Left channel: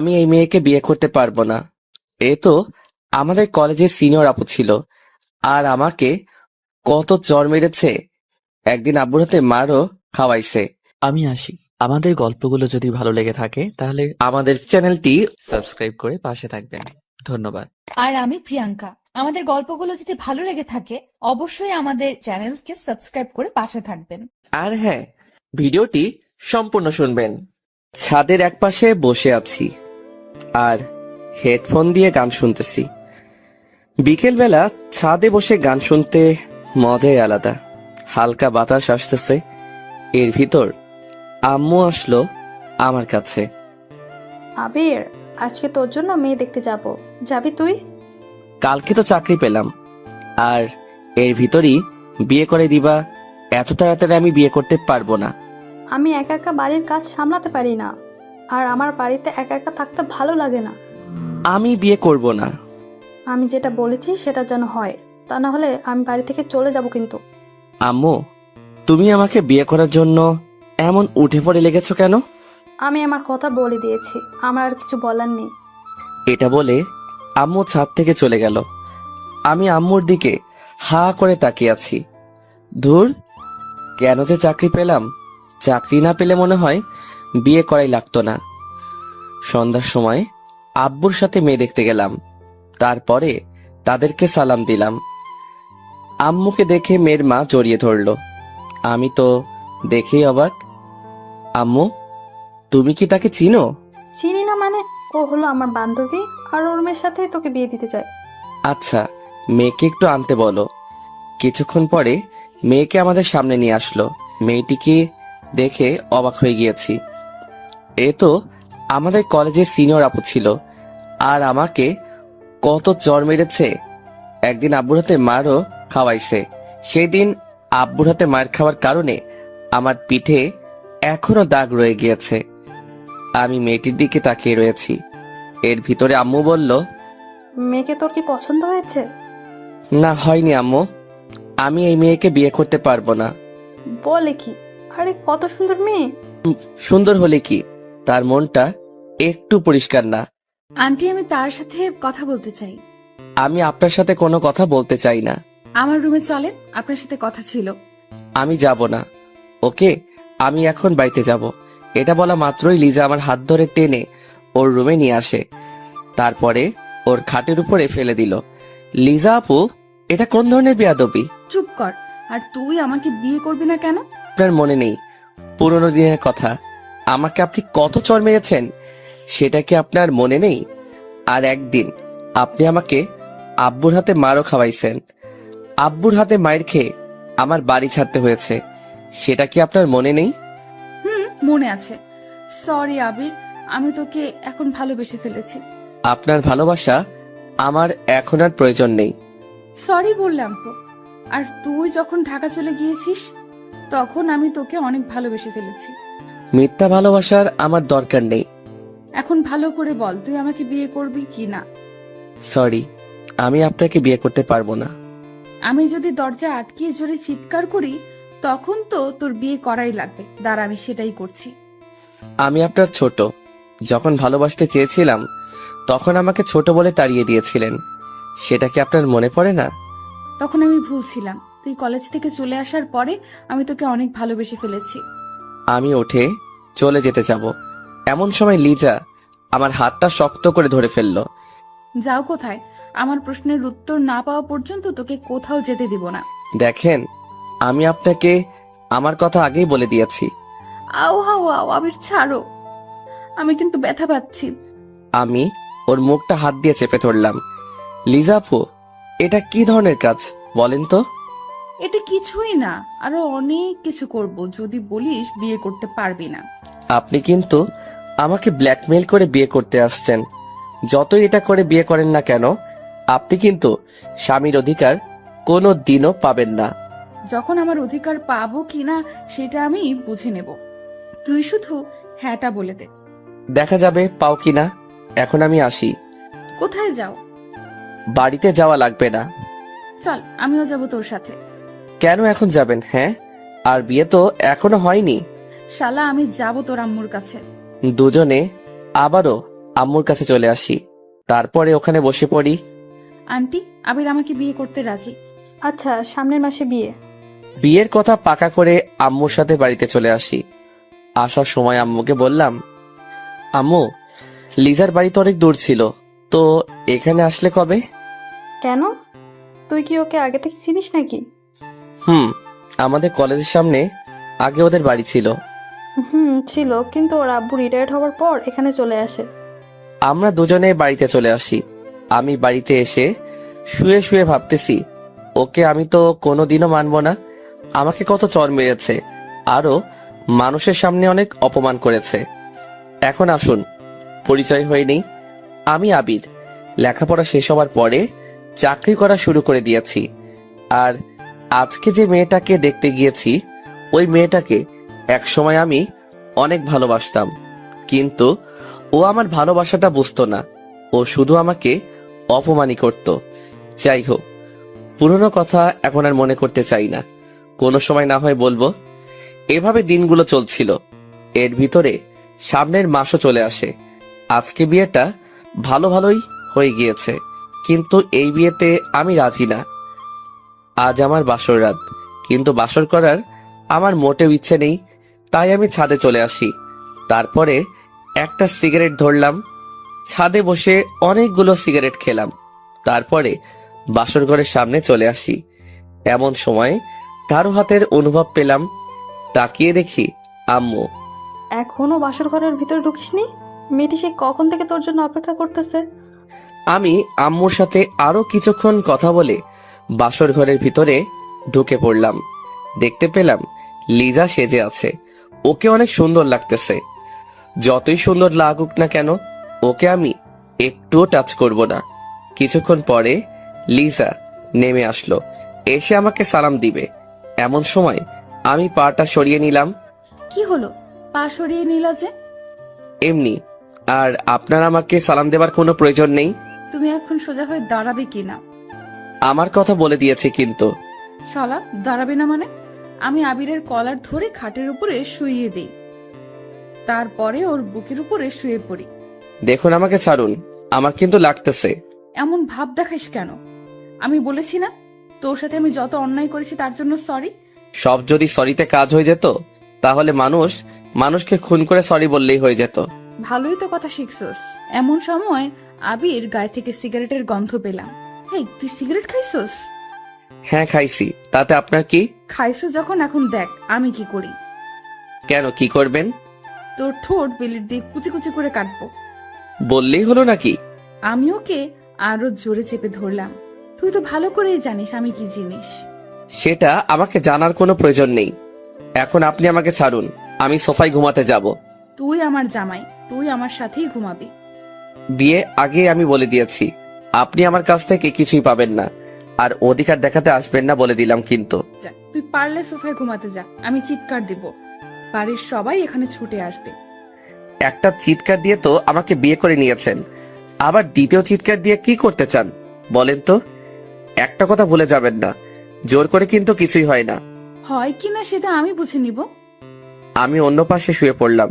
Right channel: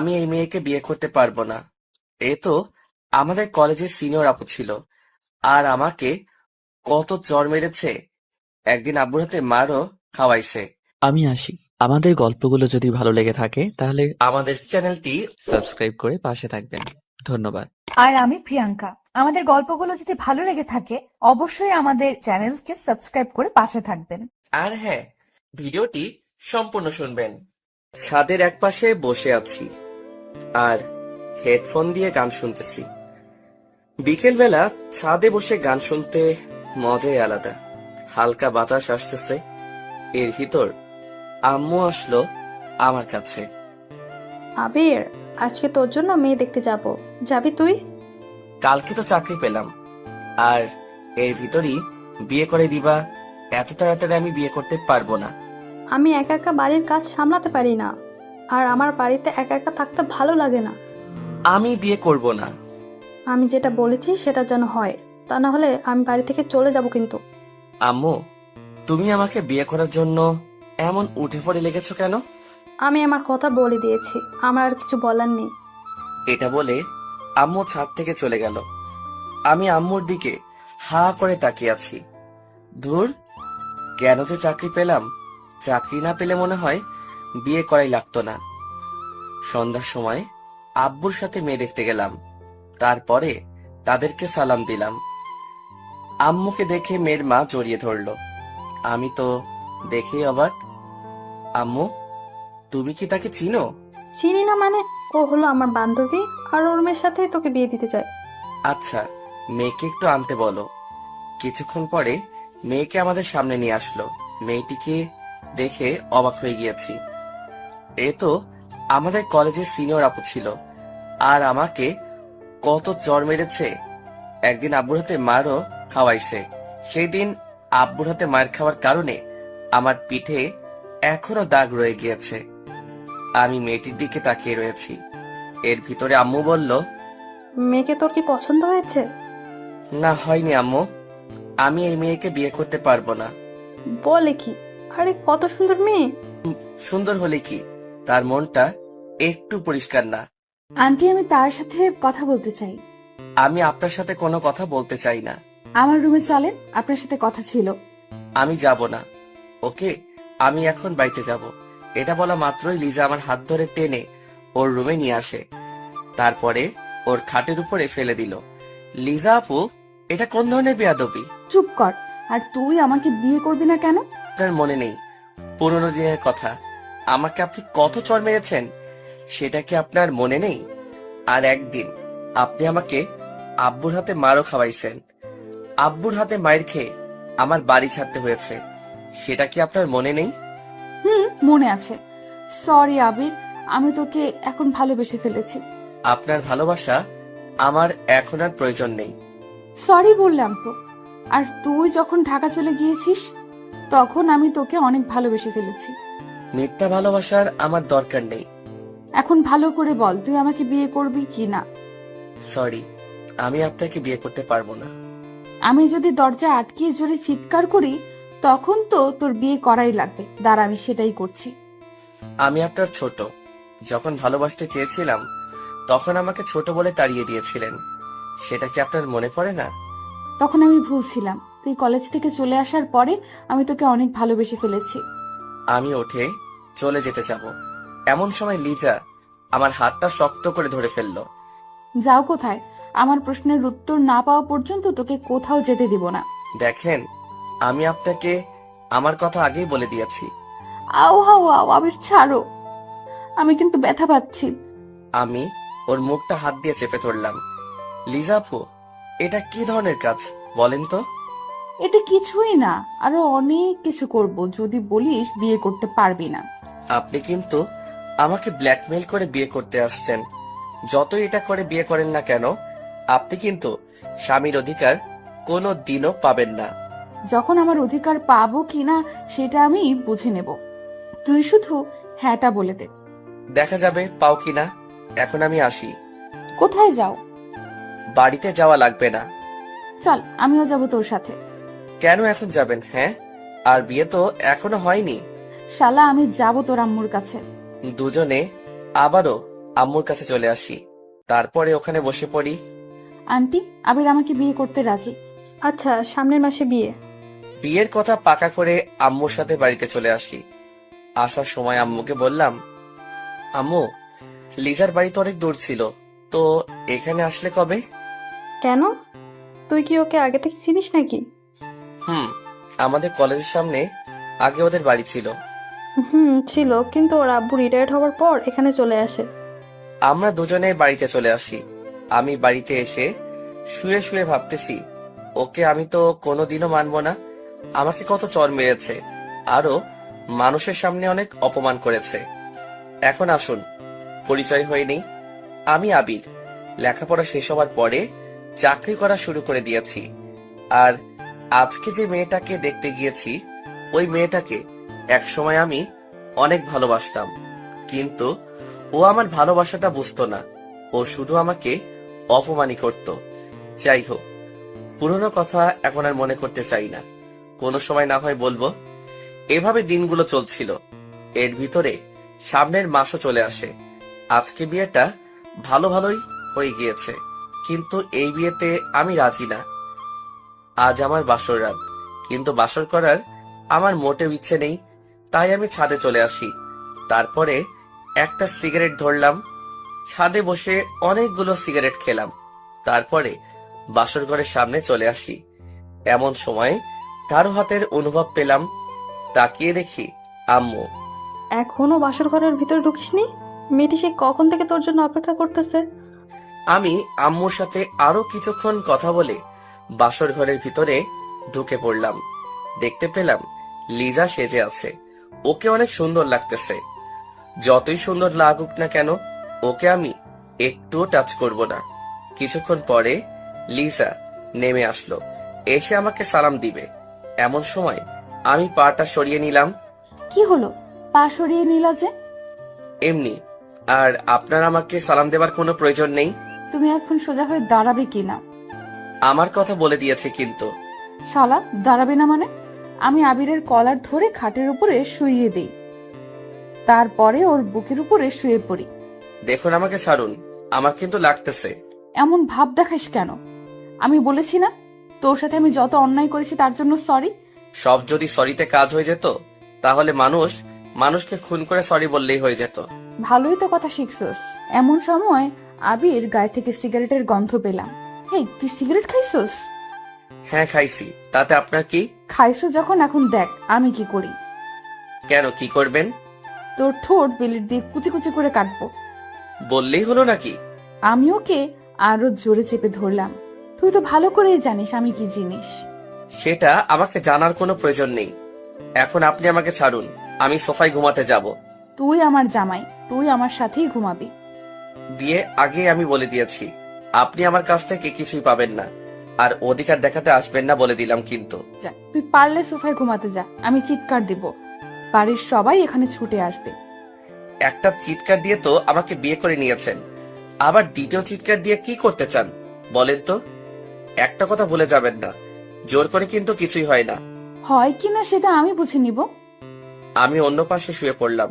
আমি এই মেয়েকে বিয়ে করতে পারবো না। এ তো আমাদের কলেজের সিনিয়র আপু ছিল, আর আমাকে কত চড় মেরেছে। একদিন আব্বুর হাতে মারও খাওয়াইছে। আমি আসি। আমাদের গল্পগুলো যদি ভালো লেগে থাকে তাহলে আমাদের চ্যানেলটি সাবস্ক্রাইব করে পাশে থাকবেন। ধন্যবাদ। আর আমি প্রিয়াঙ্কা। আমাদের গল্পগুলো যদি ভালো লেগে থাকে অবশ্যই আমাদের চ্যানেলকে সাবস্ক্রাইব করে পাশে থাকবেন। আর হ্যাঁ, ভিডিওটি সম্পূর্ণ শুনবেন। ছাদের একপাশে বসে আছি আর হেডফোন দিয়ে গান শুনতেছি। বিকেলবেলা ছাদে বসে গান শুনতে মজাই আলাদা। হালকা বাতাস আসতেছে, এর ভিতর আম্মু আসলো আমার কাছে। আবির, আজকে তোর জন্য মেয়ে দেখতে যাব, যাবি তুই? কালকে তো চাকরি পেলাম, আর এর ভিতরই বিয়ে করে দিবা? এত তাড়াতাড়ি আমি বিয়ে করতে পারবো না। আমি একা একা বাড়ির কাজ সামলাতে পারি না, আর আমার বাড়িতে একা একা থাকতে ভালো লাগে না। আমি বিয়ে করব না। আমি যেটা বলেছি সেটা যেন হয়, তা না হলে আমি বাড়ি থেকে চলে যাব কিন্তু। আম্মু, তুমি আমাকে বিয়ে করার জন্য এমন উঠে পড়ে লেগেছো কেন? আমি আমার কথা বলে দিয়েছি, আমার আর কিছু বলার নেই। এটা বলে আম্মু ছাদ থেকে চলে গেল। আমি আম্মুর দিকে হা করে তাকিয়ে আছি। ধুর, কেন যে চাকরি পেলাম? চাকরি না পেলে মনে হয় বিয়ে করাই লাগতো না। সন্ধ্যার সময় আব্বুর সাথে মেয়ে দেখতে গেলাম। তারপরে তাদেরকে সালাম দিলাম। আম্মুকে দেখে মেয়ের মা জড়িয়ে ধরলো। আমি তো দেখেই অবাক। আম্মু, তুমি কি তাকে চিনো? চিনি না মানে? ও হলো আমার বান্ধবী, আর ওর মেয়ের সাথেই তোকে বিয়ে দিতে চাই। আচ্ছা, মেয়েকে একটু আনতে বলো। কিছুক্ষণ পরে মেয়েকে আমাদের সামনে নিয়ে আসলো। মেয়েটিকে দেখে অবাক হয়ে গিয়েছি। এ তো আমাদের কলেজের সিনিয়র আপু ছিল, আর আমাকে কত চড় মেরেছে। একদিন আব্বুর হাতে মারও খাওয়াইছে। সেই দিন আব্বুর হাতে মার খাওয়ার কারণে আমার পিঠে এখনো দাগ রয়ে গিয়েছে। আমি মেয়েটির দিকে তাকিয়ে রয়েছি। এর ভিতরে আম্মু বলল, মেয়েকে তোর কি পছন্দ হয়েছে? না, হয়নি আম্মু। আমি এই মেয়েকে বিয়ে করতে পারবো না। বলে কি? আরে কত সুন্দর মেয়ে! সুন্দর হলে কি, তার মনটা একটু পরিষ্কার না। আন্টি, আমি তার সাথে কথা বলতে চাই। আমি আপনার সাথে কোনো কথা বলতে চাই না। আমার রুমে চলেন, আপনার সাথে কথা ছিল। আমি যাব না। ওকে, আমি এখন বাড়িতে যাব। এটা বলা মাত্রই লিজা আমার হাত ধরে টেনে ওর রুমে নিয়ে আসে। তারপরে ওর খাটের উপরে ফেলে দিল। লিজা আপু, এটা কোন ধরনের বেয়াদবি? চুপ কর। আর তুই আমাকে বিয়ে করবি না কেন? আপনার মনে নেই পুরোনো দিনের কথা? আমাকে আপনি কত চড় মেরেছেন, সেটা কি আপনার মনে নেই? আর একদিন আপনি আমাকে আব্বুর হাতে মারও খাওয়াইছেন। আব্বুর হাতে মায়ের খেয়ে আমার বাড়ি ছাড়তে হয়েছে, সেটা কি আপনার মনে নেই? মনে আছে। সরি আবির, আমি তোকে এখন ভালোবেসে ফেলেছি। আপনার ভালোবাসা আমার এখন আর প্রয়োজন নেই। সরি বললাম তো। আর তুই যখন ঢাকা চলে গিয়েছিস তখন আমি তোকে অনেক ভালোবেসে ফেলেছি। মিথ্যা ভালোবাসার আমার দরকার নেই। এখন ভালো করে বল, তুই আমাকে বিয়ে করবি কি না? সরি, আমি আপনাকে বিয়ে করতে পারবো না। আমি যদি দরজা আটকিয়ে জোরে চিৎকার করি তখন তো তোর বিয়ে করাই লাগবে। দাঁড়া, আমি সেটাই করছি। আমি আপনার ছোট। যখন ভালোবাসতে চেয়েছিলাম তখন আমাকে ছোট বলে তাড়িয়ে দিয়েছিলেন, সেটা কি আপনার মনে পড়ে না? তখন আমি ভুলছিলাম। তুই কলেজ থেকে চলে আসার পরে আমি তোকে অনেক ভালোবেসে ফেলেছি। আমি উঠে চলে যেতে যাব, এমন সময় লিজা আমার হাতটা শক্ত করে ধরে ফেললো। যাও কোথায়? আমার প্রশ্নের উত্তর না পাওয়া পর্যন্ত তোকে কোথাও যেতে দিব না। দেখেন, আমি আপনাকে আমার কথা আগেই বলে দিয়েছি। আও হাও আও, আবির ছাড়ো, আমি কিন্তু ব্যথা পাচ্ছি। আমি ওর মুখটা হাত দিয়ে চেপে ধরলাম। লিজা আপু, এটা কি ধরনের কাজ বলেন তো? এটা কিছুই না, আরো অনেক কিছু করব যদি বলিস বিয়ে করতে পারবি না। আপনি কিন্তু আমাকে ব্ল্যাকমেইল করে বিয়ে করতে আসছেন। যতই এটা করে বিয়ে করেন না কেন, আপনি কিন্তু স্বামীর অধিকার কোনো দিনও পাবেন না। যখন আমার অধিকার পাবো কিনা সেটা আমি বুঝে নেব। তুই শুধু হ্যাঁটা বলে দে। দেখা যাবে পাও কিনা। এখন আমি আসি। কোথায় যাও? বাড়িতে যাওয়া লাগবে না। চল, আমিও যাব তোর সাথে। কেন এখন যাবেন? হ্যাঁ, আর বিয়ে তো এখনো হয়নি। শালা, আমি যাব তোর আম্মুর কাছে। দুজনে আবারও আম্মুর কাছে চলে আসি। তারপরে ওখানে বসে পড়ি। আন্টি, আবির আমাকে বিয়ে করতে রাজি। আচ্ছা, সামনের মাসে বিয়ে। বিয়ের কথা পাকা করে আম্মুর সাথে বাড়িতে চলে আসি। আসার সময় আম্মুকে বললাম, আম্মু, লিজার বাড়ি তো অনেক দূর ছিল, তো এখানে আসলে কবে? কেন? তুই কি ওকে আগে থেকে চিনিস নাকি? আমাদের কলেজের সামনে আগে ওদের বাড়ি ছিল। ছিল, কিন্তু ওর আব্বু রিটায়ার্ড হওয়ার পর এখানে চলে আসে। আমরা দুজনে বাড়িতে চলে আসি। আমি বাড়িতে এসে শুয়ে শুয়ে ভাবতেছি, ওকে আমি তো কোনোদিনও মানবো না। আমাকে কত চর মেরেছে, আরো মানুষের সামনে অনেক অপমান করেছে। এখন আসুন পরিচয় হয়ে নেই। আমি আবির। লেখাপড়া শেষ হওয়ার পরে চাকরি করা শুরু করে দিয়েছি। আর আজকে যে মেয়েটাকে দেখতে গিয়েছি, ওই মেয়েটাকে একসময় আমি অনেক ভালোবাসতাম, কিন্তু ও আমার ভালোবাসাটা বুঝতো না। ও শুধু আমাকে অপমানই করত। যাই হোক, পুরনো কথা এখন আর মনে করতে চাই না, কোনো সময় না হয় বলবো। এভাবে দিনগুলো চলছিল। এর ভিতরে সামনের মাসও চলে আসে। আজকে বিয়েটা ভালো ভালোই হয়ে গিয়েছে, কিন্তু এই বিয়েতে আমি রাজি না। আজ আমার বাসর রাত, কিন্তু বাসর করার আমার মোটেও ইচ্ছে নেই। তাই আমি ছাদে চলে আসি। তারপরে একটা সিগারেট ধরলাম, ছাদে বসে অনেকগুলো সিগারেট খেলাম। তারপরে বাসর ঘরের সামনে চলে আসি। এমন সময় কারো হাতের অনুভব পেলাম। তাকিয়ে দেখি আম্মু। এখনো বাসর ঘরের ভিতরে ঢুকিসনি? মেয়েটি সে কখন থেকে তোর জন্য অপেক্ষা করতেছে। আমি আম্মুর সাথে আরো কিছুক্ষণ কথা বলে বাসর ঘরের ভিতরে ঢুকে পড়লাম। দেখতে পেলাম লিজা সেজে আছে। ওকে অনেক সুন্দর লাগতেছে। যতই সুন্দর লাগুক না কেন, ওকে আমি একটুও টাচ করব না। কিছুক্ষণ পরে লিজা নেমে আসলো, এসে আমাকে সালাম দিবে। এমন সময় আমি পাটা সরিয়ে নিলাম। কি হলো, পা সরিয়ে নিলা যে? এমনি। আর আপনার আমাকে সালাম দেবার কোনো প্রয়োজন নেই। তুমি এখন সোজা হয়ে দাঁড়াবে কিনা? আমার কথা বলে দিয়েছে কিন্তু। শালা, দাঁড়াবে না মানে? আমি আবিরের কলার ধরে খাটের উপরে শুইয়ে দিই, তারপরে ওর বুকের উপরে শুয়ে পড়ি। দেখুন, আমাকে ছাড়ুন, আমার কিন্তু লাগতেছে। এমন ভাব দেখাস কেন? আমি বলেছি না তোর সাথে আমি যত অন্যায় করেছি তার জন্য সরি? সব যদি সরিতে কাজ হয়ে যেত, তাহলে মানুষকে খুন করে সরি বললেই হয়ে যেত। ভালোই তো কথা শিখছস। এমন সময় আবির গায়ে থেকে সিগারেটের গন্ধ পেলাম। হেই, তুই সিগারেট খাইছস? হ্যাঁ, খাইছি। তাতে আপনার কি? খাইছো যখন, এখন দেখ আমি কি করি। কেন, কি করবেন? তোর ঠোঁট বেলির দিয়ে কুচি কুচি করে কাটবো। বললেই হলো নাকি? আমি ওকে আরো জোরে চেপে ধরলাম। তুই তো ভালো করেই জানিস আমি কি জিনিস। সেটা আমাকে জানার কোনো প্রয়োজন নেই। এখন আপনি আমাকে ছাড়ুন, আমি সোফায় ঘুমাতে যাব। তুই আমার জামাই, তুই আমার সাথেই ঘুমাবি। বিয়ে আগে আমি বলে দিয়েছি, আপনি আমার কাছ থেকে কিছুই পাবেন না, আর অধিকার দেখাতে আসবেন না বলে দিলাম কিন্তু। যা, তুই পারলে সোফায় ঘুমাতে যা, আমি চিৎকার দিব। বাড়ির সবাই এখানে ছুটে আসবে। একটা চিৎকার দিয়ে তো আমাকে বিয়ে করে নিয়েছেন, আবার দ্বিতীয় চিৎকার দিয়ে কি করতে চান বলেন তো? একটা কথা ভুলে যাবেন না, জোর করে কিন্তু কিছুই হয় না। হয় কিনা সেটা আমি বুঝে নিব। আমি অন্য পাশে শুয়ে পড়লাম।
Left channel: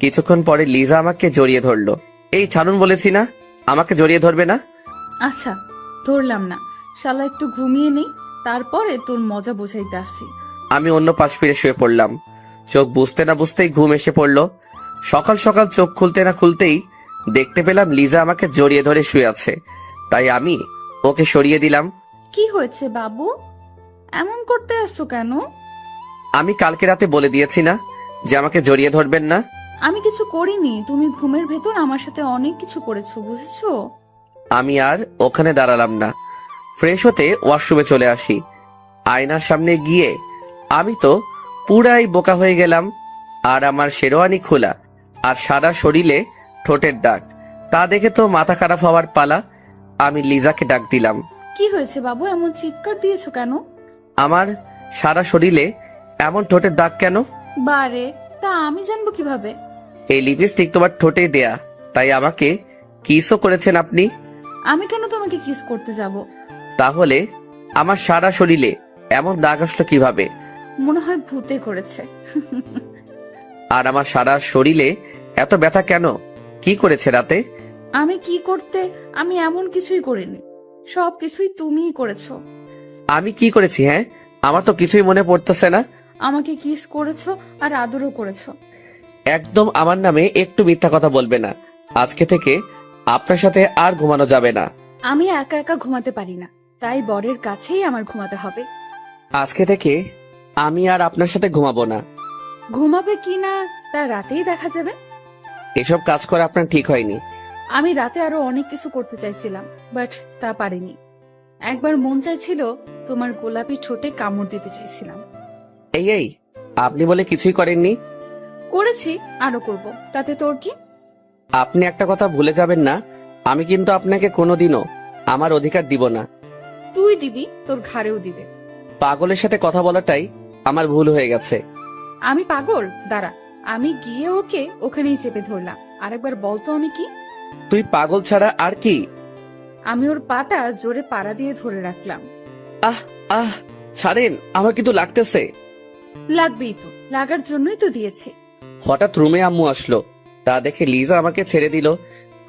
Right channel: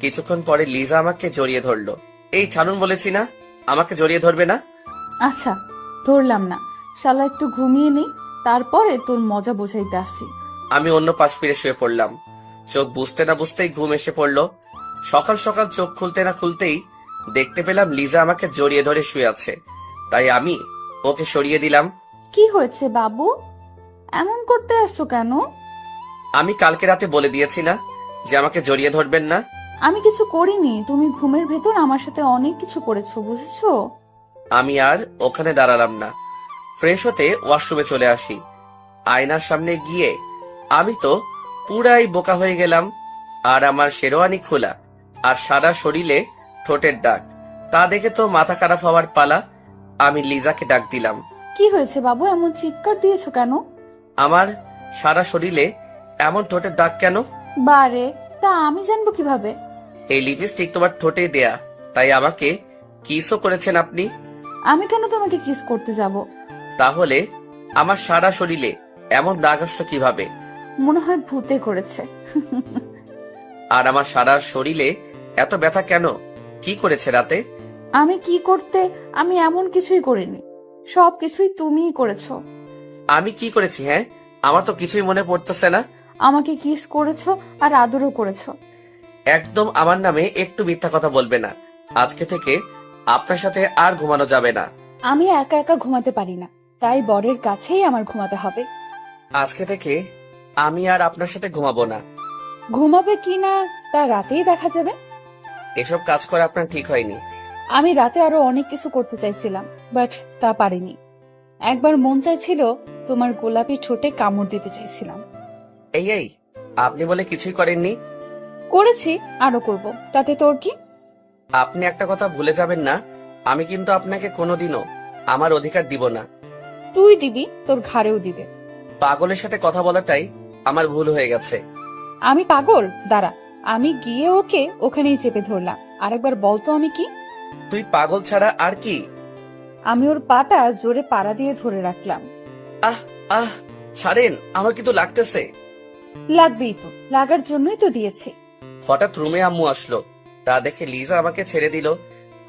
কিছুক্ষণ পরে লিজা আমাকে জড়িয়ে ধরলো। এই ছাড়ুন বলেছি না, আমাকে জড়িয়ে ধরবে না। আচ্ছা, ধরলাম না। শালা একটু ঘুমিয়ে নেই, তারপরে তোর মজা বোঝাইতে আসছি। আমি অন্য পাশ ফিরে শুয়ে পড়লাম। চোখ বুঝতে না বুঝতেই ঘুম এসে পড়লো। সকাল সকাল চোখ খুলতে না খুলতেই দেখতে পেলাম লিজা আমাকে জড়িয়ে ধরে শুয়ে আছে। তাই আমি ওকে সরিয়ে দিলাম। কি হয়েছে বাবু, এমন করতে আসছো কেন? আমি কালকে রাতে বলে দিয়েছি না যে আমাকে জড়িয়ে ধরবেন না। আমি কিছু করিনি, তুমি ঘুমের ভেতর আমার সাথে অনেক কিছু করেছো, বুঝেছো? আমি আর ওখানে দাঁড়ালাম না। ফ্রেশ হতে ওয়াশরুমে চলে আসি। আয়নার সামনে গিয়ে আমি তো পুরাই বোকা হয়ে গেলাম। আর আমার শেরওয়ানি খোলা, আর সারা শরীরে ঠোঁটের দাগ। তা দেখে তো মাথা খারাপ হওয়ার পালা। আমি লিজাকে ডাক দিলাম। কি হয়েছে বাবু, এমন চিৎকার দিয়েছো কেন? আমার সারা শরীরে এমন ঠোঁটের দাগ কেন? বারে, তা আমি জানবো কিভাবে? এই লিপস্টিক তোমার ঠোঁটে দেয়া, তাই আমাকে কিসও করেছেন আপনি। আমি কেন তোমাকে কিস করতে যাব? তাহলে আমার সারা শরীরে এমন দাগ আসলো কিভাবে? মনে হয় ভূতে করেছে। আর আমার সারা শরীরে এত ব্যথা কেন? কি করেছে রাতে? আমি কি করতে? আমি এমন কিছুই করিনি, সব কিছুই তুমিই করেছো। আমি কি করেছি? হ্যাঁ, আমার তো কিছুই মনে পড়তেছে না। আমাকে কিস করেছো আর আদরও করেছো। একদম আমার নামে একটু মিথ্যা কথা বলবে না। আজকে থেকে আপনার সাথে আর ঘুমানো যাবে না। আমি একা একা ঘুমাতে পারি না, তাই বরের কাছেই আমার ঘুমাতে হবে। আজকে থেকে আমি আর আপনার সাথে ঘুমাবো না। ঘুমাবে কি না তা রাতেই দেখা যাবে। এসব কাজ করা আপনার ঠিক হয়নি। আমি রাতে আরো অনেক কিছু করতে চাইছিলাম, বাট তা পারিনি। একবার মন চাইছিল তোমার গোলাপি ঠোঁটে কামড় দিতে চাইছিলাম। এই আপনি বলে কিছুই করেননি। করেছি, আরো করব, তাতে তোর কি? আপনি একটা কথা ভুলে যাবেন না, আমি কিন্তু আপনাকে কোনোদিনও আমার অধিকার দিব না। তুই দিবি, তোর ঘাড়েও দিবে। পাগলের সাথে কথা বলাটাই আমার ভুল হয়ে গেছে। আমি পাগল? দাঁড়া, আমি গিয়ে ওকে ওখানেই চেপে ধরলাম। আরেকবার বলতো আমি কি? তুই পাগল ছাড়া আর কি? আমি ওর পাটা জোরে পাড়া দিয়ে ধরে রাখলাম। আহ আহ ছাড়েন, আমার কিন্তু লাগতেছে। লাগবেই তো, লাগার জন্যই তো দিয়েছি। হঠাৎ রুমে আম্মু আসলো, তা দেখে লিজা আমাকে ছেড়ে দিল।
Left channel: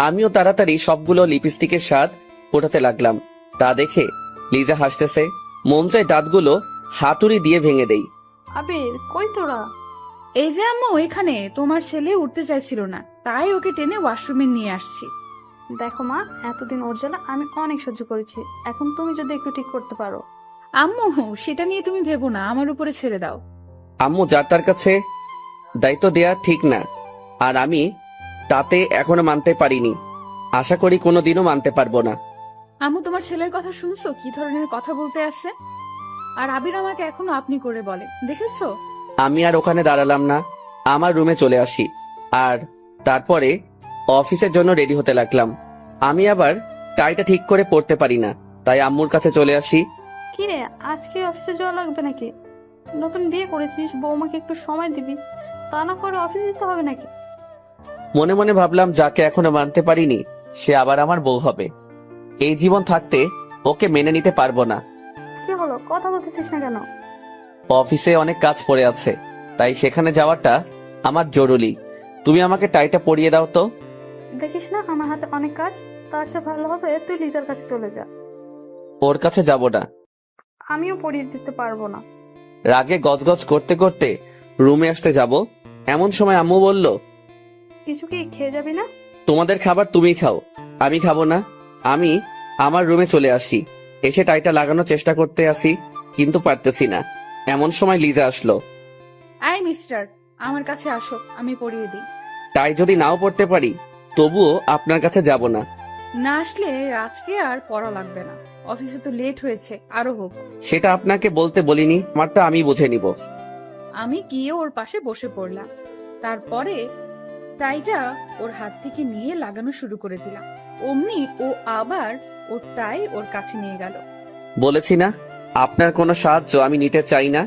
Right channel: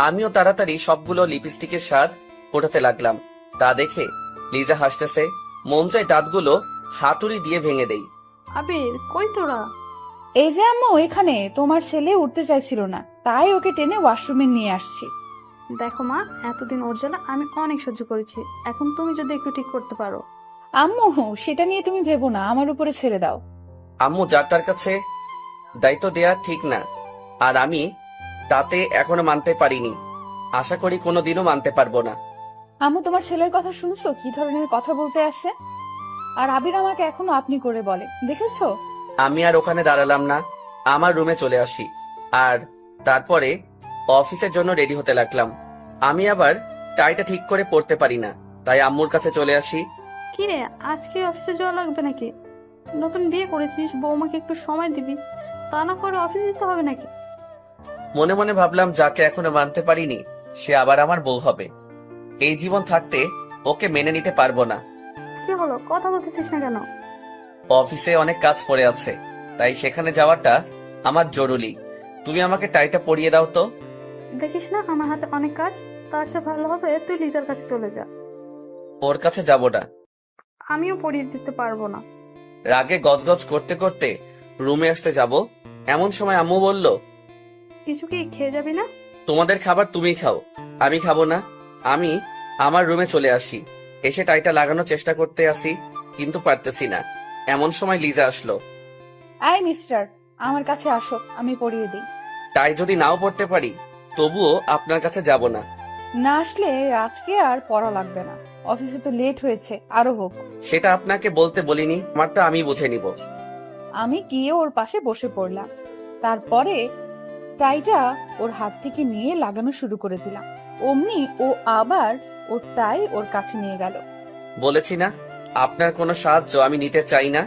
আমিও তাড়াতাড়ি সবগুলো লিপস্টিকের স্বাদ ফোটাতে লাগলাম। তা দেখে লিজা হাসতেছে। মন চাই দাঁতগুলো হাতুড়ি দিয়ে ভেঙে দেই। আবির, কই তোরা? এই যে আম্মু, এখানে তোমার ছেলে উঠতে চাইছিল না, তাই ওকে টেনে ওয়াশরুমে নিয়ে আসছি। দেখো মা, এতদিন ওর জ্বালা আমি অনেক সহ্য করেছি, এখন তুমি যদি একটু ঠিক করতে পারো। আম্মু, সেটা নিয়ে তুমি ভেবো না, আমার উপরে ছেড়ে দাও। আম্মু যার তার কাছে দায়িত্ব দেয়া ঠিক না, আর আমি তাতে এখনো মানতে পারিনি। আশা করি কোনোদিনও মানতে পারবো না। আম্মু, তোমার ছেলের কথা শুনছো? কি ধরনের কথা বলতে আছে। আর আবির আমাকে এখনো আপনি করে বলে, দেখেছো? আমি আর ওখানে দাঁড়ালাম না, আমার রুমে চলে আসি। আর তারপরে অফিসের জন্য রেডি হতে লাগলাম। আমি আবার টাইটা ঠিক করে পড়তে পারি না, তাই আম্মুর কাছে চলে আসি। কি রে, আজকে অফিসে যাওয়া লাগবে নাকি? নতুন বিয়ে করেছিস, বৌমাকে একটু সময় দিবি, তা না করে অফিসে যেতে হবে নাকি? মনে মনে ভাবলাম, যাকে এখনো মানতে পারিনি সে আবার আমার বউ হবে। এই জীবন থাকতে ওকে মেনে নিতে পারবো না। কি হলো, কথা বলতেছিস না কেন? অফিসে অনেক কাজ পড়ে আছে, তাই সেখানে যাওয়াটা আমার জরুরি। তুমি আমাকে টাইটা পরিয়ে দাও তো। দেখিস না আমার হাতে অনেক কাজ, তার চেয়ে ভালো হবে তুই লিজার কাছে চলে যা। ওর কাছে যাব না। আমিও পরিয়ে দিতে পারবো না। রাগে গজগজ করতে করতে রুমে আসতে যাব, এমন সময় আম্মু বলল, কিছু কি খেয়ে যাবি না? তোমাদের খাবার তুমি খাও, আমি খাবো না। আমি আমার রুমে চলে আসি। এসে টাইটা লাগানোর চেষ্টা করতে আসি, কিন্তু পারতেছি না। এমন সময় লিজা আসলো। আই মিস্টার, আমার কাছে আসো, আমি পরিয়ে দিই। টাই যদি নাও পড়তে পারি তবুও আপনার কাছে যাব না। না আসলে আজকে আর পড়া লাগবে না, অফিসে তো লেট হয়েছে, আরো হোক। সেটা আপনাকে বলতে বলিনি, আমারটা আমি বুঝে নিব। আমি গিয়ে ওর পাশে বসে পড়লাম। তারপরে টাইটা ওর হাত থেকে নিয়ে লাগানো শুরু করে দিলাম। অমনি ও আবার ওর টাই ওর কাছে নিয়ে গেল। বলেছি না, আপনার কোনো সাহায্য আমি নিতে চাই না।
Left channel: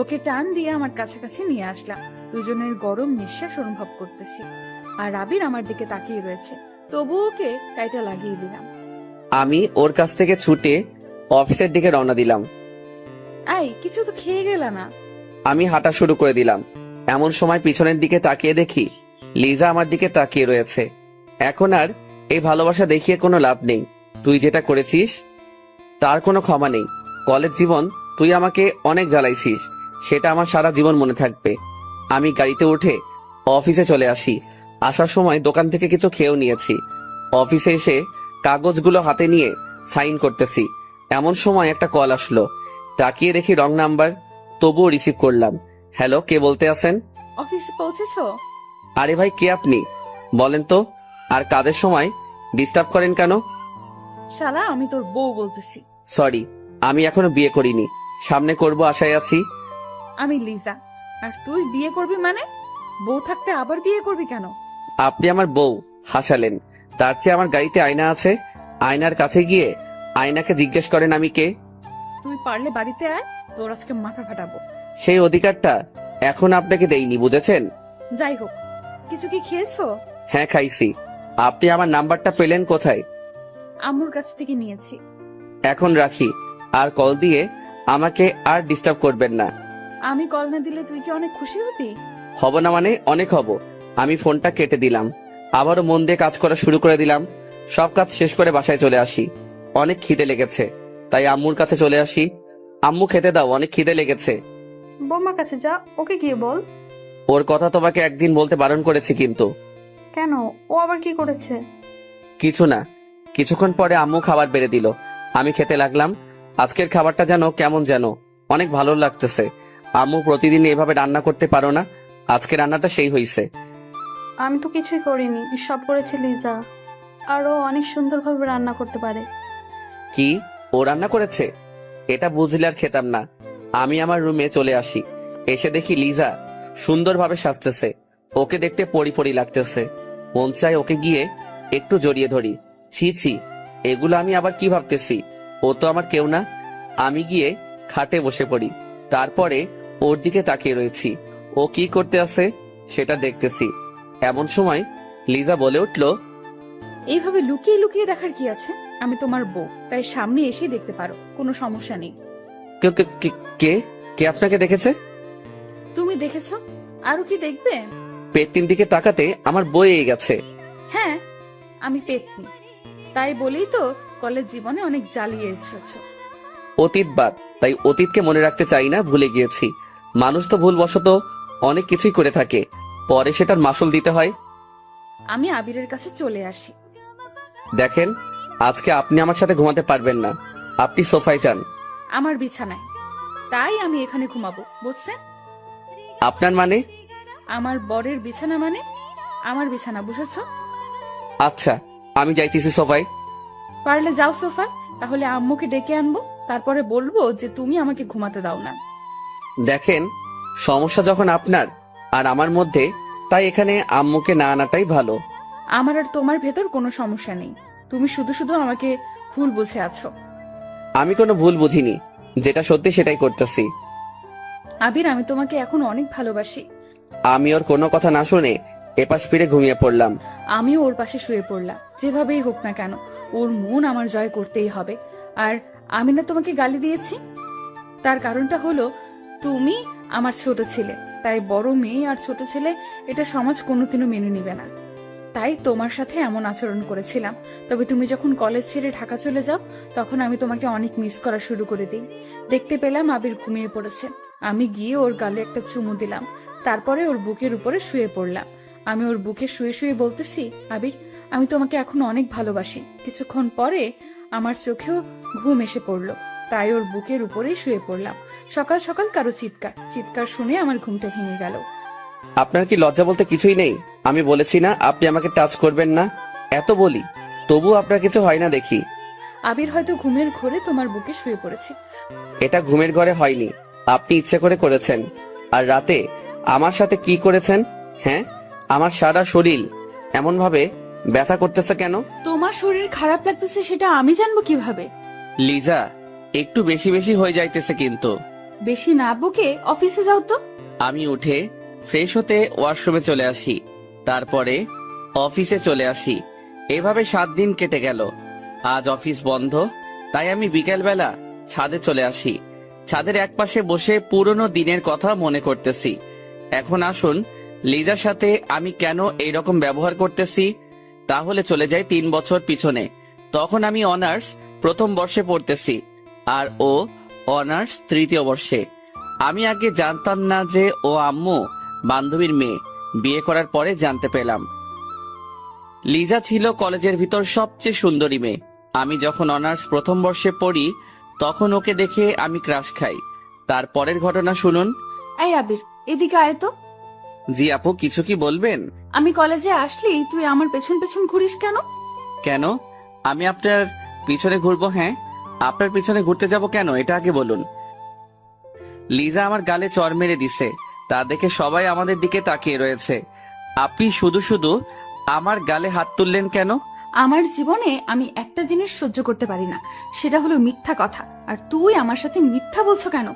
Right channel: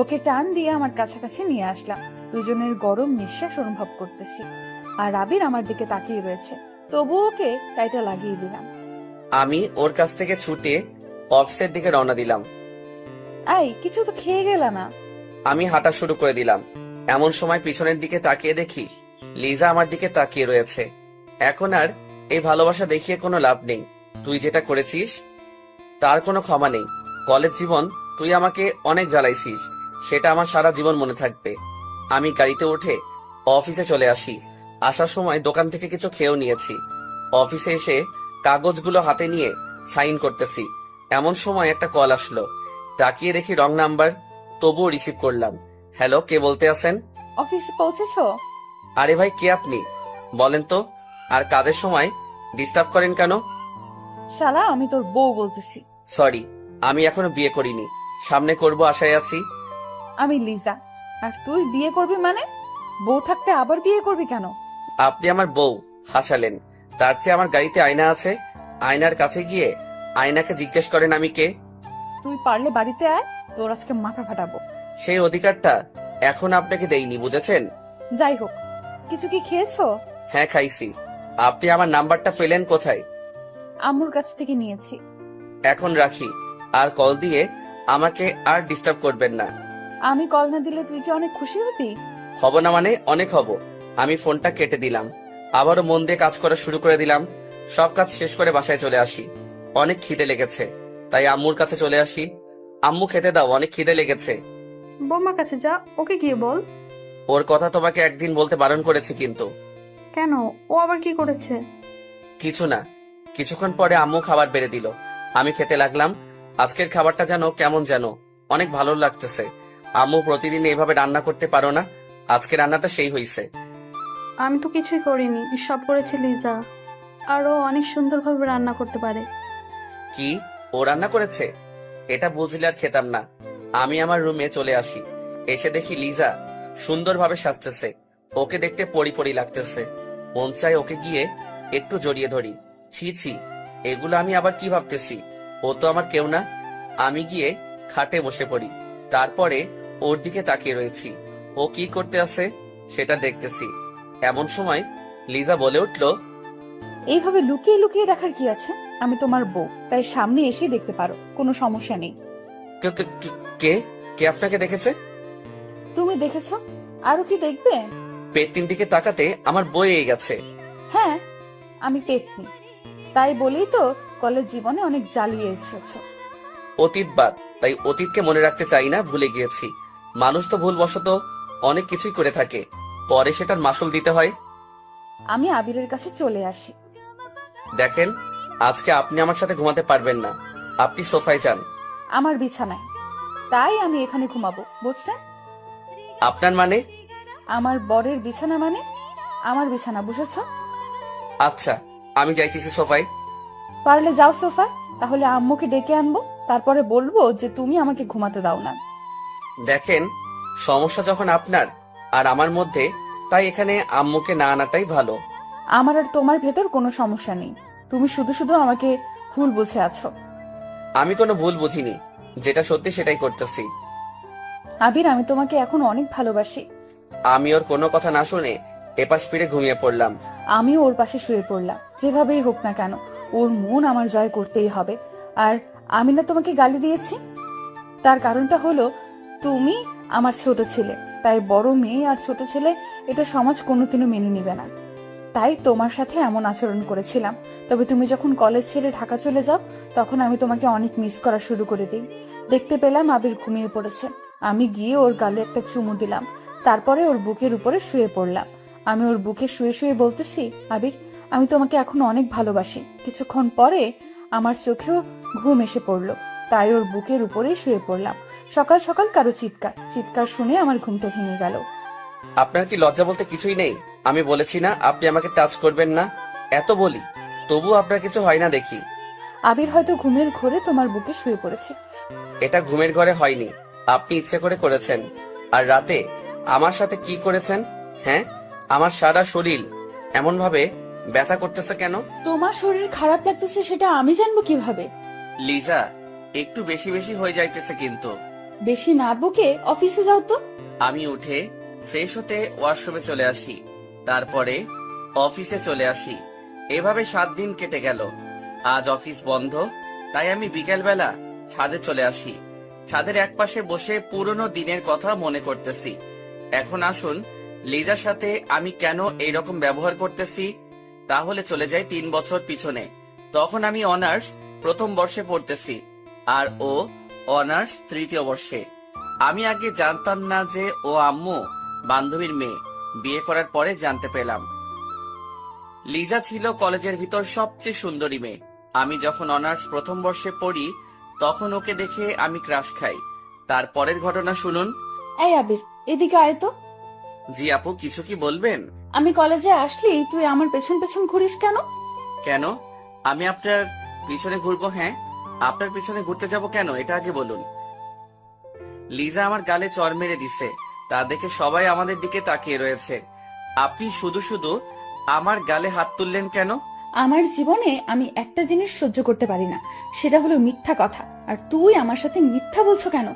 ওকে টান দিয়ে আমার কাছাকাছি নিয়ে আসলাম। দুজনের গরম নিঃশ্বাস অনুভব করতেছি, আর আবির আমার দিকে তাকিয়ে রয়েছে। তবু ওকে টাইটা লাগিয়ে দিলাম। আমি ওর কাছ থেকে ছুটে অফিসের দিকে রওনা দিলাম। আই, কিছু তো খেয়ে গেলা না? আমি হাঁটা শুরু করে দিলাম। এমন সময় পিছনের দিকে তাকিয়ে দেখি লিজা আমার দিকে তাকিয়ে রয়েছে। এখন আর এই ভালোবাসা দেখিয়ে কোনো লাভ নেই। তুই যেটা করেছিস তার কোনো ক্ষমা নেই। কলেজ জীবন তুই আমাকে অনেক জ্বালাইছিস, সেটা আমার সারা জীবন মনে থাকবে। আমি গাড়িতে উঠে অফিসে চলে আসি। আসার সময় দোকান থেকে কিছু খেয়েও নিয়েছি। অফিসে এসে কাগজগুলো হাতে নিয়ে সাইন করতেছি, এমন সময় একটা কল আসলো। তাকিয়ে দেখি রং নাম্বার, তবুও রিসিভ করলাম। হ্যালো, কে বলতে আছেন? অফিসে পৌঁছেছো? আরে ভাই, কে আপনি বলেন তো? আর কাজের সময় ডিস্টার্ব করেন কেন? শালা, আমি তোর বউ বলতেছি। সরি, আমি এখনো বিয়ে করিনি, সামনে করব আশায় আছি। আমি লিজা। আর তুই বিয়ে করবি মানে? বউ থাকতে আবার বিয়ে করবি কেন? আপনি আমার বউ হাসালেন, তার চেয়ে আমার গাড়িতে আয়না আছে, আয়নার কাছে গিয়ে আয়নাকে জিজ্ঞেস করেন আমি কে। তুই পারলে বাড়িতে আয়, তোর আজকে মাথা ফাটাবো। সেই অধিকারটা এখন আপনাকে দেইনি, বুঝেছেন? যাই হোক, কিছু কি খেয়েছো? হ্যাঁ, খাইছি। আপনি আমার নাম্বারটা পেলেন কোথায়? আম্মুর কাছ থেকে নিয়েছি। এখন রাখি, আর কল দিয়ে আমাকে আর ডিস্টার্ব করবেন না। আমি কল না দিলে তুই কি অনেক খুশি হবি? হব না মানে অনেক হব। আমি ফোনটা কেটে দিলাম। আবারও মন দিয়ে কাজ করা শুরু করে দিলাম। সব কাজ শেষ করে বাসায় চলে আসি। অনেক খিদে লেগেছে, তাই আম্মুর কাছে চলে আসি। আম্মু খেতে দাও, অনেক খিদে লেগেছে। বৌমার কাছে যা, ওকে গিয়ে বল। ওর কথা তোমাকে একদিন বলতে বারণ করেছি কিন্তু। কেন, ও আবার কি করেছে? কিছু না। কিছুক্ষণ পরে আম্মু খাবার বেড়ে দিল, আমি খেতে লাগলাম। আজকের খাবারটা যেন কেমন যেন অনেক ভালো লাগতেছে। আম্মু প্রতিদিন এভাবে রান্না করতে পারো না, আজকে রান্নাটা সেই হইছে। আমি তো কিছুই করিনি, সব করেছে লিজা। আর ও অনেক সুন্দরভাবে রান্না করতে পারে। কি, ও রান্না করেছে? এটা বুঝলে আর খেতাম না। আমি আমার রুমে চলে আসি। এসে দেখি লিজা সুন্দরভাবে সাজতেছে। ওকে দেখতে পরি পরি লাগতেছে। মন চায় ওকে গিয়ে একটু জড়িয়ে ধরি। ছি ছি, এগুলো আমি আবার কি ভাবতেছি? ও তো আমার কেউ না। আমি গিয়ে খাটে বসে পড়ি। তারপরে ওর দিকে তাকিয়ে রয়েছি। ও কি করতে আছে সেটা দেখতেছি। এমন সময় লিজা বলে উঠল, এইভাবে লুকিয়ে লুকিয়ে দেখার কি আছে? আমি তোমার বউ, তাই সামনে এসে দেখতে পারো, কোনো সমস্যা নেই। কে কে- কে- কে কে আপনাকে দেখেছে? তুমি দেখেছো, আরো কি দেখবে? পেটটির দিকে তাকাতে আমার বয়ে গেছে। হ্যাঁ, আমি পেতনি, তাই বলেই তো কলেজ জীবনে অনেক জ্বালিয়ে এসেছো। অতীত বাদ, তাই অতীতকে মনে রাখতে চাই না, ভুলে গিয়েছি। মানুষ তো ভুলবশত অনেক কিছুই করে থাকে, পরে সেটার মাসুল দিতে হয়। আমি আবিরের কাছে চলে আসি। দেখেন, আজকে আপনি আমার সাথে ঘুমাতে পারবেন না। আপনি সোফায় যান। আমার বিছানায়, তাই আমি এখানে ঘুমাবো, বুঝছেন? আপনার মানে? আমার বরের বিছানা মানে আমার বিছানা, বুঝেছো? আচ্ছা, আমি যাইতেছি সোফায়। পারলে যাও সোফা, তাহলে আম্মুকে ডেকে আনবো, তারপরে বলবো যে তুমি আমাকে ঘুমাতে দাও না। দেখেন, সমস্যা যখন আপনার আর আমার মধ্যে, তাই এখানে আম্মুকে না আনাটাই ভালো। আমার আর তোমার ভেতর কোনো সমস্যা নেই, তুমি শুধু শুধু আমাকে ভুল বুঝে আছো। আমি কোনো ভুল বুঝিনি, যেটা সত্যি সেটাই করতেছি। আবির, আমি তোমাকে এখন অনেক ভালোবাসি। আমি ওর কোনো কথা না শুনে এপাশ ফিরে ঘুমিয়ে পড়লাম। আমিও ওর পাশে শুয়ে পড়লাম। যেভাবেই হোক না কেন, ওর মন আমার জয় করতেই হবে। আর আমি না তোমাকে গালি দিয়েছি, তার কারণটা হলো তুমি আমার ছোট ছেলে, তাই বড় মেয়ে আর ছোট ছেলে এটা সমাজ কোনোদিনও মেনে নিবে না। তাই তোমার সাথে এমন আচরণ করেছিলাম। তবে তুমি যখন কলেজ ছেড়ে ঢাকা চলে যাও, তখন আমি তোমাকে অনেক মিস করা শুরু করে দিই। দেখতে পেলাম আবির ঘুমিয়ে পড়েছে। আমি গিয়ে ওর গালে একটা চুমু দিলাম, তারপরে ওর বুকের উপরে শুয়ে পড়লাম। আমি ওর বুকে শুয়ে শুয়ে বলতেছি, আবির, আমি তোমাকে এখন অনেক ভালোবাসি। কিছুক্ষণ পরে আমার চোখেও ঘুম এসে পড়লো, তাই ওর বুকের উপরেই শুয়ে পড়লাম। সকাল সকাল কারো চিৎকার চিৎকার শুনে আমার ঘুমটা ভেঙে গেল। আপনার কি লজ্জা বলতে কিছুই নেই? আমি বলেছি না আপনি আমাকে টাচ করবেন না, এত বলি, তবু আপনার কিছু হয় না দেখি। আবির হয়তো ঘুমের ঘোরে তোমার বুকে শুয়ে পড়েছে। এটা ঘুমের ঘরে হয়নি, আপনি ইচ্ছে করে করেছেন। আর রাতে আমার সাথে কি করেছেন? হ্যাঁ, আমার সারা শরীর এমন ভাবে ব্যথা করতেছে কেন? তোমার শরীর খারাপ লাগতেছে সেটা আমি জানবো কিভাবে? লিজা, একটু বেশি বেশি হয়ে যাইতেছে কিন্তু। বেশি না বকে অফিসে যাও তো। আমি উঠে ফ্রেশ হতে ওয়াশরুমে চলে আসি, তারপরে অফিসে চলে আসি। এভাবে 7 দিন কেটে গেল। আজ অফিস বন্ধ, তাই আমি বিকেলবেলা ছাদে চলে আসি। ছাদের একপাশে বসে পুরনো দিনের কথা মনে করতেছি। এখন আসুন, লিজার সাথে আমি কেন এইরকম ব্যবহার করতেছি। তাহলে চলে যাই 3 বছর পিছনে। তখন আমি অনার্স প্রথম বর্ষে পড়তেছি, আর ও অনার্স তৃতীয় বর্ষে। আমি আগে জানতাম না যে ও আম্মু বান্ধবীর মেয়ে। বিয়ে করার পরে জানতে পেলাম। লিজা ছিল কলেজের ভিতর সবচেয়ে সুন্দরী মেয়ে। আমি যখন অনার্স প্রথম বর্ষে পড়ি, তখন ওকে দেখে আমি ক্রাশ খাই। তারপরের ঘটনা শুনুন। এই আবির, এদিকে আয় তো। জি আপু, কিছু কি বলবেন? আমি কলেজে আসলি তুই আমার পেছন পেছন ঘুরিস কেন? কেন আমি আপনার পিছনে ঘুরবো? হ্যাঁ, আপনার পিছনে ঘুরতে যাব কেন, এটা আগে বলুন। লিজা আমার গালে চড় মেরে দিছে, তা দেখে সবাই আমাদের দিকে তাকিয়ে রয়েছে। আপনি শুধু শুধু আমার গালে হাত তুললেন কেন? আমার জীবনে আমি একটা জিনিস সহ্য করতে পারি না, সেটা হলো মিথ্যা কথা। আর তুই আমার সাথে মিথ্যা বলছো কেন?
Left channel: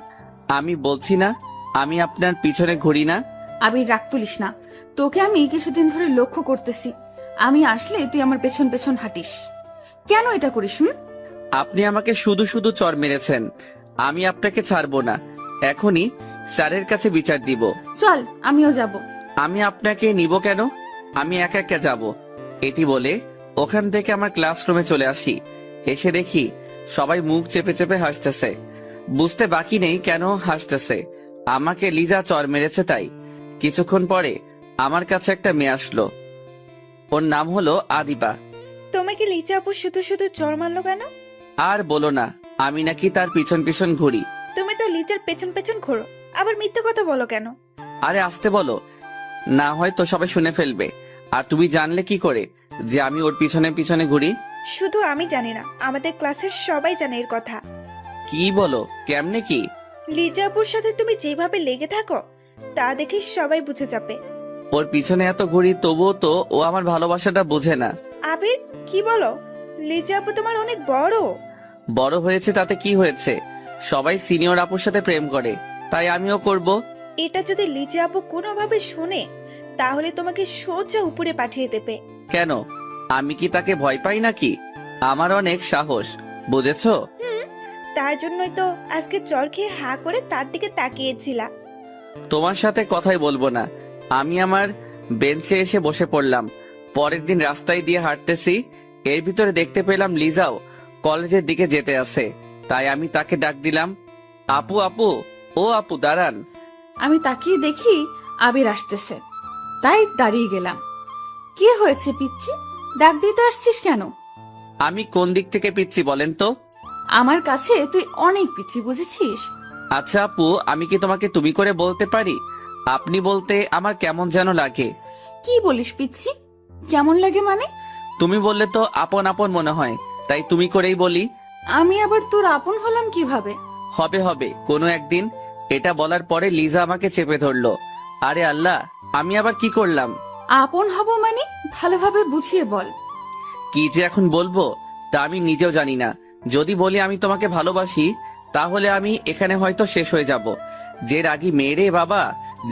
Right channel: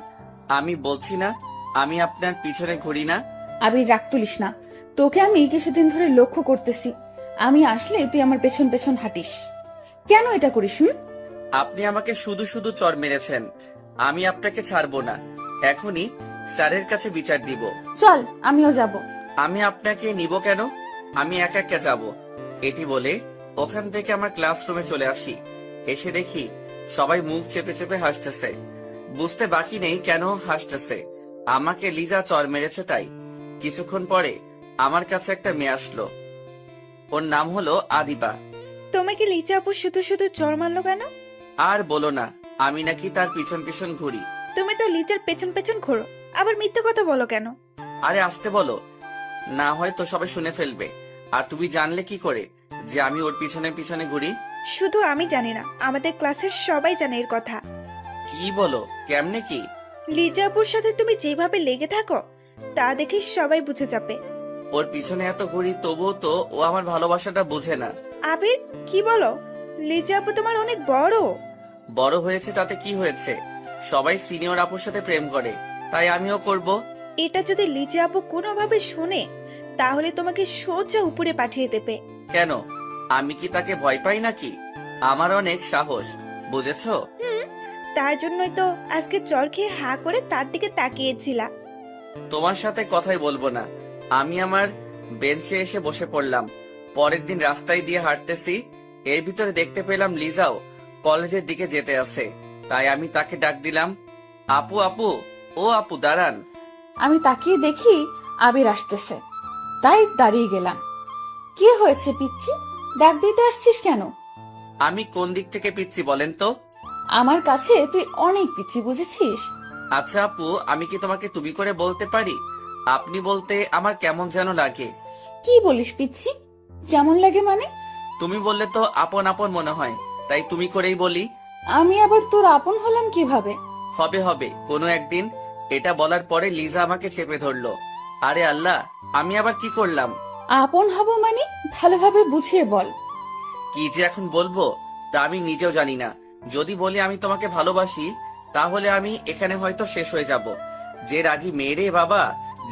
আমি বলছি না আমি আপনার পিছনে ঘুরি না। আবির, রাগ তুলিস না। তোকে আমি কিছুদিন ধরে লক্ষ্য করতেছি, আমি আসলে তুই আমার পেছন পেছন হাঁটিস। কেন এটা করিস? আপনি আমাকে শুধু শুধু চড় মেরেছেন, আমি আপনাকে ছাড়বো না। এখনই স্যারের কাছে বিচার দিব। চল, আমিও যাব। আমি আপনাকে নিব কেন? আমি একা একা যাব। এটি বলে ওখান থেকে আমার ক্লাসরুমে চলে আসি। এসে দেখি সবাই মুখ চেপে চেপে হাসতেছে। বুঝতে বাকি নেই কেন হাসতেছে। আমাকে লিজা চর মেরেছে তাই। কিছুক্ষণ পরে আমার কাছে একটা মেয়ে আসলো। ওর নাম হলো আদিবা। তোমাকে লিচা আপু শুধু শুধু চর মারলো কেন? আর বলো না, আমি নাকি তার পিছন পিছন ঘুরি। তুমি তো লিচার পেছন পেছন ঘোরো, আবার মিথ্যে কথা বলো কেন? আরে আসতে বলো, না হয় তো সবাই শুনে ফেলবে। আর তুমি জানলে কি করে যে আমি ওর পিছনে পিছনে ঘুরি? শুধু আমি জানি না, আমাদের ক্লাসের সবাই জানে এর কথা। কি বলো, কেমনে কি? লিজা আপুর সাথে তুমি যেভাবে লেগে থাকো তা দেখে সবাই বুঝে যাবে। ওর পিছনে এত ঘুরি তবুও তো ও আমার ভালোবাসাটা বোঝে না। আবির, কি বলো? লিজা আপু তোমার অনেক বড়। বড় হয়েছে তাতে কি হয়েছে? সবাই সিনিয়র আপুর সাথে প্রেম করে, তাই আমিও করব। এটা যদি লিজা আপু কোনোভাবে শুনে তাহলে তোমাকে সোজা উপরে পাঠিয়ে দেবে। কেন, আমি কি তাকে ভয় পাই নাকি? আমার অনেক সাহস, বুঝেছো? তার জন্যই তো আজকে চর খেয়ে হা করে তার দিকে তাকিয়েছিলা। তোমার সাথে কথাই বলবো না। আমি আমার বেঞ্চে এসে বসে পড়লাম। পরের দিন রাস্তায় দিয়ে হাঁটতেছি, এর ভিতরে দেখতে পেলাম লিজাও কলেজের দিকে যেতে আছে। তাই আমি তাকে ডাক দিলাম, আপু আপু, ও আপু দাঁড়ান। আমি তাকিয়ে দেখি আবির আসতেছে, তাই দাঁড়িয়ে গেলাম। কি হয়েছে পিচ্চি, ডাক দিতে আসছিস কেন? আমি কোন দিক থেকে পিচ্ছি বলেন তো? আমার কাছে তুই অনেক পিচ্চি, বুঝেছিস? আচ্ছা আপু, আমি কি তোমাকে তুমি করে বলতে পারি? আপনি বলতে আমার কেমন যেন লাগে। কি বলিস পিচ্চি? কেমন লাগে মানে? তুমি বললে তো আপন আপন মনে হয়, তাই তুমি করেই বলি। আমি আবার তোর আপন হলাম কিভাবে? হবে হবে কোনো একদিন। এটা বলার পরে লিজা আমাকে চেপে ধরলো। আরে আল্লাহ, আমি আবার কি করলাম? আপন হব মানে ভালোভাবে বুঝিয়ে বল। কি যে এখন বলবো তা আমি নিজেও জানি না। যদি বলি আমি তোমাকে ভালোবাসি, তাহলে আমি এখানে হয়তো শেষ হয়ে যাব। যে রাগী মেয়েরে বাবা,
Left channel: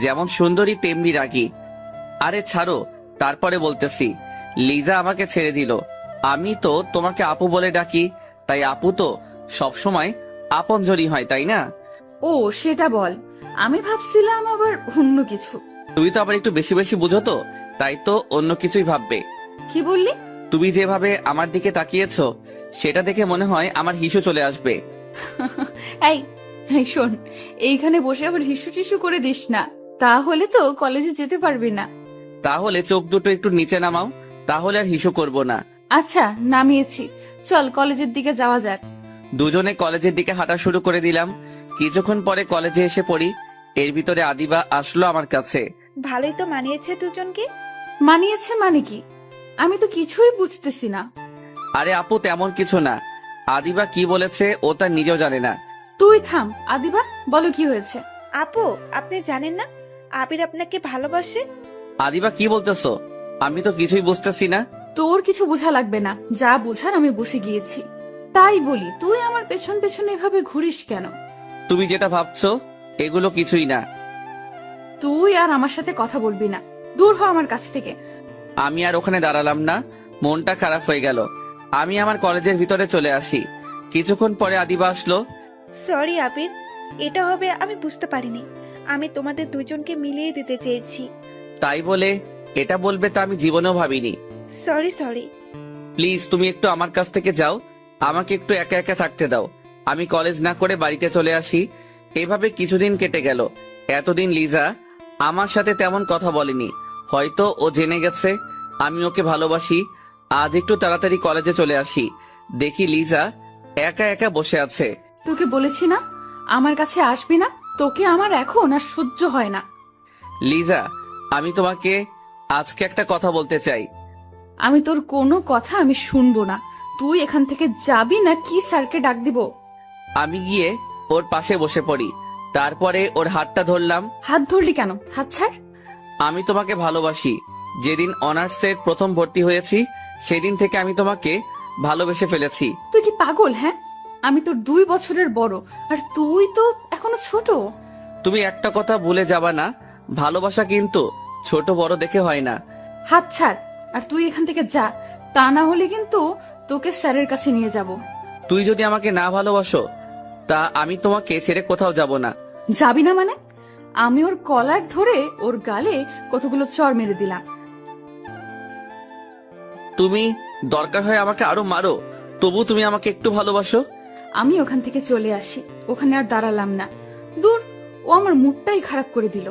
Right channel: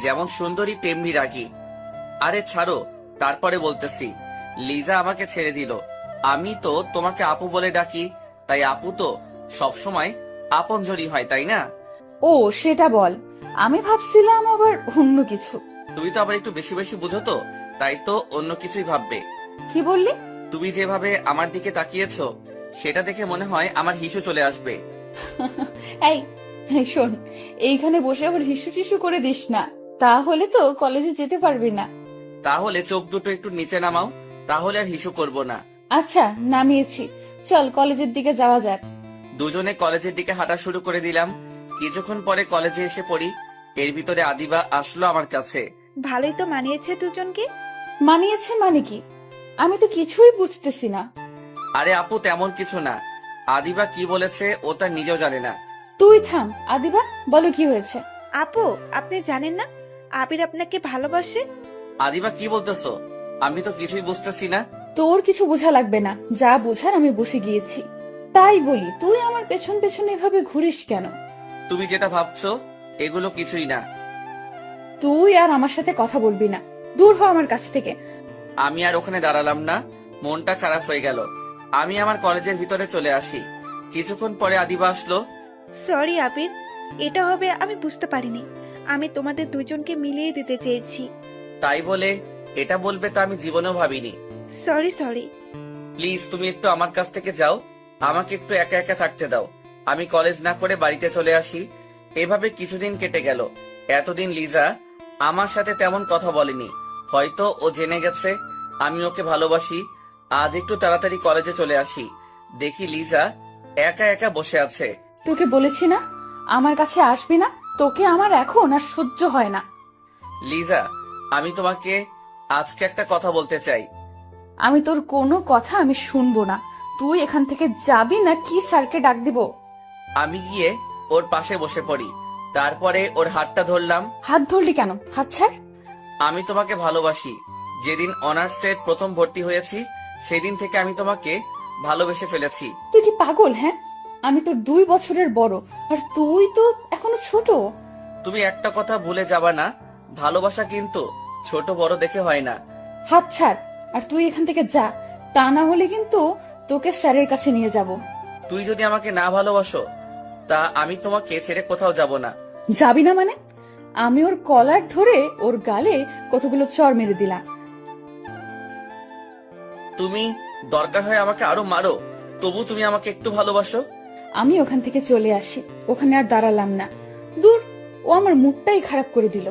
যেমন সুন্দরী তেমনি রাগী। আরে ছাড়ো, তারপরে বলতেছি। লিজা আমাকে ছেড়ে দিল। আমি তো তোমাকে আপু বলে ডাকি, তাই আপু তো সবসময় আপনজনই হয়, তাই না? ও সেটা বল, আমি ভাবছিলাম আবার অন্য কিছু। তুমি তো আবার একটু বেশি বেশি বুঝো তো, তাই তো অন্য কিছুই ভাববে। কি বললি? তুমি যেভাবে আমার দিকে তাকিয়েছো, সেটা দেখে মনে হয় আমার হিসু চলে আসবে। এই এই শোন, এইখানে বসে আবার হিসু টিসু করে দিস না, তাহলে তো কলেজে যেতে পারবি না। তাহলে চোখ দুটো একটু নিচে নামাও, তাহলে আর হিসু করব না। আচ্ছা নামিয়েছি, চল কলেজের দিকে যাওয়া যাক। দুজনে কলেজের দিকে হাঁটা শুরু করে দিলাম। কিছুক্ষণ পরে কলেজে এসে পড়ি। এর ভিতরে আদিবা আসলো আমার কাছে। ভালোই তো মানিয়েছে দুজনকে। মানিয়েছে মানে কি? আমি তো কিছুই বুঝতেছি না। আরে আপু, তেমন কিছু না। আদিবা কি বলেছে ও তার নিজেও জানে না। তুই থাম আদিবা, বলো কি হয়েছে? আপু, আপনি জানেন না আবির আপনাকে ভালোবাসে? আদিবা কি বলতেছো? আমি তো কিছুই বুঝতেছি না। তোর কিছু বোঝা লাগবে না, যা বোঝার আমি বুঝে গিয়েছি। তাই বলি, তুই আমার পেছন পেছন এভাবে ঘুরিস কেন? তুমি যেটা ভাবছো এগুলো কিছুই না। তুই আর আমার সাথে কথা বলবি না, দূর হ আমার কাছ থেকে। আমি আর ওখানে দাঁড়ালাম না, মনটা খারাপ হয়ে গেল। আমি আমার কলেজের ভিতরে চলে আসি। কিছুক্ষণ পরে আদিবা আসলো। সরি আবির, এটা হবে আমি বুঝতে পারিনি। আমি তোমাদের দুজনকে মিলিয়ে দিতে চেয়েছি। তাই বলে এটা বলবে তা আমি জীবনেও ভাবিনি। Sorry sorry. প্লিজ তুমি একটু আমার কাছ থেকে যাও, আমাকে একটু একা একা থাকতে দাও। আমি কলেজ না করে বাড়িতে চলে আসি। এভাবে কিছুদিন কেটে গেল। এতদিন লিজা আমার সাথে তেমন কথা বলেনি। হয়তো ও জেনে গেছে আমি ওকে ভালোবাসি। আজ একটু তাড়াতাড়ি কলেজে চলে আসি, দেখি লিজা একা একা বসে আছে। তোকে বলেছি না আমার কাছে আসবি না, তোকে আমার এখন আর সহ্য হয় না। লিজা, আমি তোমাকে আজকে একটা কথা বলতে চাই। আমি তোর কোনো কথা আমি শুনবো না। তুই এখান থেকে যাবি না কি স্যারকে ডাক দিব? আমি গিয়ে ওর পাশে বসে পড়ি। তারপরে ওর হাতটা ধরলাম। হাত ধরলি কেন? হাত ছাড়। আমি তোমাকে ভালোবাসি। যেদিন অনার্সের প্রথম ভর্তি হয়েছি সেদিন থেকে আমি তোমাকে ভালোবেসে ফেলেছি। তুই কি পাগল? হ্যাঁ, আমি তোর 2 বছরের বড়, আর তুই তো এখনো ছোট। তুমি একটা কথা ভুলে যাবা না, ভালোবাসা কিন্তু ছোট বড় দেখে হয় না। হাত ছাড়, আর তুই এখান থেকে যা, তা না হলে কিন্তু তোকে স্যারের কাছে নিয়ে যাব। তুই যদি আমাকে না ভালোবাসো, তা আমি তোমাকে ছেড়ে কোথাও যাব না। যাবি না মানে? আমি ওর কলার ধরে ওর গালে কতগুলো চড় মেরে দিলাম। তুমি দরকার হয় আমাকে আরো মারো, তবু তুমি আমাকে একটু ভালোবাসো। আমি ওখান থেকে চলে আসি, ওখানে আর দাঁড়ালাম না। দূর, ও আমার মুডটাই খারাপ করে দিল।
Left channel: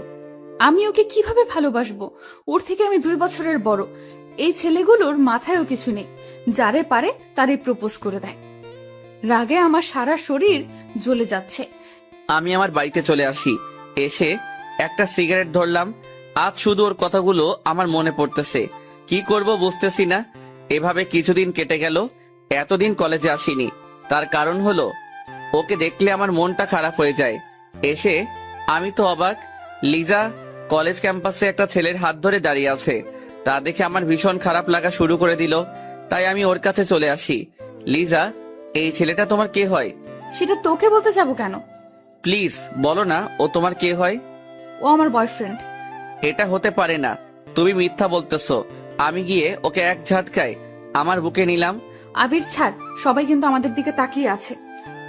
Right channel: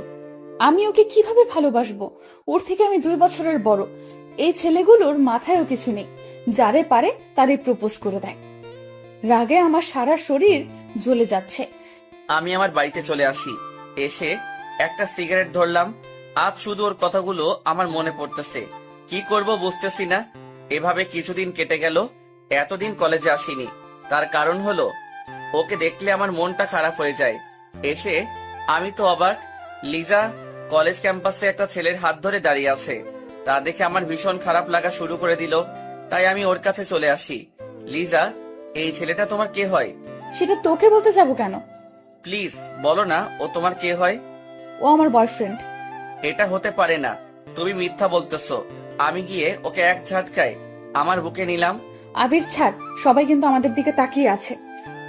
আমি ওকে কিভাবে ভালোবাসবো? ওর থেকে আমি 2 বছরের বড়। এই ছেলেগুলোর মাথায়ও কিছু নেই, যারে পারে তারই প্রপোজ করে দেয়। রাগে আমার সারা শরীর জ্বলে যাচ্ছে। আমি আমার বাড়িতে চলে আসি, এসে একটা সিগারেট ধরলাম। আজ শুধু ওর কথাগুলো আমার মনে পড়তেছে, কি করব বুঝতেছি না। এভাবে কিছুদিন কেটে গেল, এতদিন কলেজে আসিনি। তার কারণ হলো ওকে দেখলে আমার মনটা খারাপ হয়ে যায়। এসে আমি তো অবাক, লিজা কলেজ ক্যাম্পাসে একটা ছেলের হাত ধরে দাঁড়িয়ে আছে। তা দেখে আমার ভীষণ খারাপ লাগা শুরু করে দিল, তাই আমি ওর কাছে চলে আসি। লিজা, এই ছেলেটা তোমার কে হয়? সেটা তোকে বলতে যাবো কেন? প্লিজ বলো না ও তোমার কে হয়। ও আমার বয়ফ্রেন্ড। এটা হতে পারে না, তুমি মিথ্যা বলতেছো। আমি গিয়ে ওকে এক ঝাটকায় আমার বুকে নিলাম। আবির ছাড়, সবাই কিন্তু আমাদের দিকে তাকিয়ে আছে।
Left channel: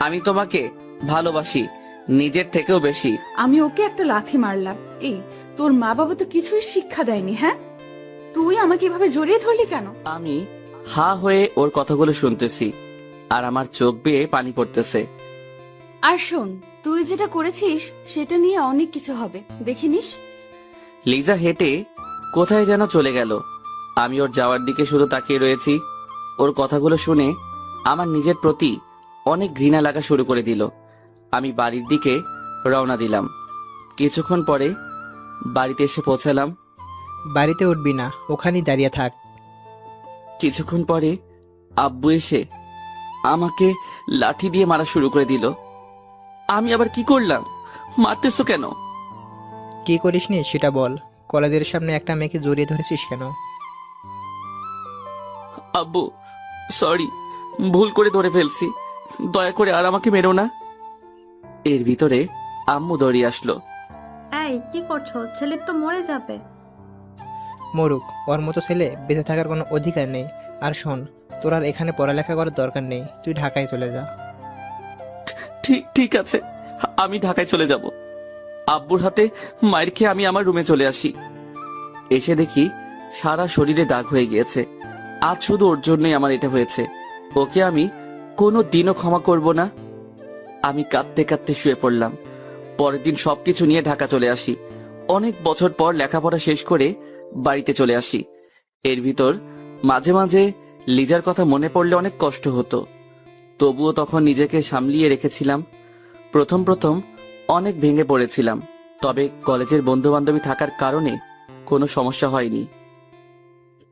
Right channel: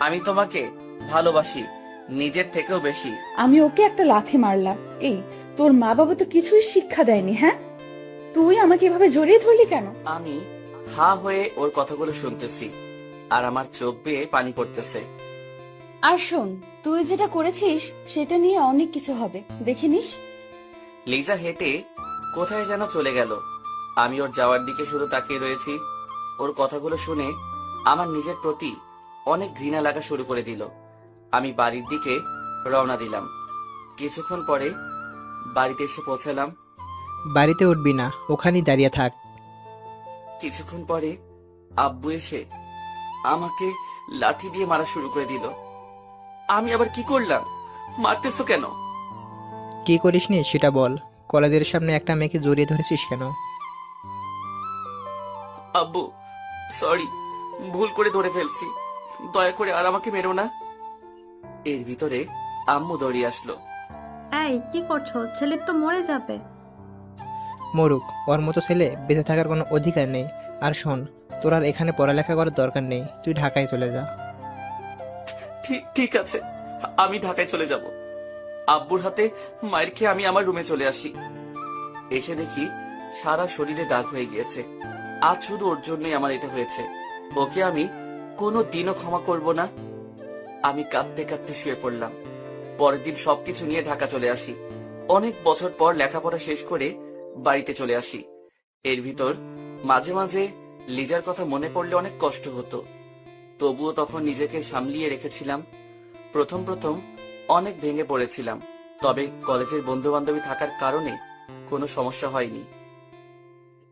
আমি তোমাকে ভালোবাসি, নিজের থেকেও বেশি। আমি ওকে একটা লাথি মারলাম। এই, তোর মা বাবা তো কিছুই শিক্ষা দেয়নি, হ্যাঁ? তুই আমাকে এভাবে জড়িয়ে ধরলি কেন? আমি হা হয়ে ওর কথাগুলো শুনতেছি, আর আমার চোখ বেয়ে পানি পড়তেছে। আর শোন, তুই যেটা করেছিস সেটা নিয়ে অনেক কিছু হবে, দেখে নিস। লিজা হেঁটে কোথায় যেন চলে গেল। আমি ওর যাওয়ার দিকে শুধু তাকিয়ে রয়েছি। ওর কথাগুলো শুনে আমার নিজের প্রতি অনেক ঘৃণা লাগা শুরু করে দিল। আমি বাড়ির দিকে রওনা দিলাম। কিছুক্ষণ পরে বাড়িতে এসে পৌঁছালাম। বাড়িতে উঠবি না, ওখানেই দাঁড়িয়ে থাক। কিছুক্ষণ পরে আব্বু এসে আমাকে লাঠি দিয়ে মারা শুরু করে দিল। আমি আবার কি করলাম? মারতেছো কেন? কি করিসনি সেটা বল। কলেজের সামনে একটা মেয়েকে জড়িয়ে ধরেছিস কেন? আব্বু সরি, ভুল করে ধরে ফেলছি, দয়া করে আর আমাকে মেরো না। এর ভিতরে আম্মু দৌড়িয়ে আসলো। এই কি করছো? ছেলে তো মরে যাবে। মরুক, ওর মতো ছেলে বেঁচে থাকার কোনো অধিকার নেই। আর শোন, তোর আর এখানে পড়ালেখা করার দরকার নেই, তুই ঢাকায় চলে যা। ঠিক ঠিক আছে, আমি ঢাকায় চলে যাব। আব্বুর হাতে মায়ের খেয়ে আমি আমার রুমে চলে আসি। এসে দেখি সারা শরীরে দাগ হয়ে গিয়েছে। আজ শুধু ওর জন্যই আমার এটা হয়েছে। ওকে আমি কোনো দিনও ক্ষমা করব না। আমি কাঁদতে কাঁদতে শুয়ে পড়লাম। পরের দিন সবকিছু নিয়ে ঢাকা চলে আসি। অনেক বছর পর লেখাপড়া শেষ করে বাড়িতে চলে আসি। এর ভিতর মাঝে মাঝে লিজার কথা মনে পড়লে অনেক কষ্ট হতো, তবুও তখন নিজেকে সামলিয়ে রেখেছিলাম। প্রথম প্রথম অনেক ভেঙে পড়েছিলাম, তবে কলেজের বন্ধু বান্ধবী থাকার কারণে কোনো সমস্যা হয়নি।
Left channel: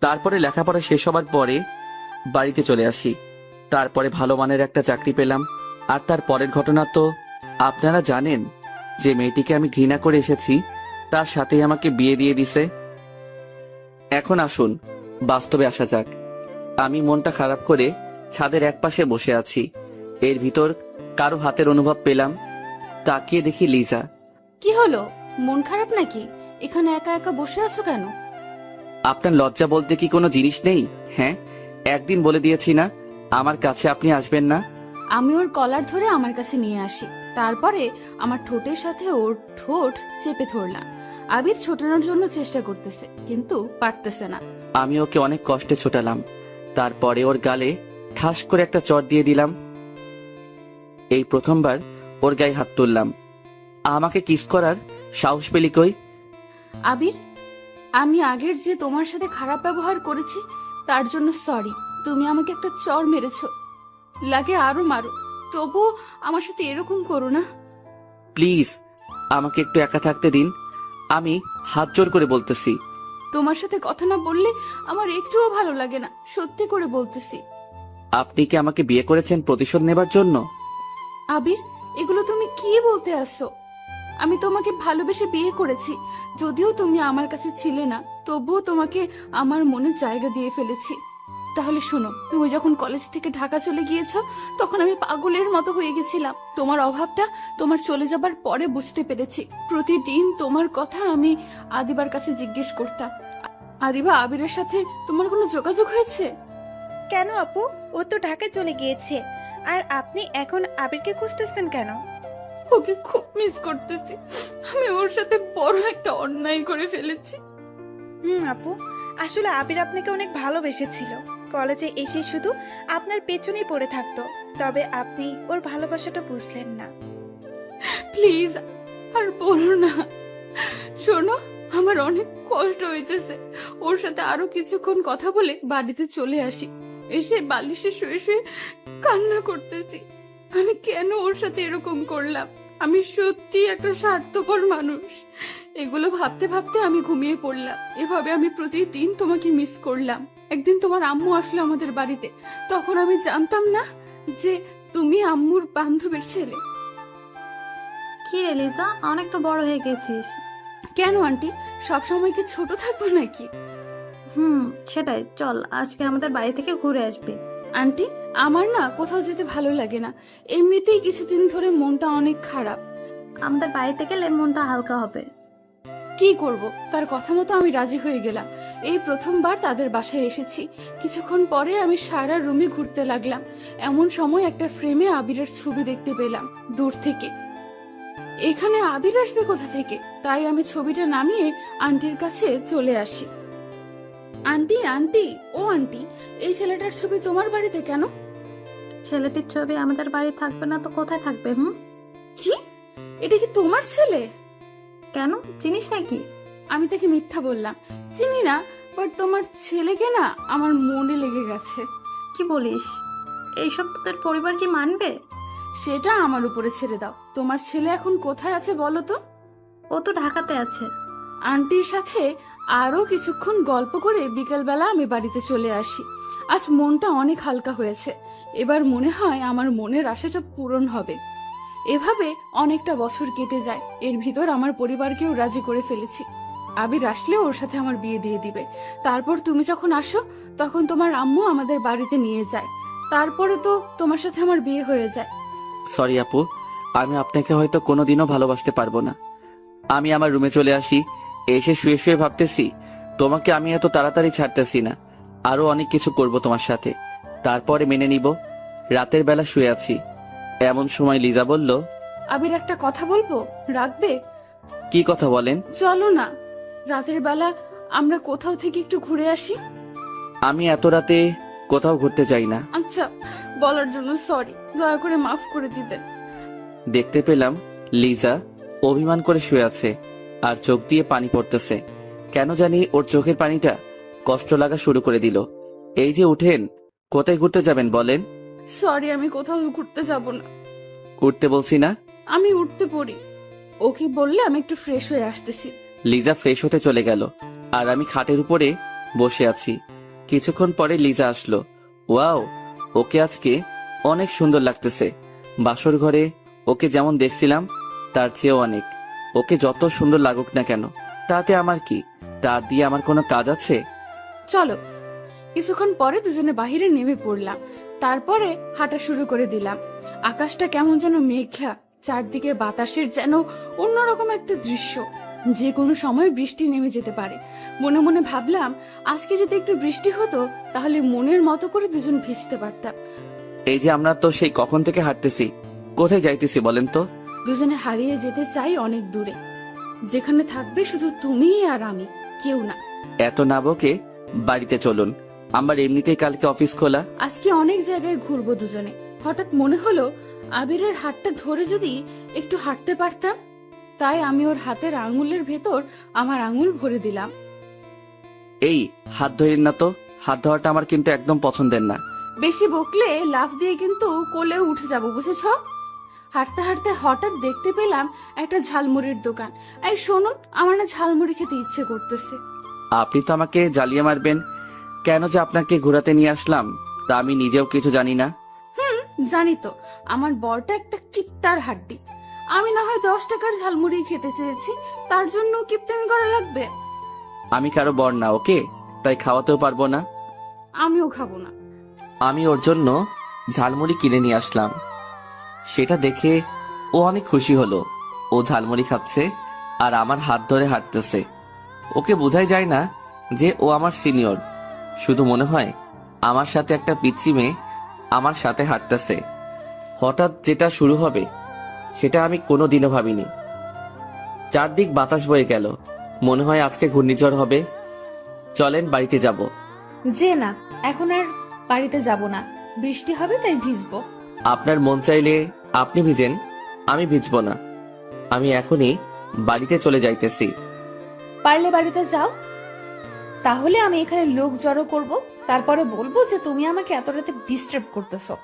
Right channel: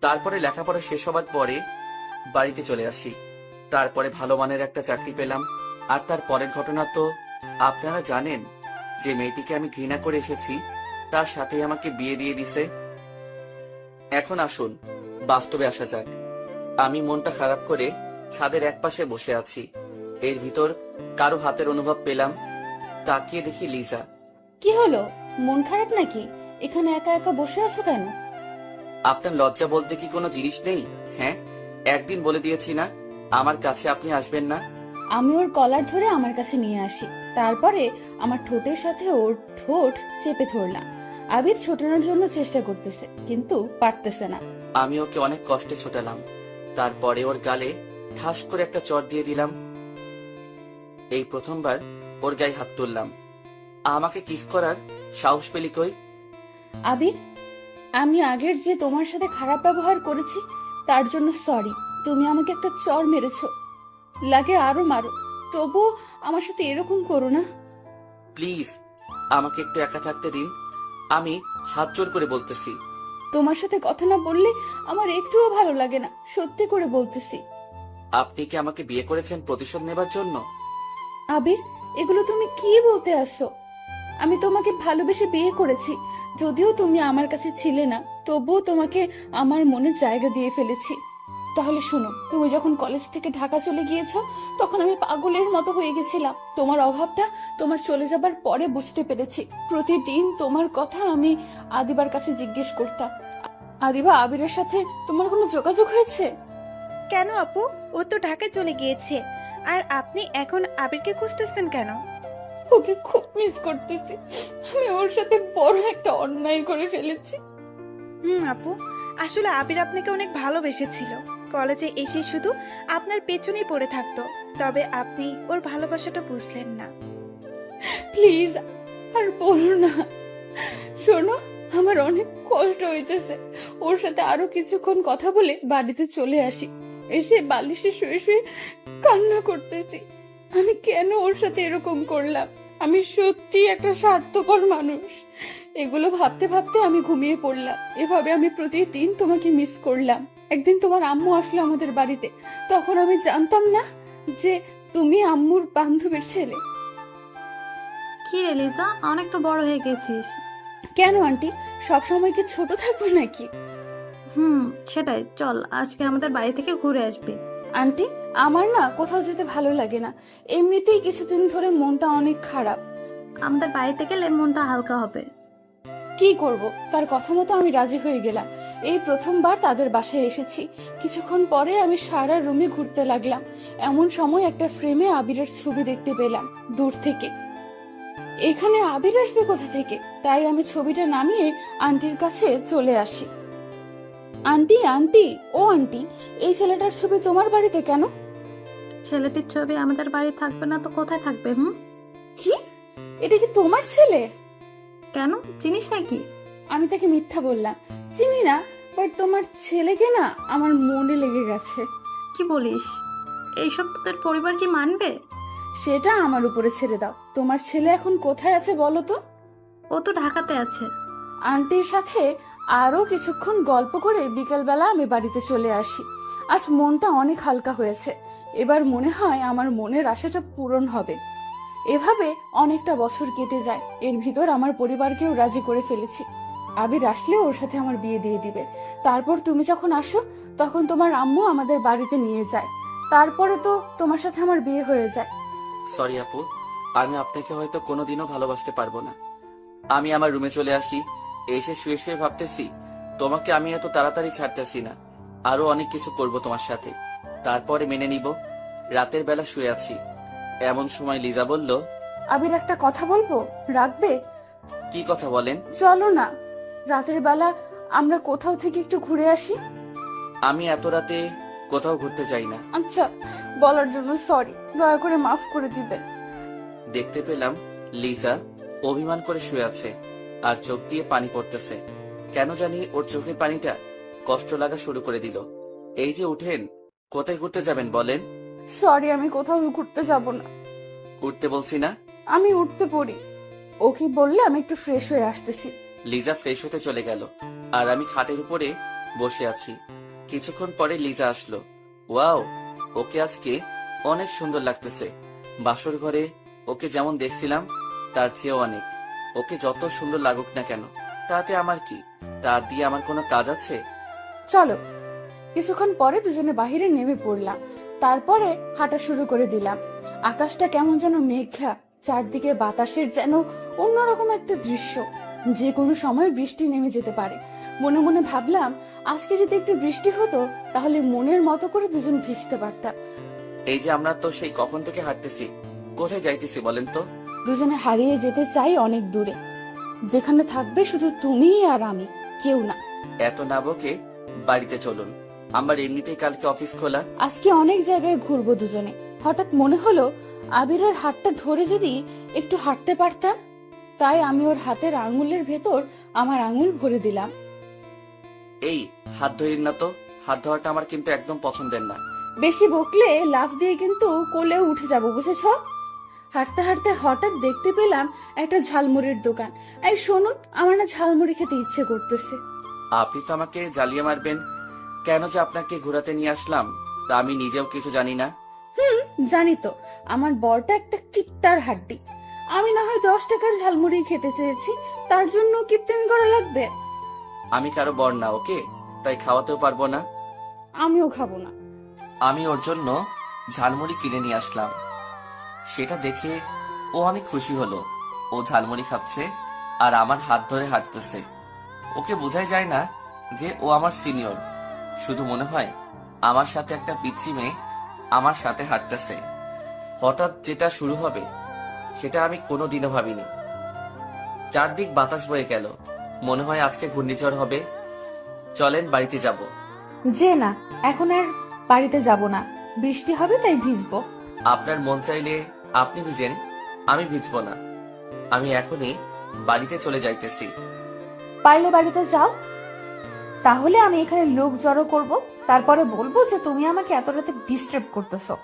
তারপরে লেখাপড়া শেষ হবার পরে বাড়িতে চলে আসি। তারপরে ভালো মানের একটা চাকরি পেলাম। আর তার পরের ঘটনা তো আপনারা জানেন, যে মেয়েটিকে আমি ঘৃণা করে এসেছি তার সাথেই আমাকে বিয়ে দিয়ে দিছে। এখন আসুন বাস্তবে আসা যাক। আমি মনটা খারাপ করে ছাদের একপাশে বসে আছি। এর ভিতর কারো হাতের অনুভব পেলাম। তাকিয়ে দেখি লিজা। কি হলো, মন খারাপ নাকি? এখানে একা একা বসে আছো কেন? আপনার লজ্জা বলতে কি কোনো জিনিস নেই? হ্যাঁ, একদিন বলে দিয়েছি না আমার কাছে আপনি আসবেন না। আমি ওর কলার ধরে আমার কাছে নিয়ে আসি, তারপরে আমার ঠোঁটের সাথে ওর ঠোঁট চেপে ধরলাম। আবির ছোটানোর জন্য চেষ্টা করতেছে, কিন্তু পারতেছে না। আমি ওকে অনেক কষ্টে ছোটালাম। তারপরে ওর গালে ঠাস করে একটা চড় দিয়ে দিলাম। এই প্রথমবার ওর গায়ে হাত তুললাম। আমাকে কিস করার সাহস পেলি কই? আবির, আমি আগের যে তোমার সাথে খারাপ ব্যবহার করেছি তার জন্য সরি। তুমি আমাকে একটা চড় মেরেছো, লাগে আরো মারো, তবু আমার সাথে এরকম করো না। প্লিজ আমাকে একটু একা থাকতে দিন, আমি হাত জোর করে বলতেছি। তোমার সাথে কথা না বললে আমার একটুও ভালো লাগে না, সত্যি করে বলতেছি। আপনি কি আমাকে বিয়ে করেছেন প্রতিশোধ নেবার জন্য? আবির, এগুলো তুমি কি বলতে আসছো? আমি তোমাকে ভালোবেসে বিয়ে করেছি, যদিও তুমি আমার কাছে ছিলে না, তবুও তোমাকে আমার মনে জায়গা দিয়ে ফেলেছি। তাহলে শোনো, তুমি যখন কলেজ থেকে ঢাকা চলে গিয়েছো তখন আমি পাগলের মতো হয়ে গেছিলাম। তোমার অভাবটা তোমার চলে যাবার পরে বুঝতে পেরেছি। প্রতিদিন তোমার কথা আমি আদিবার কাছে জিজ্ঞেস করতাম, আদিবা, আবিরের সাথে তোমার কোনো যোগাযোগ হয়েছে? কেন আপু? ও তো ঢাকায় চলে গিয়েছে, আর আপনি এখন আবিরকে খুঁজতেছেন কেন? ওকে খুব মিস করতেছি। আমি ওর সাথে বড় একটা অন্যায় করে ফেলেছি। আপু, আসলে আবির আপনাকে অনেক ভালোবেসেছিল। কলেজে এসে শুধু আপনার পেছনেই পড়ে থাকতো, তবে আপনি ওর ভালোবাসাটা বুঝলেন না। প্লিজ আর বলো না। শোনো, আমার অনেক কষ্ট হইতেছে। ওর সাথে আরো কিছুক্ষণ কথা বলে বাড়িতে চলে আসি। এসে বালিশে শুয়ে শুয়ে কান্না করতেছি। আমি কেন ওর সাথে এরকম করলাম? আমি সত্যি একটা স্বার্থপর মানুষ। এগুলো ভাবতে ভাবতে আমি ঘুমিয়ে পড়লাম। এভাবে আমি প্রতিদিন তোমাকে মিস করলাম। একদিন তোমার আম্মু আসলো আমাদের বাড়িতে, তখন আমি জানতাম না যে তুমি আম্মুর বান্ধবীর ছেলে। কি রে লিজা, অনেক তো বড় হয়ে গেছিস। কেন আন্টি, সবসময় কি ছোট থাকবো নাকি? সেটাই, চল আজকে আমাদের বাড়ি থেকে ঘুরে আসবি। আন্টি, আমার না কোথাও যেতে ভালো লাগে না। এমনিতেই কিছুদিন ধরে মনটা অনেক খারাপ। আমাদের বাড়িতে গেলে মনটা হালকা হবে। কি করব, তার কথা মতো আমি রাজি হয়ে গেলাম। এই প্রথমবার তাদের বাসায় এসেছি। কিছুক্ষণ পরে আমি সারা রুমে ঘুরতে লাগলাম। এমন সময় একটা ফ্রেমে আবিরের ছবি দেখতে পেলাম দূর থেকে। এখানে আবির আসবে কোথা থেকে? তাই আমি ছবিটা নামিয়ে আন্টির কাছে চলে আসি। আন্টি, আন্টি, ও আন্টি, এই ছেলেটার ছবি তোমার বাড়িতে কেন? ছেলেটির ছবি আমাদের বাড়ি থাকবে না তো কোথায় থাকবে? কি, এটা কি তোমার ছেলে? কেন, চিনিস নাকি? আমি তাকে মিথ্যা বললাম, চিনি না। বাট তোমার ছেলেকে না আমার মনে লেগে গেছে। কি বলিস? এইসব তোদের পরিবার কি মানবে? সেটা আমার উপরে ছেড়ে দাও। তোমার ছেলে এখন কোথায় আছে বলো তো? ও তো ঢাকাতে আছে। আন্টির সাথে আরো কিছুক্ষণ গল্প করে বিকেলবেলা আমি বাড়িতে চলে আসি। আজ মনটা অনেক হালকা হয়েছে। এবার মনে হয় আমার মনের আশাটা পূরণ হবে। এভাবে অনেকটা বছর কেটে যায়। এর ভিতর আমার পরিবারকেও রাজি করে ফেলেছি। আবির আসলে ওর সাথে আমার বিয়ে দিয়ে দিবে। তারপর তুমি যখন আসো তখন তোমার আম্মু আমাদের বাড়িতে নিয়ে যায়। তারপরে তো তোমার সাথে আমার বিয়ে হয়ে যায়। সরি আপু, আমি আপনাকে হয়তো কোনোদিনও ভালোবাসতে পারবো না। আমি আমার রুমে চলে আসি। এসে শুয়ে শুয়ে ভাবতেছি তোমাকে আমি এত তাড়াতাড়ি ছাড়তেছি না। আরো অনেক কিছু করব তোমার সাথে, তারপরে মেনে নিব। রাতের বেলা শুয়ে আছি, এমন সময় লিজা বলল, আবির, একটা কথা বলবো, রাখবে? কি কথা বলেন? চলো না, রাতের বেলা আমরা কোথাও থেকে একটু ঘুরে আসি। আমি এত রাতে কোথাও ঘুরতে যাই না। আচ্ছা, বলার জন্য সরি, দয়া করে মাফ করে দিবেন। দেখতে পেলাম লিজা অভিমান করে শুয়ে আছে আর চোখ দিয়ে পানি পড়তেছে। কেন জানি ওর চোখের পানিটা কষ্ট লাগা শুরু করে দিল। এই যে উঠেন, কোথায় ঘুরতে যাবেন বলেন? সরি, আমি কোথাও ঘুরতে যাব না। উঠতে বলছি না? আমি উঠতে পড়ি। ওকে বললে আমি একটু ফ্রেশ হয়ে আসতেছি। লিজা ফ্রেশ হতে চলে গেল আর আমি খাটের উপরে বসে আছি। কিছুক্ষণ পরে লিজা আসলো। ওয়াও, ওকে আজকে অনেক সুন্দর লাগতেছে। বাসর ঘরে ওকে যেমন দেখছিলাম তার চেয়েও অনেক। ওকে যত সুন্দর লাগুক না কেন, তাতে আমার কি? তা দিয়ে আমার কোনো কাজ আছে? চলো। কিছুক্ষণ পরে দুজনে বাহিরে নেমে পড়লাম। তারপরে হাঁটা শুরু করে দিলাম। আকাশটা কেমন যেন মেঘলা, চারদিকে বাতাসের যেন অন্যরকম একটা দৃশ্য। যে কোনো সময় বৃষ্টি নেমে যেতে পারে। মনে মনে ভাবলাম, আজকে যদি একটু বৃষ্টি হতো তাহলে মনের মতো করে দুজন ভিজতে পারতাম। এই যে আমরা তো সেই কখন থেকে হাঁটতেছি, কোথায় যাইতেছি বলেন তো? দুজনে হারিয়ে যেতে চাই অনেক দূরে, যেখানে থাকবে শুধু তুমি আর আমি, কেউ না। এত না বকে বাড়িতে চলুন, আমার এমনিতেই কালকে অফিস খোলা। আজকে অনেক জায়গায় ঘুরবো দুজনে। হঠাৎ মনে হলো আবিরের হাতটা ধরে যদি একটু হাঁটতে পারতাম। তাই আমি ওর হাতের আঙুলের ভেতর আমার আঙুল ভরে দিলাম। এই হাত ধরেন না তো, হাত ধরাটা আমার কিন্তু একদম পছন্দের না। বেশি বকলে লাফ দিয়ে কিন্তু কোলেও উঠে যাব, বুঝেছ? হাঁটতে হাঁটতে হঠাৎ দেখতে পেলাম একটা ঝালমুড়ির দোকান। এই শুনুন, আমার না ঝালমুড়ি খেতে ইচ্ছে করতেছে। আপনি তো আমাকে জ্বালিয়ে মারবেন। কেন যে আপনাকে ঘোরাতে নিয়ে আসলাম তা আমি নিজেও কিছু জানি না। জানি তো, আমার বরটা একটা কিপ্টার হাড্ডি। আমি না হয় 10 টাকার ঝালমুড়ি খেতে চেয়েছি, তার জন্য কিপ্টেমি করা লাগবে? আমি কারো বর না, ওকে? তাই খাওয়াতেও পারবো না। আমিও খাবো না। আমি ওর জন্য ঝালমুড়ি কিনে নিয়ে আসলাম। সেটা দেখে ও অনেক খুশি হলো। ও ঝালমুড়ি খাচ্ছে আর আমার হাত ধরে হাঁটতেছে। ওকে বোঝাই যায় না যে ও আমার সিনিয়র। শুধু মনে হয় আমার সাথে একটা পিচ্চি মেয়ে আমার সাথে হাঁটতেছে। হঠাৎ যেটা শুরু হবে সেটা আমি কোনোদিনও ভাবিনি। চারদিক বাতাস বয়ে গেল, মনে হয় আজকে ঘূর্ণিঝড় হবে। চলেন বাড়িতে যাব। যে না, এখন আর বাড়িতে যাব না, বৃষ্টি হবে তাই ভিজবো। আপনার মন চাইলে আপনি ভিজেন, আমি ভিজবো না। আমি এখনই বাড়িতে চলে যাইতেছি। পারলে বাড়িতে যাও, তাহলে আমি এখানে লোক জড়ো করব, তারপরে বলবো যে তুমি আমাকে এত রাতে ডিস্টার্ব করতেছো।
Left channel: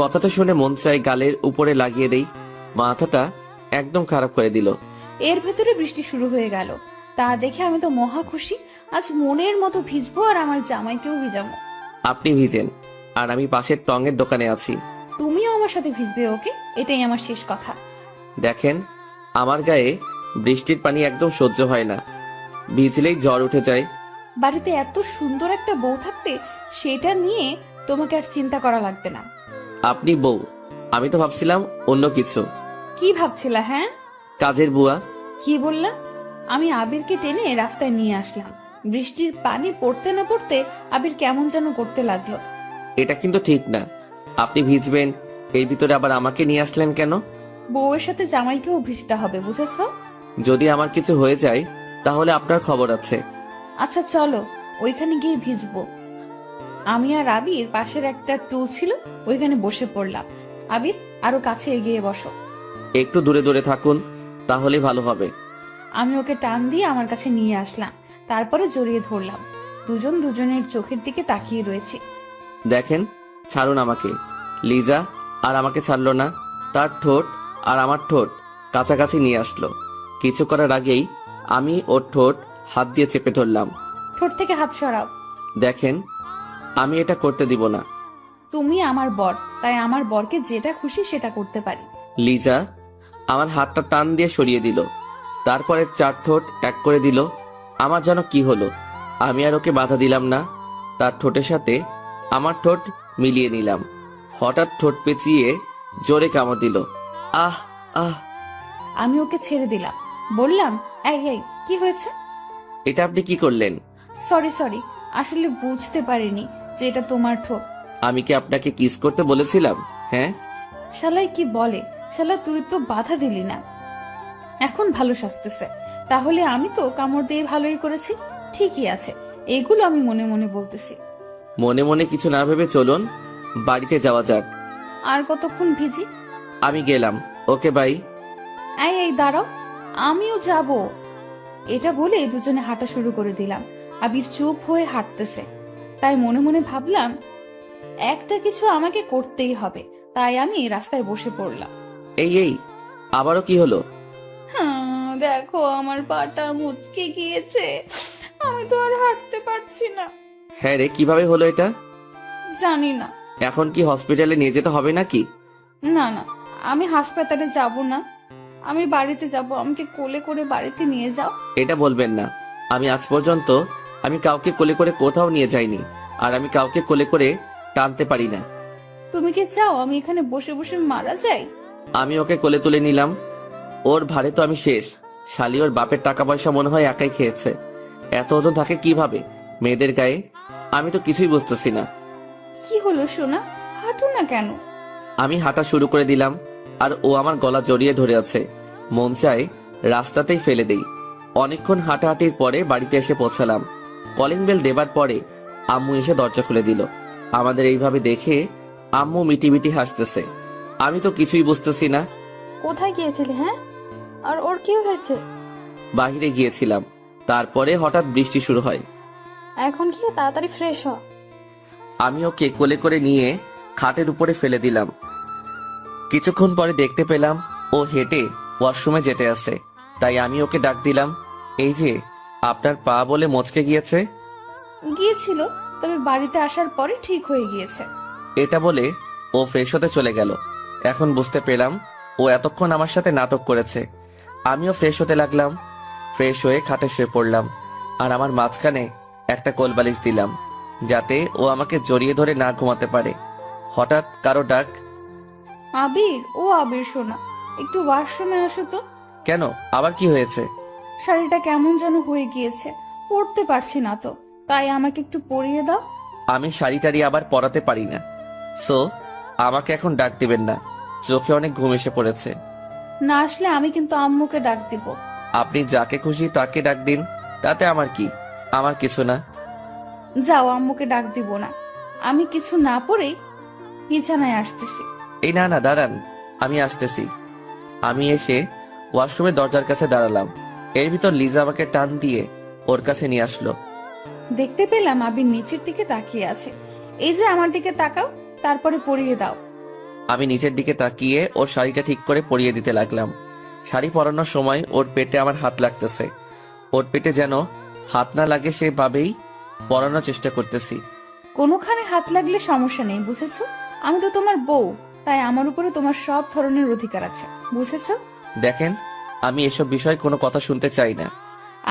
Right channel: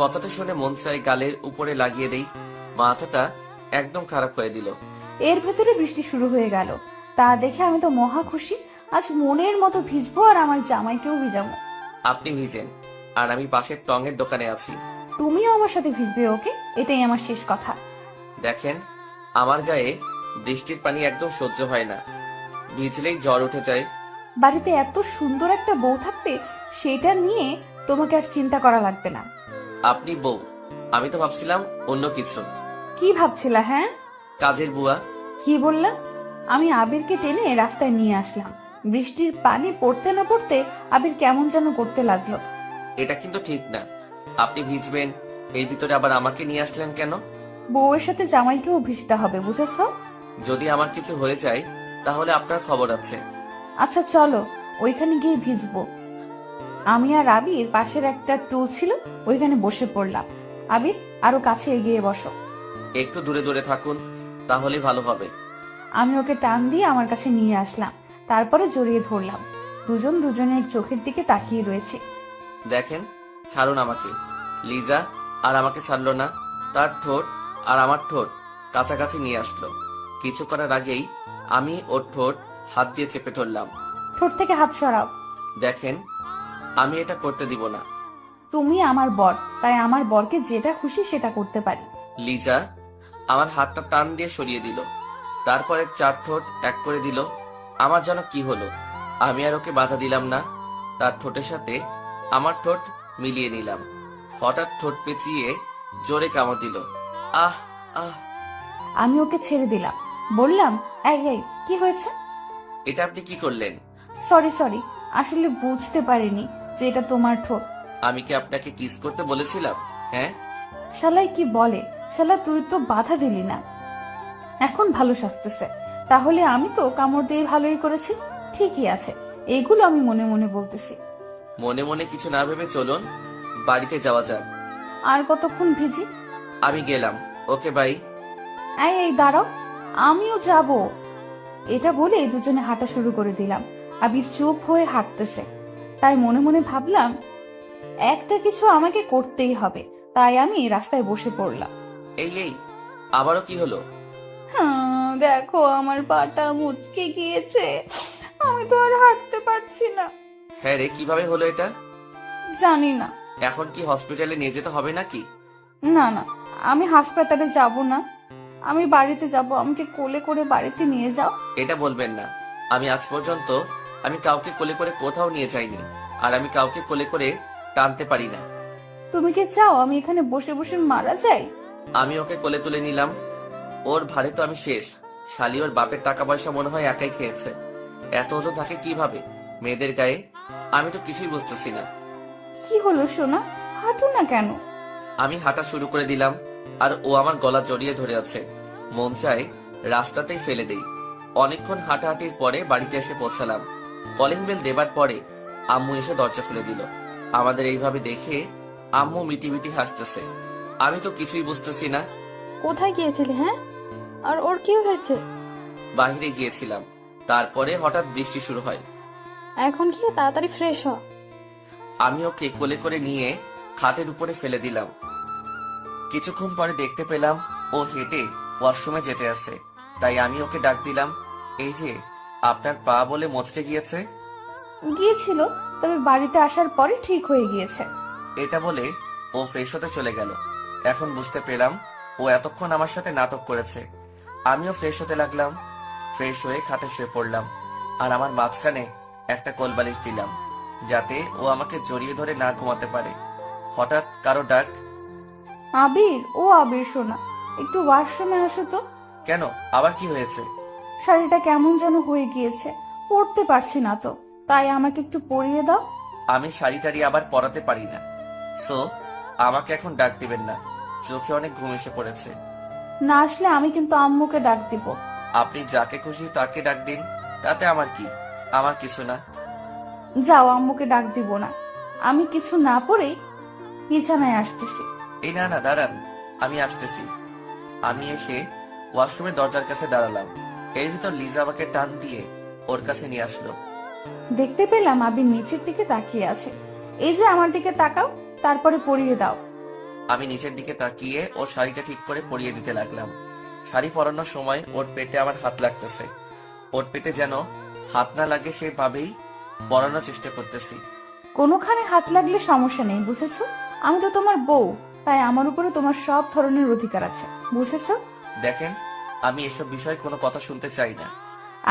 কথাটা শুনে মন চাই গালের উপরে লাগিয়ে দেই। মাথাটা একদম খারাপ করে দিল। এর ভেতরে বৃষ্টি শুরু হয়ে গেল। তা দেখে আমি তো মহা খুশি। আজ মনের মতো ভিজবো আর আমার জামাইকেও ভিজাবো। আপনি ভিজেন, আর আমি পাশের টঙের দোকানে আছি। তুমিও আমার সাথে ভিজবে, ওকে? এটাই আমার শেষ কথা। দেখেন, আমার গায়ে বৃষ্টির পানি একদম সহ্য হয় না, ভিজলেই জ্বর উঠে যায়। বাড়িতে এত সুন্দর একটা বউ থাকতে সেটা নিয়ে তোমাকে আর চিন্তা করা লাগবে না। আপনি বউ, আমি তো ভাবছিলাম অন্য কিছু। কি ভাবছিলা? হ্যাঁ, কাজের বুয়া। কি বললা? আমি আবিরকে টেনে রাস্তায় নিয়ে আসলাম। বৃষ্টির পানি পড়তে না পড়তে আবির কেমন যেন করতে লাগলো। এটা কিন্তু ঠিক না। আপনি ভিজবেন, এর ভিতরে আবার আমাকে নিয়ে আসলেন কেন? বউয়ের সাথে জামাইকেও ভিজতে হবে, বুঝেছো? যদি আমার কিছু হয়ে যায় তাহলে আপনার খবর আছে। আচ্ছা চলো, ওইখানে গিয়ে ভিজবো। আমি আর আবির পাশের একটা টুল ছিল, ওইখানে বসে পড়লাম। আবির, আরো কাছে এগিয়ে বসো। একটু দূরে দূরে থাকুন, তাহলে ভালো হবে। আমি ওকে টান দিয়ে আমার কাছে নিয়ে আসলাম, তারপরে জড়িয়ে ধরলাম। দুজন দুজনের চোখের দিকে তাকিয়ে রয়েছে। দেখেন, ছাড়ুন আমাকে। লিজা আর আমাকে ছাড়লো না। তার ঠোঁট আর আমার ঠোঁট কাছাকাছি নিয়ে আসলো। কিছু করার আগেই আমি ওর ঠোঁট হাত দিয়ে চেপে ধরলাম। ঠোঁট থেকে হাত সরাও। দেখেন, আমি এটা করতে দিব না। তুমি আমার বর, তাই আমার বরকে যেটা খুশি সেটা করতে পারি। লিজা আমার হাতটা টান দিয়ে সরিয়ে দিল, তারপরে 4 ঠোঁট এক করে দিল। আমার যেন কি হলো, আমি আর ওকে বাধা দিলাম না। তার ঠোঁটের সাথে আমার ঠোঁট মিলিয়ে নিলাম। হঠাৎ ঠোঁট পেঁচিয়ে জোরে কামড় দিল। আহ আহ! আমি ওকে ছেড়ে দিলাম, বললাম, এই এই, কি হয়েছে? এটা আপনি কি করলেন? সরি সরি, আসলে বুঝতে পারিনি যে এটা তোমার ঠোঁট। আমি কি আপনাকে কিস করতে বলেছিলাম? হ্যাঁ। শালাই কি বলে, শালা তুই তো বাধা দিলি না, এখন ভালো সাজতেছে। তাহলে আমি তো কামড় দিয়ে ভালোই করেছি। ঠিকই আছে, এগুলো আমি মনে মনে বলতেছি। মনে মনে কিছু না ভেবে চলুন বাড়িতে যাওয়া যাক। আর কতক্ষণ ভিজি? আমি গেলাম, ওকে বাই। এই এই দাঁড়াও, আমিও যাব। এটা বলে দুজনে হাঁটা শুরু করে দিলাম। আবির চুপ হয়ে হাঁটতেছে, তাই মনে মনে ভাবলাম একটা কিছু আমাকে করতেই হবে। তাই আমি রাস্তায় বসে পড়লাম। এই এই, আবারও কি হলো? দেখো, আমার পাটা মুচকে গিয়েছে, আমি তো আর হাঁটতে পারছি না। হ্যাঁ রে, কিভাবে হলো এটা? জানি না। এখন কি হসপিটালে নিয়ে যেতে হবে নাকি? না না, আমি হাসপাতালে যাব না, আমি বাড়িতে যাব। আমাকে কোলে করে বাড়িতে নিয়ে যাও। এটা বলবেন না। আমি আজ পর্যন্ত আমি কাউকে কোলে করে কোথাও নিয়ে যাইনি, আর আমি কাউকে কোলে করে টানতে পারি না। তুমি কি চাও আমি এখানে বসে বসে মারা যাই? আমি ওকে কোলে তুলে নিলাম। ওর ভারে তো আমি শেষ। শালি ওর বাপের টাকা পয়সা মনে হয় একাই খেয়েছে। এত ওজন থাকে কিভাবে মেয়েদের গায়ে? আমি তো কিছুই বুঝতেছি না। কি হলো সোনা, হাঁটু না কেন? আমি হাঁটা শুরু করে দিলাম, আর ও আমার গলা জড়িয়ে ধরে আছে। মন চায় রাস্তাতেই ফেলে দেই। অনেকক্ষণ হাঁটাহাঁটির পরে বাড়িতে এসে পৌঁছালাম। কলিং বেল দেবার পরে আম্মু এসে দরজা খুলে দিল। আমাদের এইভাবে দেখে আম্মু মিটি মিটি হাসতেছে। আমি তো কিছুই বুঝতেছি না। কোথায় গিয়েছিলে? হ্যাঁ, আর ওর কি হয়েছে? বাইরে গিয়েছিলাম, তারপরে হঠাৎ বৃষ্টি শুরু হয়। এখন গিয়ে তাড়াতাড়ি ফ্রেশ হ। আমি ওকে কোলে করে নিয়ে খাটের উপরে ফেলে দিলাম। কিছুক্ষণ পরে দেখতে পেলাম ও হেঁটে ওয়াশরুমে যেতে আসে। তাই আমি ওকে ডাক দিলাম, এই যে আপনার পা বলে মচকে গিয়েছে। গিয়েছিল, তবে বাড়িতে আসার পরে ঠিক হয়ে গিয়েছে। এটা বলে ও ফ্রেশ হতে চলে গেল। এখন বুঝতে পেলাম ও এতক্ষণ আমার সাথে নাটক করেছে। আমিও ফ্রেশ হতে লাগলাম। ফ্রেশ হয়ে খাটে শুয়ে পড়লাম, আর আমার মাঝখানে একটা কোলবালিশ দিলাম, যাতে ও আমাকে জড়িয়ে ধরে না ঘুমাতে পারে। হঠাৎ কারো ডাক। আবির, ও আবির সোনা, একটু ওয়াশরুমে আসো তো। কেন, আবার কি হয়েছে? শাড়িটা কেমন যেন হয়ে গিয়েছে, পরতে পারছি না তো, তাই আমাকে একটু পরিয়ে দাও। আমি শাড়ি টাড়ি আবার পরাতে পারি না, সো আমাকে এখন ডাক দিবেন না। চোখে অনেক ঘুম এসে পড়েছে। না আসলে আমি কিন্তু আম্মুকে ডাক দিব। আপনি যাকে খুশি তাকে ডাক দিন, তাতে আমার কি? আমার কিছু না। যাও, আম্মুকে ডাক দিব না। আমি কিছু না পড়েই বিছানায় আসতেছি। এই না না, দাঁড়ান, আমি আসতেছি। আমি এসে ওয়াশরুমের দরজার কাছে দাঁড়ালাম। এর ভিতর লিজা আমাকে টান দিয়ে ওর কাছে নিয়ে আসলো। দেখতে পেলাম আবির নিচের দিকে তাকিয়ে আছে। এই যে আমার দিকে তাকাও, তারপরে পরিয়ে দাও। আমি নিচের দিকে তাকিয়ে ওর শাড়িটা ঠিক করে পরিয়ে দিতে লাগলাম। শাড়ি পরানোর সময় ওর পেটে আমার হাত লাগতেছে। ওর পেটে যেন হাত না লাগে সেভাবেই পরানোর চেষ্টা করতেছি। কোনোখানে হাত লাগলে সমস্যা নেই, বুঝেছো? আমি তো তোমার বউ, তাই আমার উপরে তোমার সব ধরনের অধিকার আছে, বুঝেছো? দেখেন, আমি এসব বিষয়ে কোনো কথা শুনতে চাই না।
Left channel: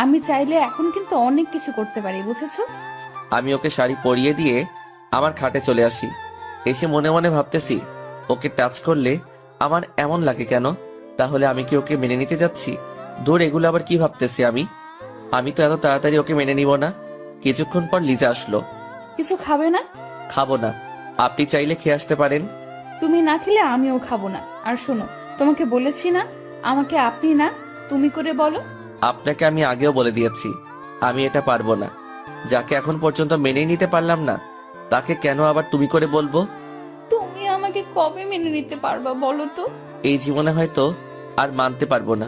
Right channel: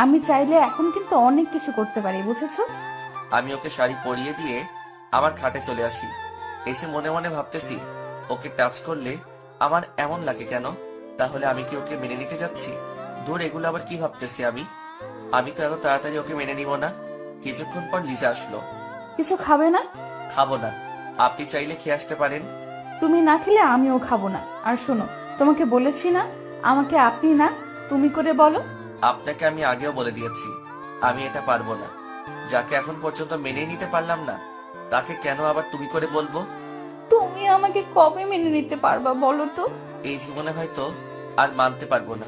আমি চাইলে এখন কিন্তু অনেক কিছু করতে পারি, বুঝেছো? আমি ওকে শাড়ি পরিয়ে দিয়ে আমার খাটে চলে আসি। এসে মনে মনে ভাবতেছি, ওকে টাচ করলে আমার এমন লাগে কেন? তাহলে আমি কি ওকে মেনে নিতে যাচ্ছি? দূর, এগুলো আবার কি ভাবতেছি আমি তো এত তাড়াতাড়ি ওকে মেনে নিব না। কিছুক্ষণ পর লিজা আসলো। কিছু খাবে না? খাবো না, আপনি চাইলে খেয়ে আসতে পারেন। তুমি না খেলে আমিও খাবো না। আর শোনো, তোমাকে বলেছি না আমাকে আপনি না তুমি করে বলো। আপনাকে আমি আগেও বলে দিয়েছি, আমি এটা পারবো না। যাকে এখন পর্যন্ত মেনে নিতে পারলাম না, তাকে কেন আবার তুমি করে বলবো? তুমি আমাকে কবে মেনে নিতে পারবা বলো তো? এই জীবনে হয়তো আর মানতে পারবো না।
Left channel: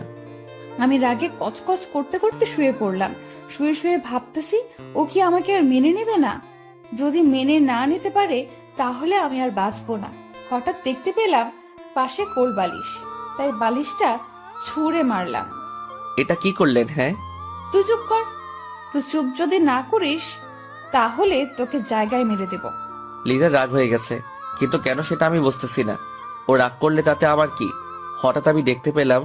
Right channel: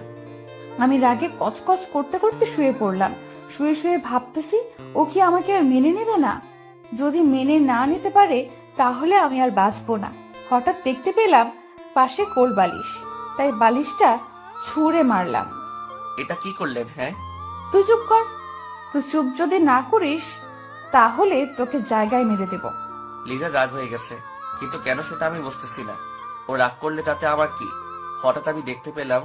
আমি রাগে কচকচ করতে করতে শুয়ে পড়লাম। শুয়ে শুয়ে ভাবতেছি, ও কি আমাকে আর মেনে নেবে না? যদি মেনে না নিতে পারে তাহলে আমি আর বাঁচবো না। হঠাৎ দেখতে পেলাম পাশে কোল বালিশ, তাই বালিশটা ছুঁড়ে মারলাম। এটা কি করলেন? হ্যাঁ, তুই চুপ কর। তুই চুপ যদি না করিস তাহলে তোকে জায়গায় মেরে দেব। লিজা রাগ হয়ে গেছে, কিন্তু কেন সেটা আমি বুঝতেছি না। ও রাগ করলে তাতে আমার কি? হঠাৎ আমি দেখতে পেলাম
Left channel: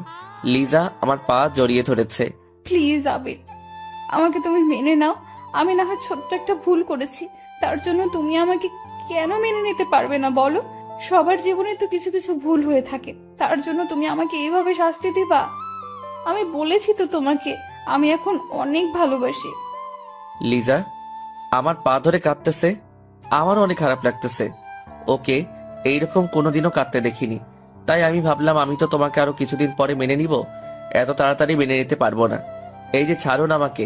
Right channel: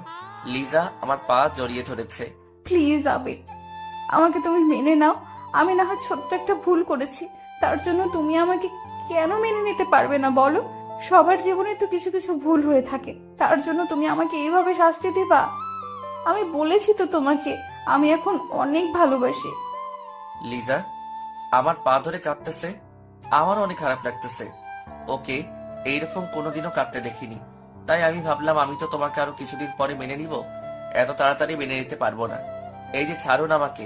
লিজা আমার পা জড়িয়ে ধরেছে। প্লিজ আবির, আমাকে তুমি মেনে নাও। আমি না হয় ছোট্ট একটা ভুল করেছি, তার জন্য তুমি আমাকে কেন মেনে নিতে পারবে না বলো? সবার জীবনে তো কিছু কিছু ভুল হয়ে থাকে, তার জন্য তুমি আমাকে এইভাবে শাস্তি দিবা? আমি বলেছি তো তোমাকে আমি এখন অনেক ভালোবাসি। লিজা আমার পা ধরে কাঁদতেছে, আমারও অনেক খারাপ লাগতেছে। ওকে এইরকম কোনোদিনও কাঁদতে দেখিনি, তাই আমি ভাবলাম আমি তো তোমাকে আরো কিছুদিন পরে মেনে নিব, এত তাড়াতাড়ি মেনে নিতে পারবো না। এই যে ছাড়ুন, আমাকে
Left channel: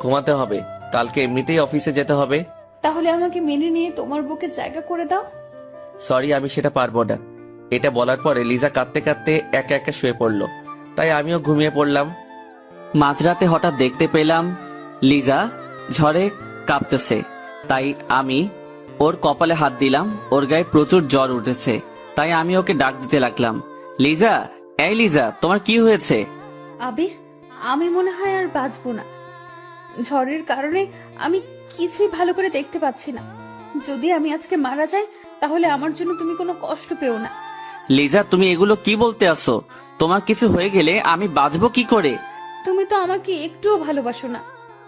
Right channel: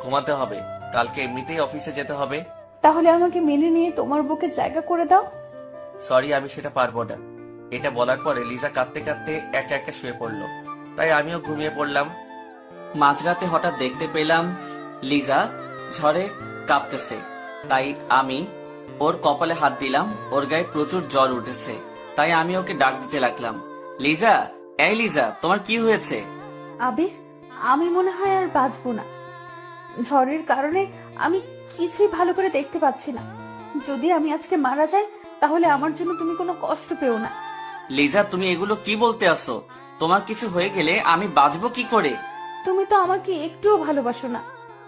ঘুমাতে হবে, কালকে এমনিতেই অফিসে যেতে হবে। তাহলে আমাকে মেনে নিয়ে তোমার বুকে জায়গা করে দাও। সরি, আমি সেটা পারবো না। এটা বলার পরে লিজা কাঁদতে কাঁদতে একা একা শুয়ে পড়লো, তাই আমিও ঘুমিয়ে পড়লাম। মাঝরাতে হঠাৎ দেখতে পেলাম লিজা ঝড়ে কাঁপতেছে, তাই আমি ওর কপালে হাত দিলাম। ওর গায়ে প্রচুর জ্বর উঠেছে, তাই আমি ওকে ডাক দিতে লাগলাম, লিজা, এই লিজা, তোমার কি হয়েছে? আবির, আমি মনে হয় আর বাঁচবো না। ঝড়ের কারণে আমি কিছুই ভালো করে দেখতে পাচ্ছি না। যদি আমি আজকে মারা যাই তাহলে আমার জন্য তুমি কোনো কষ্ট পেও না। লিজা, তুমি এগুলো কি বলতে আসো? তোমার কিছু হয়ে গেলে আমি বাঁচবো কি করে? তুমি তো আমাকে একটুও ভালোবাসো না,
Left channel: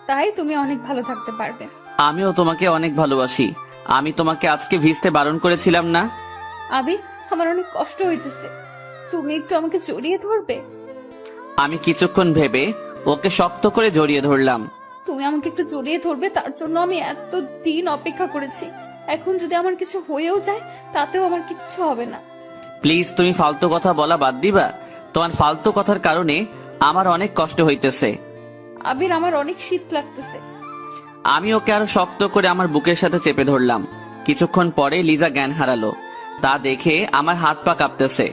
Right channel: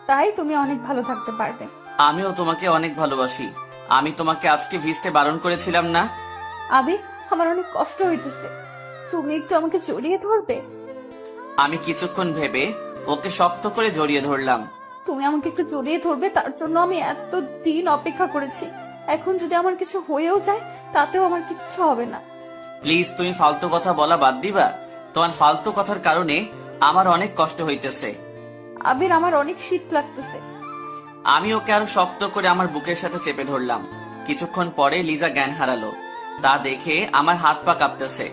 তাই তুমি অনেক ভালো থাকতে পারবে। আমিও তোমাকে অনেক ভালোবাসি। আমি তোমাকে আজকে ভিজতে বারণ করেছিলাম না? আবির, আমার অনেক কষ্ট হইতেছে, তুমি একটু আমাকে জড়িয়ে ধরবে? আমি কিছুক্ষণ ভেবে ওকে শক্ত করে জড়িয়ে ধরলাম। তুমি আমাকে একটু জড়িয়ে ধরবে, তার জন্য আমি এত দিন অপেক্ষা করেছি। এখন যদি আমার কিছু হয়েও যায় তাতেও আমার কিচ্ছু হবে না। প্লিজ, তুমি ফালতু কথা বলা বাদ দিবা? তোমার ফালতু কথার কারণে আমার অনেক কষ্ট হইতেছে। আবির, আমার অনেক শীত লাগতেছে। আমি ওকে আরো শক্ত করে আমার বুকের সাথে চেপে ধরলাম। কিছুক্ষণ পরে লিজা জ্ঞান হারালো, তা দেখে আমার হাত পা কাঁপতেছে।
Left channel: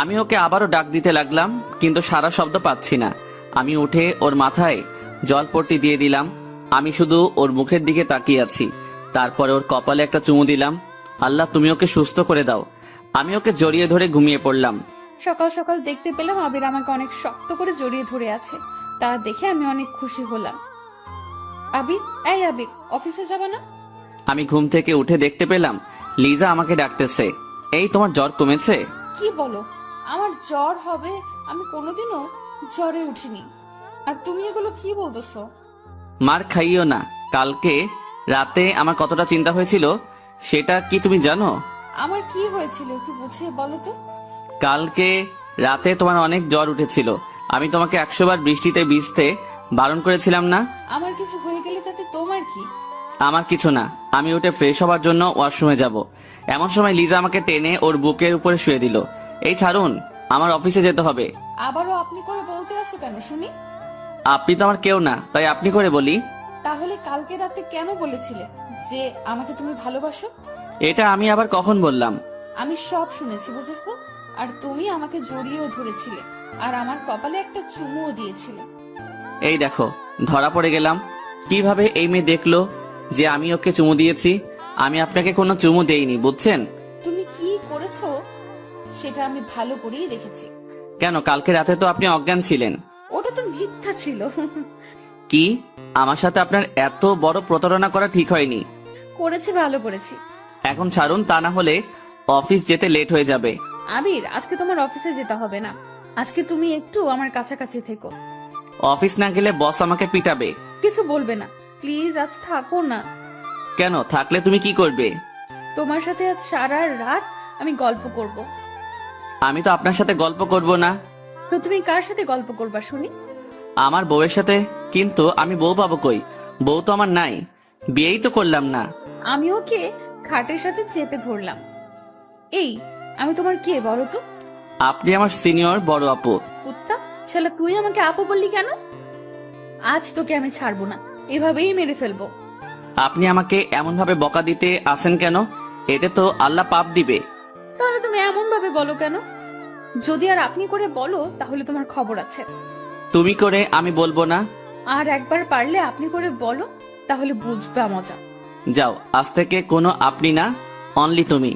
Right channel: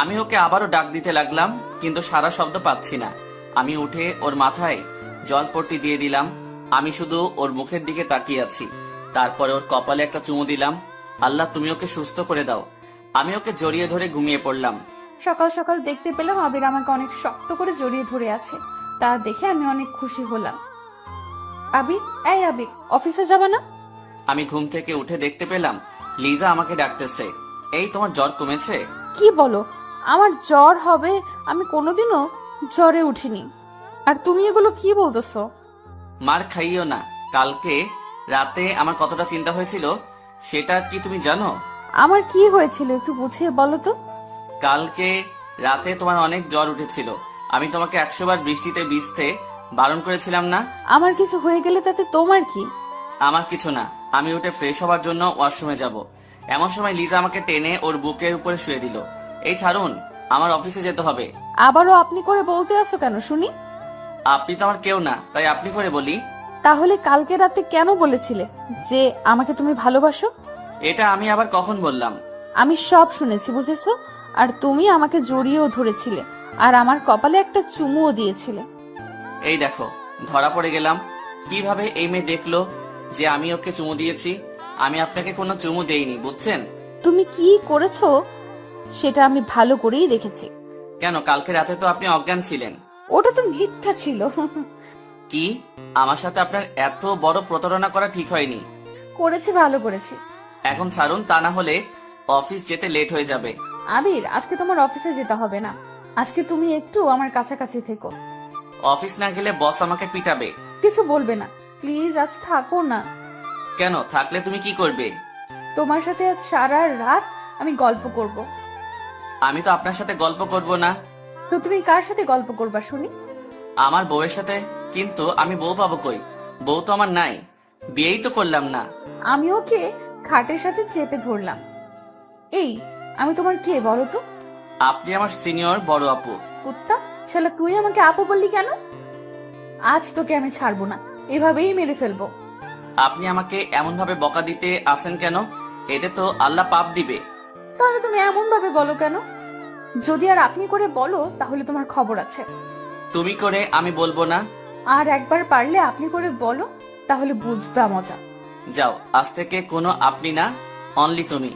আমি ওকে আবারও ডাক দিতে লাগলাম, কিন্তু সারা শব্দ পাচ্ছি না। আমি উঠে ওর মাথায় জলপট্টি দিয়ে দিলাম। আমি শুধু ওর মুখের দিকে তাকিয়ে আছি। তারপরে ওর কপালে একটা চুমু দিলাম। আল্লাহ, তুমি ওকে সুস্থ করে দাও। আমি ওকে জড়িয়ে ধরে ঘুমিয়ে পড়লাম। সকাল সকাল দেখতে পেলাম আবির আমাকে অনেক শক্ত করে জড়িয়ে ধরে আছে, তা দেখে আমি অনেক খুশি হলাম। আবির, এই আবির, অফিসে যাবা না? আমি ঘুম থেকে উঠে দেখতে পেলাম লিজা আমাকে ডাকতেছে। এই, তোমার জ্বর কমেছে? কি বলো? আমার জ্বর হবে? আমি কোনোদিনও জ্বরে উঠিনি। আর তুমি এগুলো কি বলতেছো? মার খাইও না। কালকে রাতে আমার কতটা চিন্তা হয়েছিল সেটা কি তুমি জানো? আমার কি হয়েছিল একটু বুঝিয়ে বলো তো। কালকে রাতে তোমার অনেক জ্বর উঠেছিল। আমি তোমাকে 100 বার বৃষ্টিতে ভিজতে বারণ করেছিলাম না? আমার কিছু হয়ে গেলে তাতে তোমার কি? আমার কিছু না। আমি উঠে ফ্রেশ হবার জন্য ওয়াশরুমে যাব, এমন সময় লিজা আমাকে টেনে ওর বুকের উপরে শুয়ে দিল। এই ছাড়ুন, আমার অফিসে যেতে হবে। আবারও আপনি করে বলতে আসো কেন শুনি? আপনি তো আমার কেউ না, তাই আপনি করে বলি। তাহলে কালকে রাতে কেন বলেছিলে যে আমাকে তুমি ভালোবাসো? এটা আমি আবার কখন বললাম? আমি সব শুনেছি, বুঝেছো? আর তুমি আমাকে জড়িয়েও ধরেছিলে, আর আমার কপালে একটা চুমুও দিয়েছিলে। এই দেখো, ধরা পড়ে গেলাম। কিভাবে এই মেয়ে দেখলো যে আমি ওকে চুমু দিয়েছি? আমি আপনাকে কোনো চুমু দেইনি, বুঝছেন? তুমি কি করেছো সেটা আমি ভালো করেই দেখেছি। কেন, কালকে রাতে তো আপনি অজ্ঞান ছিলেন। ওটা তো মিথ্যা ছিল। কি? আমার সাথে আপনার এত বড় প্রতারণা করা ঠিক হয়নি। করেছি, ভালো করেছি। এখন ছাড়ুন, তা না হলে অফিস যেতে লেট হয়ে যাবে। আবির, আজকে তোমার অফিসে যেতে হবে না। আজকে তুমি একটু আমার কাছাকাছি থেকো। অফিস না গেলে বস আমাকে পিটাবে। কিছু বলবে না, প্লিজ আজ থাকো না। কেন, থাকলে তুমি কি করবে? তোমার সাথে আজ সারা রাত আমি গল্প করব। আমি তো আপনার সাথে গল্প করব না। তো তুমি কার সাথে গল্প করবা শুনি? আমার বউয়ের সাথে। কিন্তু আমি বউ পাবো কই? বউ তো আমার নাই, বিয়েই তো করলাম না। আমি ওকে খাটের সাথে চেপে ধরলাম। এই, আমি তোমার কে বলো তো? আপনি আমার সিনিয়র বড় আপু। কুত্তা শালা, তুই আমাকে আপু বললি কেন? আজ তোকে আমি ছাড়বো না, এভাবেই মেরে ফেলবো। আপনি আমাকে এমন ভাবে বকা দিতে আসেন কেন? এতে তো আল্লাহ পাপ দিবে। তাহলে তুমি এমন ভাবে বলো কেন? যদি আর আপনি করে বলো তাহলে তোমার খবর আছে। তুমি করে আমি বলবো না। আর একবার পারলে আপনি করে বলো, তাহলে বুঝবা মজা। যাও, আজ থেকে কোনো আপনি না, অনলি তুমি।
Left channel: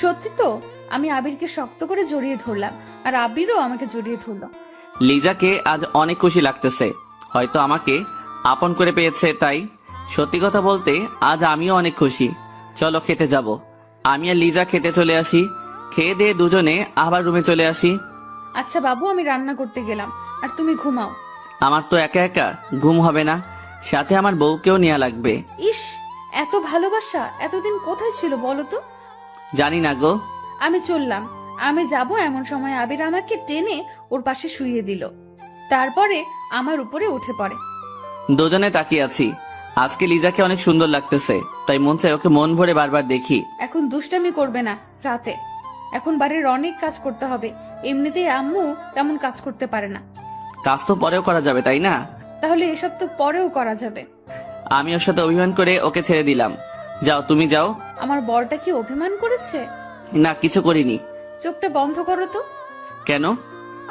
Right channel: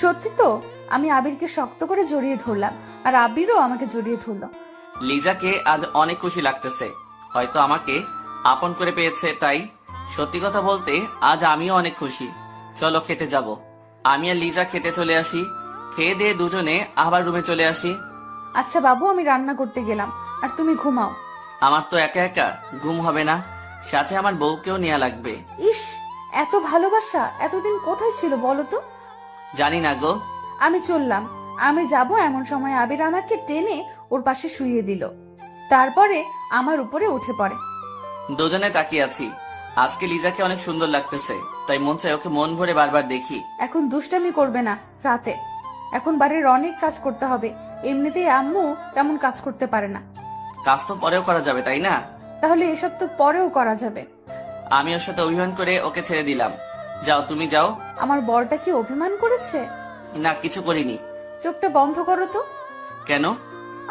সত্যি তো? আমি আবিরকে শক্ত করে জড়িয়ে ধরলাম, আর আবিরও আমাকে জড়িয়ে ধরলো। লিজাকে আজ অনেক খুশি লাগতেছে, হয়তো আমাকে আপন করে পেয়েছে তাই। সত্যি কথা বলতে আজ আমিও অনেক খুশি। চলো খেতে যাব। আমি আর লিজা খেতে চলে আসি, খেয়ে দিয়ে দুজনে আবার রুমে চলে আসি। আচ্ছা বাবু, আমি রান্না করতে গেলাম, আর তুমি ঘুমাও। আমার তো একা একা ঘুম হবে না, সাথে আমার বউকেও নেওয়া লাগবে। ইস, এত ভালোবাসা এতদিন কোথায় ছিল বলো তো? জানি না গো। আমি চললাম। আমি যাব এমন সময় আবির আমাকে টেনে ওর পাশে শুইয়ে দিল, তারপরে আমার উপরে উঠে পড়ে। দুজনে তাকিয়ে আছি। আজকে লিজাকে অনেক সুন্দর লাগতেছে, তাই মন চায় ওকে মন ভরে বারবার দেখি। এখন দুষ্টামি করবে না রাতে, এখন বাড়ির অনেক কাজ করতে হবে। এমনিতেই আম্মু তেমন কাজ করতে পারে না। কাজ তো পরেও করা যাবে, তাই না? তাহলে এসব তো পরেও করা যাবে। আমি ওর সাথে অভিমান করে ওকে ছেড়ে দিলাম। যাও, তুমি যাও। আমার বরটা কি অভিমান করেছে? না, কিছু করিনি। চোখটা বন্ধ করো তো। কেন?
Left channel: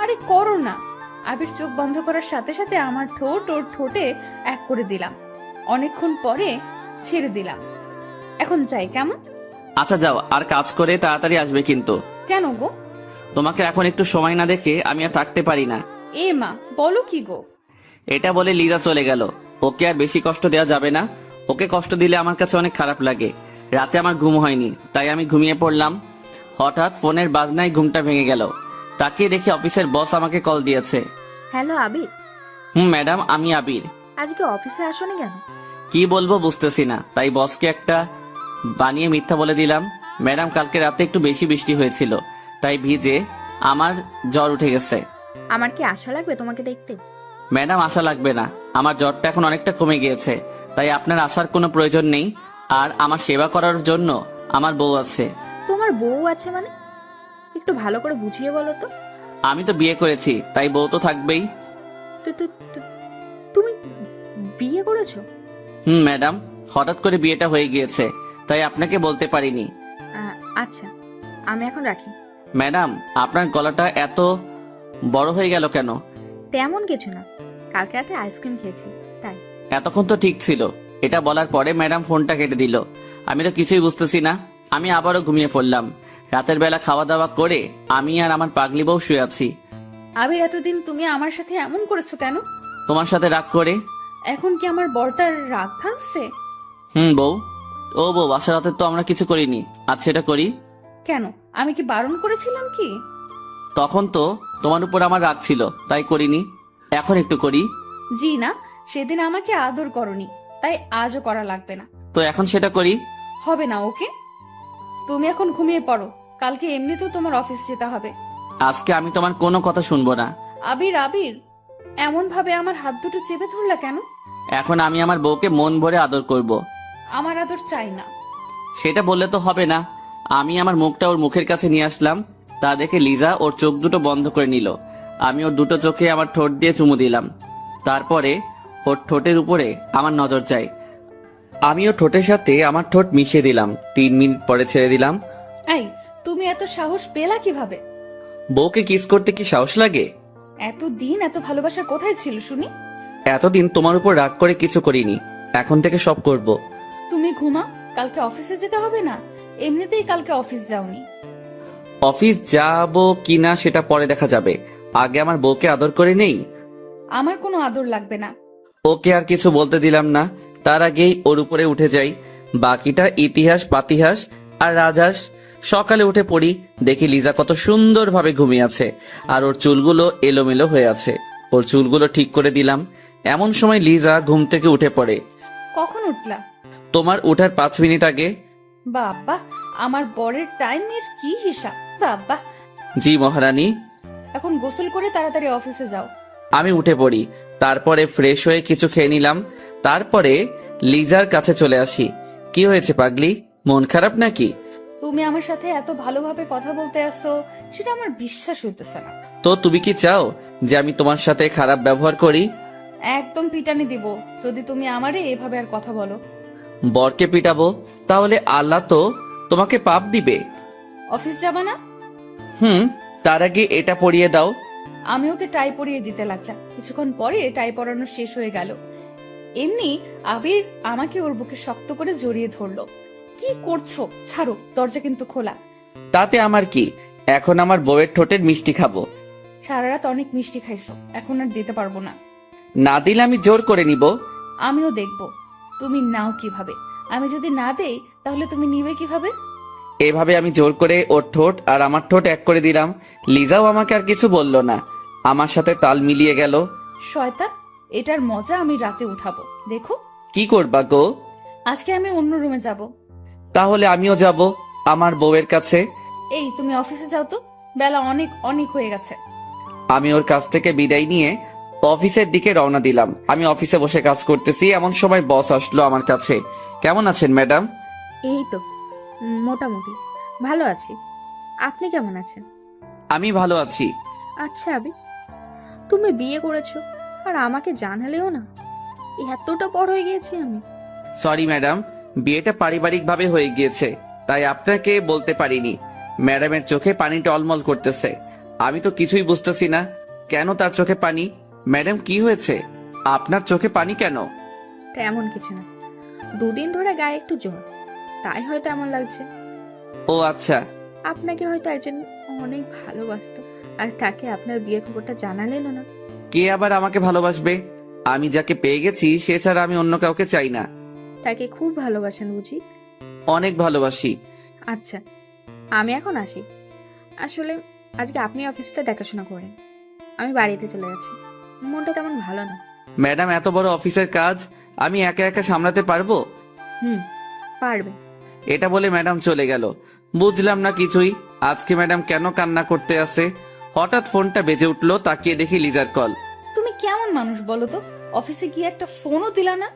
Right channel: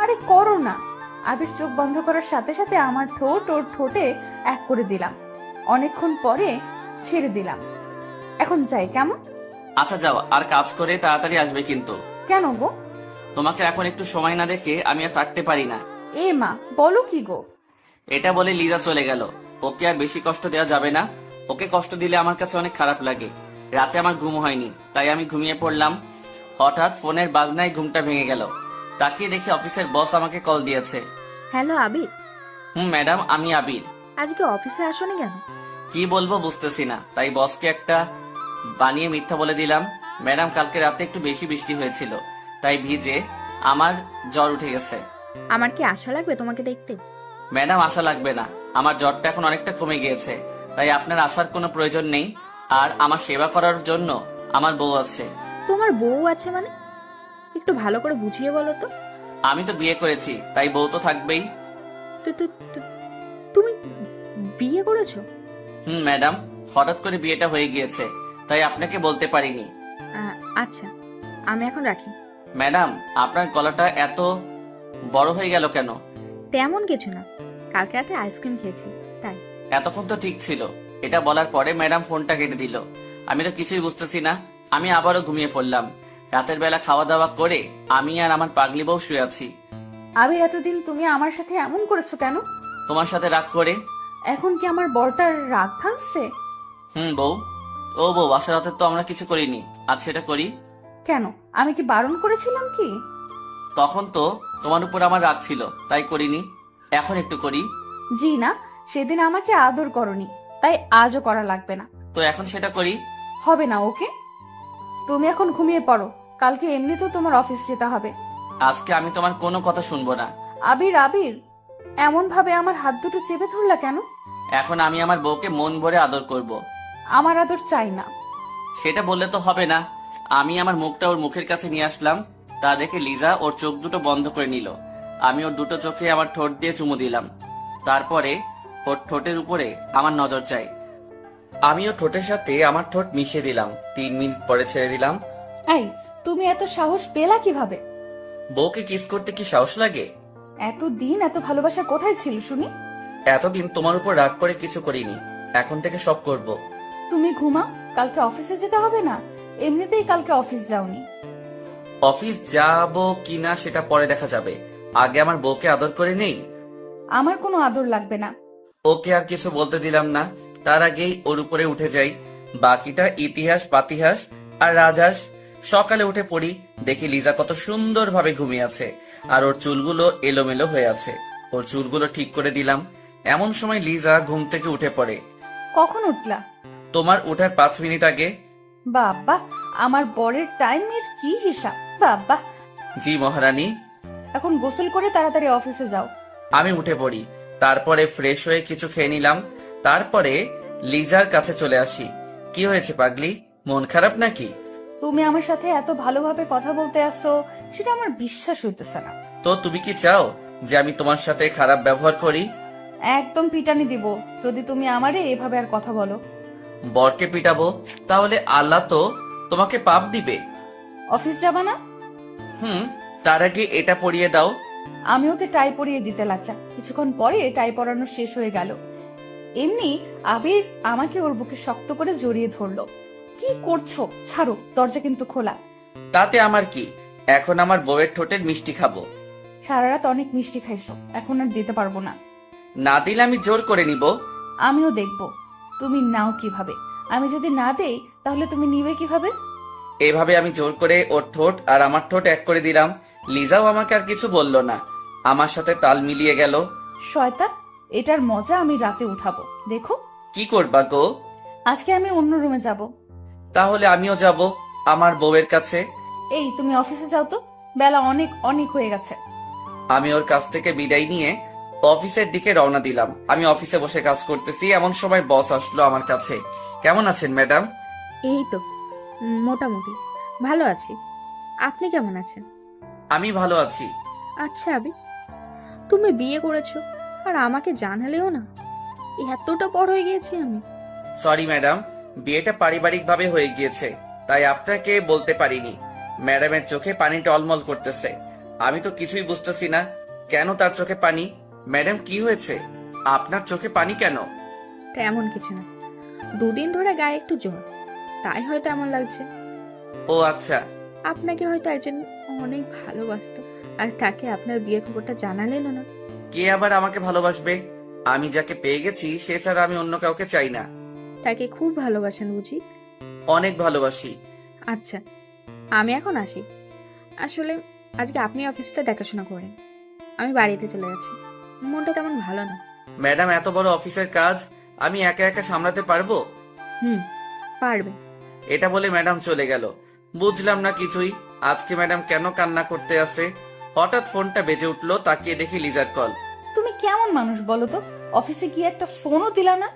আরে করো না। আবির চোখ বন্ধ করার সাথে সাথে আমার ঠোঁট ওর ঠোঁটে এক করে দিলাম। অনেকক্ষণ পরে ছেড়ে দিলাম। এখন যাই কেমন? আচ্ছা যাও, আর কাজ করে তাড়াতাড়ি আসবে কিন্তু। কেন গো? তোমাকে এখন একটু সময় না দেখে আমি আর থাকতে পারি না। এ মা, বলো কি গো? এটা বলে লিজা চলে গেল। ওকে আর বেশি কষ্ট দেওয়া যাবে না। ওকে কষ্ট দিলে আমার কাছে অনেক খারাপ লাগে। রাতে আমার ঘুম হয়নি, তাই আমি ঘুমিয়ে পড়লাম। হঠাৎ ফোনের বাজনায় ঘুমটা ভেঙে গেল। তাকিয়ে দেখি অফিসের বস আমাকে কল দিয়েছে। হ্যালো আবির, ম্যাডাম, আমি আবির। আজকে অফিসে আসোনি কেন? কি বলবো বুঝতেছি না, তাই বসকে একটা বানিয়ে মিথ্যা বলে দিলাম। ম্যাডাম, কালকে রাতে একটু বেশি বৃষ্টি হয়েছিল, তাই ভিজে আমার জ্বর উঠে গেছে। আমার কি আশা লাগবে তোমাকে দেখতে? ম্যাডাম, আশা লাগবে না, আমার জ্বরটা এখন অনেকটা কমে গিয়েছে, তাই আপনার আসার কোনো প্রয়োজন নেই। আর আমার সেবা করার জন্য আমার বউ আছে। তোমার বউ আছে মানে? একটু ভালো করে বুঝিয়ে বলো তো। আমি তো বিয়ে করেছি, তাই বউ তো থাকবেই। তুমি বিয়ে করেছো? ম্যাডাম, হঠাৎ করে বিয়েটা হয়ে গিয়েছে, তাই আপনাকে বলতে পারিনি। আচ্ছা, আমি এখন রাখি। ম্যাডাম, আপনার গলাটা এত বড় হয়ে গেল কেন? তেমন কিছু না, কালকে রাতে আইসক্রিম খেয়েছি তাই। এতক্ষণ তো ঠিক ছিল। এটা বলার পরে ম্যাডাম ফোনটা কেটে দিল। আমি তো কিছুই বুঝতেছি না। আমি আবারও ঘুমিয়ে পড়লাম। রাতের বেলা খাওয়া দাওয়া করে আমি আর আমার পাগলি বউ শুয়ে আছি। আবির, এতদিন তুমি আমার সাথে এমন করেছো কেন? তোমার সাথে রাগ করে। এখন কি আমার বরটার রাগ ভাঙছে? বউ। ও বউ, আসার রাতে তো আমরা কিছু করিনি, আজ সেটা করি। কেন, আমি কি বারণ করেছিলাম কি? তখন তো তোমার উপর আমার রাগ ছিল, তাই করিনি। এখন একটু করি। জি না, সেদিন আমাকে আদর করনি, তাই আজও করা লাগবে না। তো এখন সেটা করি। হবে না, ওকে? তুমি এখন ঘুমিয়ে পড়ো, কালকে এমনিতেও তোমার অফিস যেতে হবে। আজকে আমি তোমার কোনো কথা শুনবো না। আবির, আবির, এমন ভাবে আমার হাত দুটো চেপে ধরলা কেন? এখন আমি আমার বউকে মন ভরে আদর করব। আমার আদর চাই না। সেটা বললে তো হবে না। আমি আমার মুখটা ওর মুখের কাছে নিয়ে আসলাম, তা দেখে লিজা ওর চোখ দুটো বন্ধ করে নিল। আমি ওর দুটো চোখে আমার ঠোঁট দিয়ে চুমু দিলাম। তারপরে ওর ঠোঁটের উপরে আমার নজর যায়। আমিও ঠোঁটের সাথে আমার ঠোঁট মিশিয়ে দিলাম। 3 মিনিট পরে ছেড়ে দিলাম। এই, তুমি এত সাহস পেলা কিভাবে? বউকে কিস করতে কি সাহস লাগে? এতদিন এত ভালোবাসা কোথায় ছিল শুনি? এতদিন তোমার উপর রাগ করে কিছু করিনি, এখন থেকে সব করব। তুমি ঘুমাও, কালকে অফিসে যেতে হবে না? এমনিতেই কালকে অফিস যাওনি। অফিস যাব কিনা সেটা পরে দেখা যাবে, আগে আমার বউকে আদর করে নেই। আমার কোনো আদর লাগবে না। ওকে আর কিছু বলতে দিলাম না, তার আগেই ওর উপরে উঠে যাই। বাকিটা ইতিহাস পাতিহাস আর রাজহাঁস। সকালে উঠে পড়ি, দেখি লিজা কত সুন্দরভাবে ঘুমিয়ে আছে আর ওর চুলগুলো এলোমেলো হয়ে আছে। ওর চুলগুলো ঠিক করে দিলাম। এমন সময় লিজা ঘুম থেকে উঠে পড়ে। কখন উঠলা? তোমার ওঠার 5 মিনিট আগে। বাবা, আমার বরের টাইমের কি হিসাব! বাবা, জি মহারানী। এখন গোসল করে তাড়াতাড়ি অফিসে যাও। আমি উঠে পড়ি, তারপরে ফ্রেশ হয়ে কিছু খেয়ে নিলাম। তারপরে লিজার কাছে চলে আসি। কি হয়েছে পাগলি, মন খারাপ নাকি? তুমি আমার সাথে এত ভালোভাবে কথা বলতে আসো, সেটা আমার বিশ্বাস হইতেছে না। তো তুমি কি চাও যে আমি তোমার সাথে খারাপ ব্যবহার করি? একদম পিটানি দিব যদি তুমি আমারে এভাবে আর কথা বলো। বরকে পিটাবো? তাহলে আল্লাহ তো তোমাকে পাপ দিবে। অফিস যাবা না? তার আগে এটা পরিয়ে দাও। আমি ওকে টাই পরিয়ে দিতে লাগলাম, কিছুক্ষণ পরে টাই পরানো শেষ হয়ে গেল। এমনি আবির আমাকে ওর বুকে শক্ত করে জড়িয়ে ধরলো। কি করছো? ছাড়ো, দরজা কিন্তু খোলা। তাতে আমার কি, এখন আমার বউয়ের ঠোঁটের মিষ্টি খাবো। সারা রাত অনেক মিষ্টি খাইছো, এখন আর দিতে পারবো না। না দিলে আমি জোর করে নিব। আমিও দেখবো তুমি নাও কিভাবে। আমি যদি না দেই তাহলে তুমি নিবে কিভাবে? এভাবে আমি জোর করে ওর ঠোঁট আর আমার ঠোঁট এক করে দিলাম। লিজাও আমাকে আর কিছু বলল না, আমার সাথে তাল মিলিয়ে গেল। শয়তান, এটার মজা আমি রাতে উঠাবো, দেখো। কি করবা গো? আজকে আমি অন্য রুমে যাব। তাহলে আমিও যাব আমার বউয়ের কাছে। এই, তুমি অফিসে যাও তো, বেলা অনেক অনেক হয়ে গেছে। আমি ওর কাছ থেকে বিদায় নিয়ে অফিসের দিকে রওনা দিলাম। আমি অফিসে বসে কাজ করতেছি, এমন সময় বস আসলো আমার কাছে। কেমন আছেন ম্যাডাম? এই তো মোটামুটি ভালো আছি। আপনি কেমন আছেন? আমি ভালো আছি। আচ্ছা আবি, তুমি বিয়ে করেছো আর আমাকে জানালেও না? এতটা বড় হয়ে গিয়েছি আমি। সরি ম্যাডাম, বিয়েটা পারিবারিকভাবে হয়ে গিয়েছে, তাই আপনাকে বলতে পারিনি। ম্যাডামের চোখে পানি টলমল করতেছে। আমি তো কিছুই বুঝতেছি না কেন তার চোখে পানি। ম্যাডাম কি হয়েছে, আপনার চোখে পানি কেন? তেমন কিছু না, 2 দিন ধরে গায়ে একটু জ্বর, তাই হয়তো এমন লাগছে। ও আচ্ছা। আপনাকে হয়তো একজন অনেক ভালোবাসতো, আর তাকে আপনার বিয়ের খবরটা জানালেন না। কে আবার আমাকে ভালোবাসবে? আমি যাকে পেয়ে গেছি সে ছাড়া আমি অন্য কাউকে চাই না। তাকে খুব ভালোবাসেন বুঝি? অনেক ভালোবাসি। আচ্ছা, আমি এখন আসি। আসলে আজকে আপনি অফিসটা দেখাশোনা করেন, আমি বাড়িতে চলে যাচ্ছি। মনটা তেমন ভালো না। ম্যাডাম, এত বড় অফিসের কাজ আমি একা একা সামলাতে পারবো? পারবে। এটা বলে ম্যাডাম চলে গেল। বুঝলাম না কিছুই, আজকে ম্যাডাম কেন কান্না করতে আসে। হঠাৎ ফোনটা বেজে উঠলো, তাকিয়ে দেখি লিজার কল। তুমি কেমন মানুষ বলো তো, অফিসে গিয়ে একটা ফোনও দিলা না?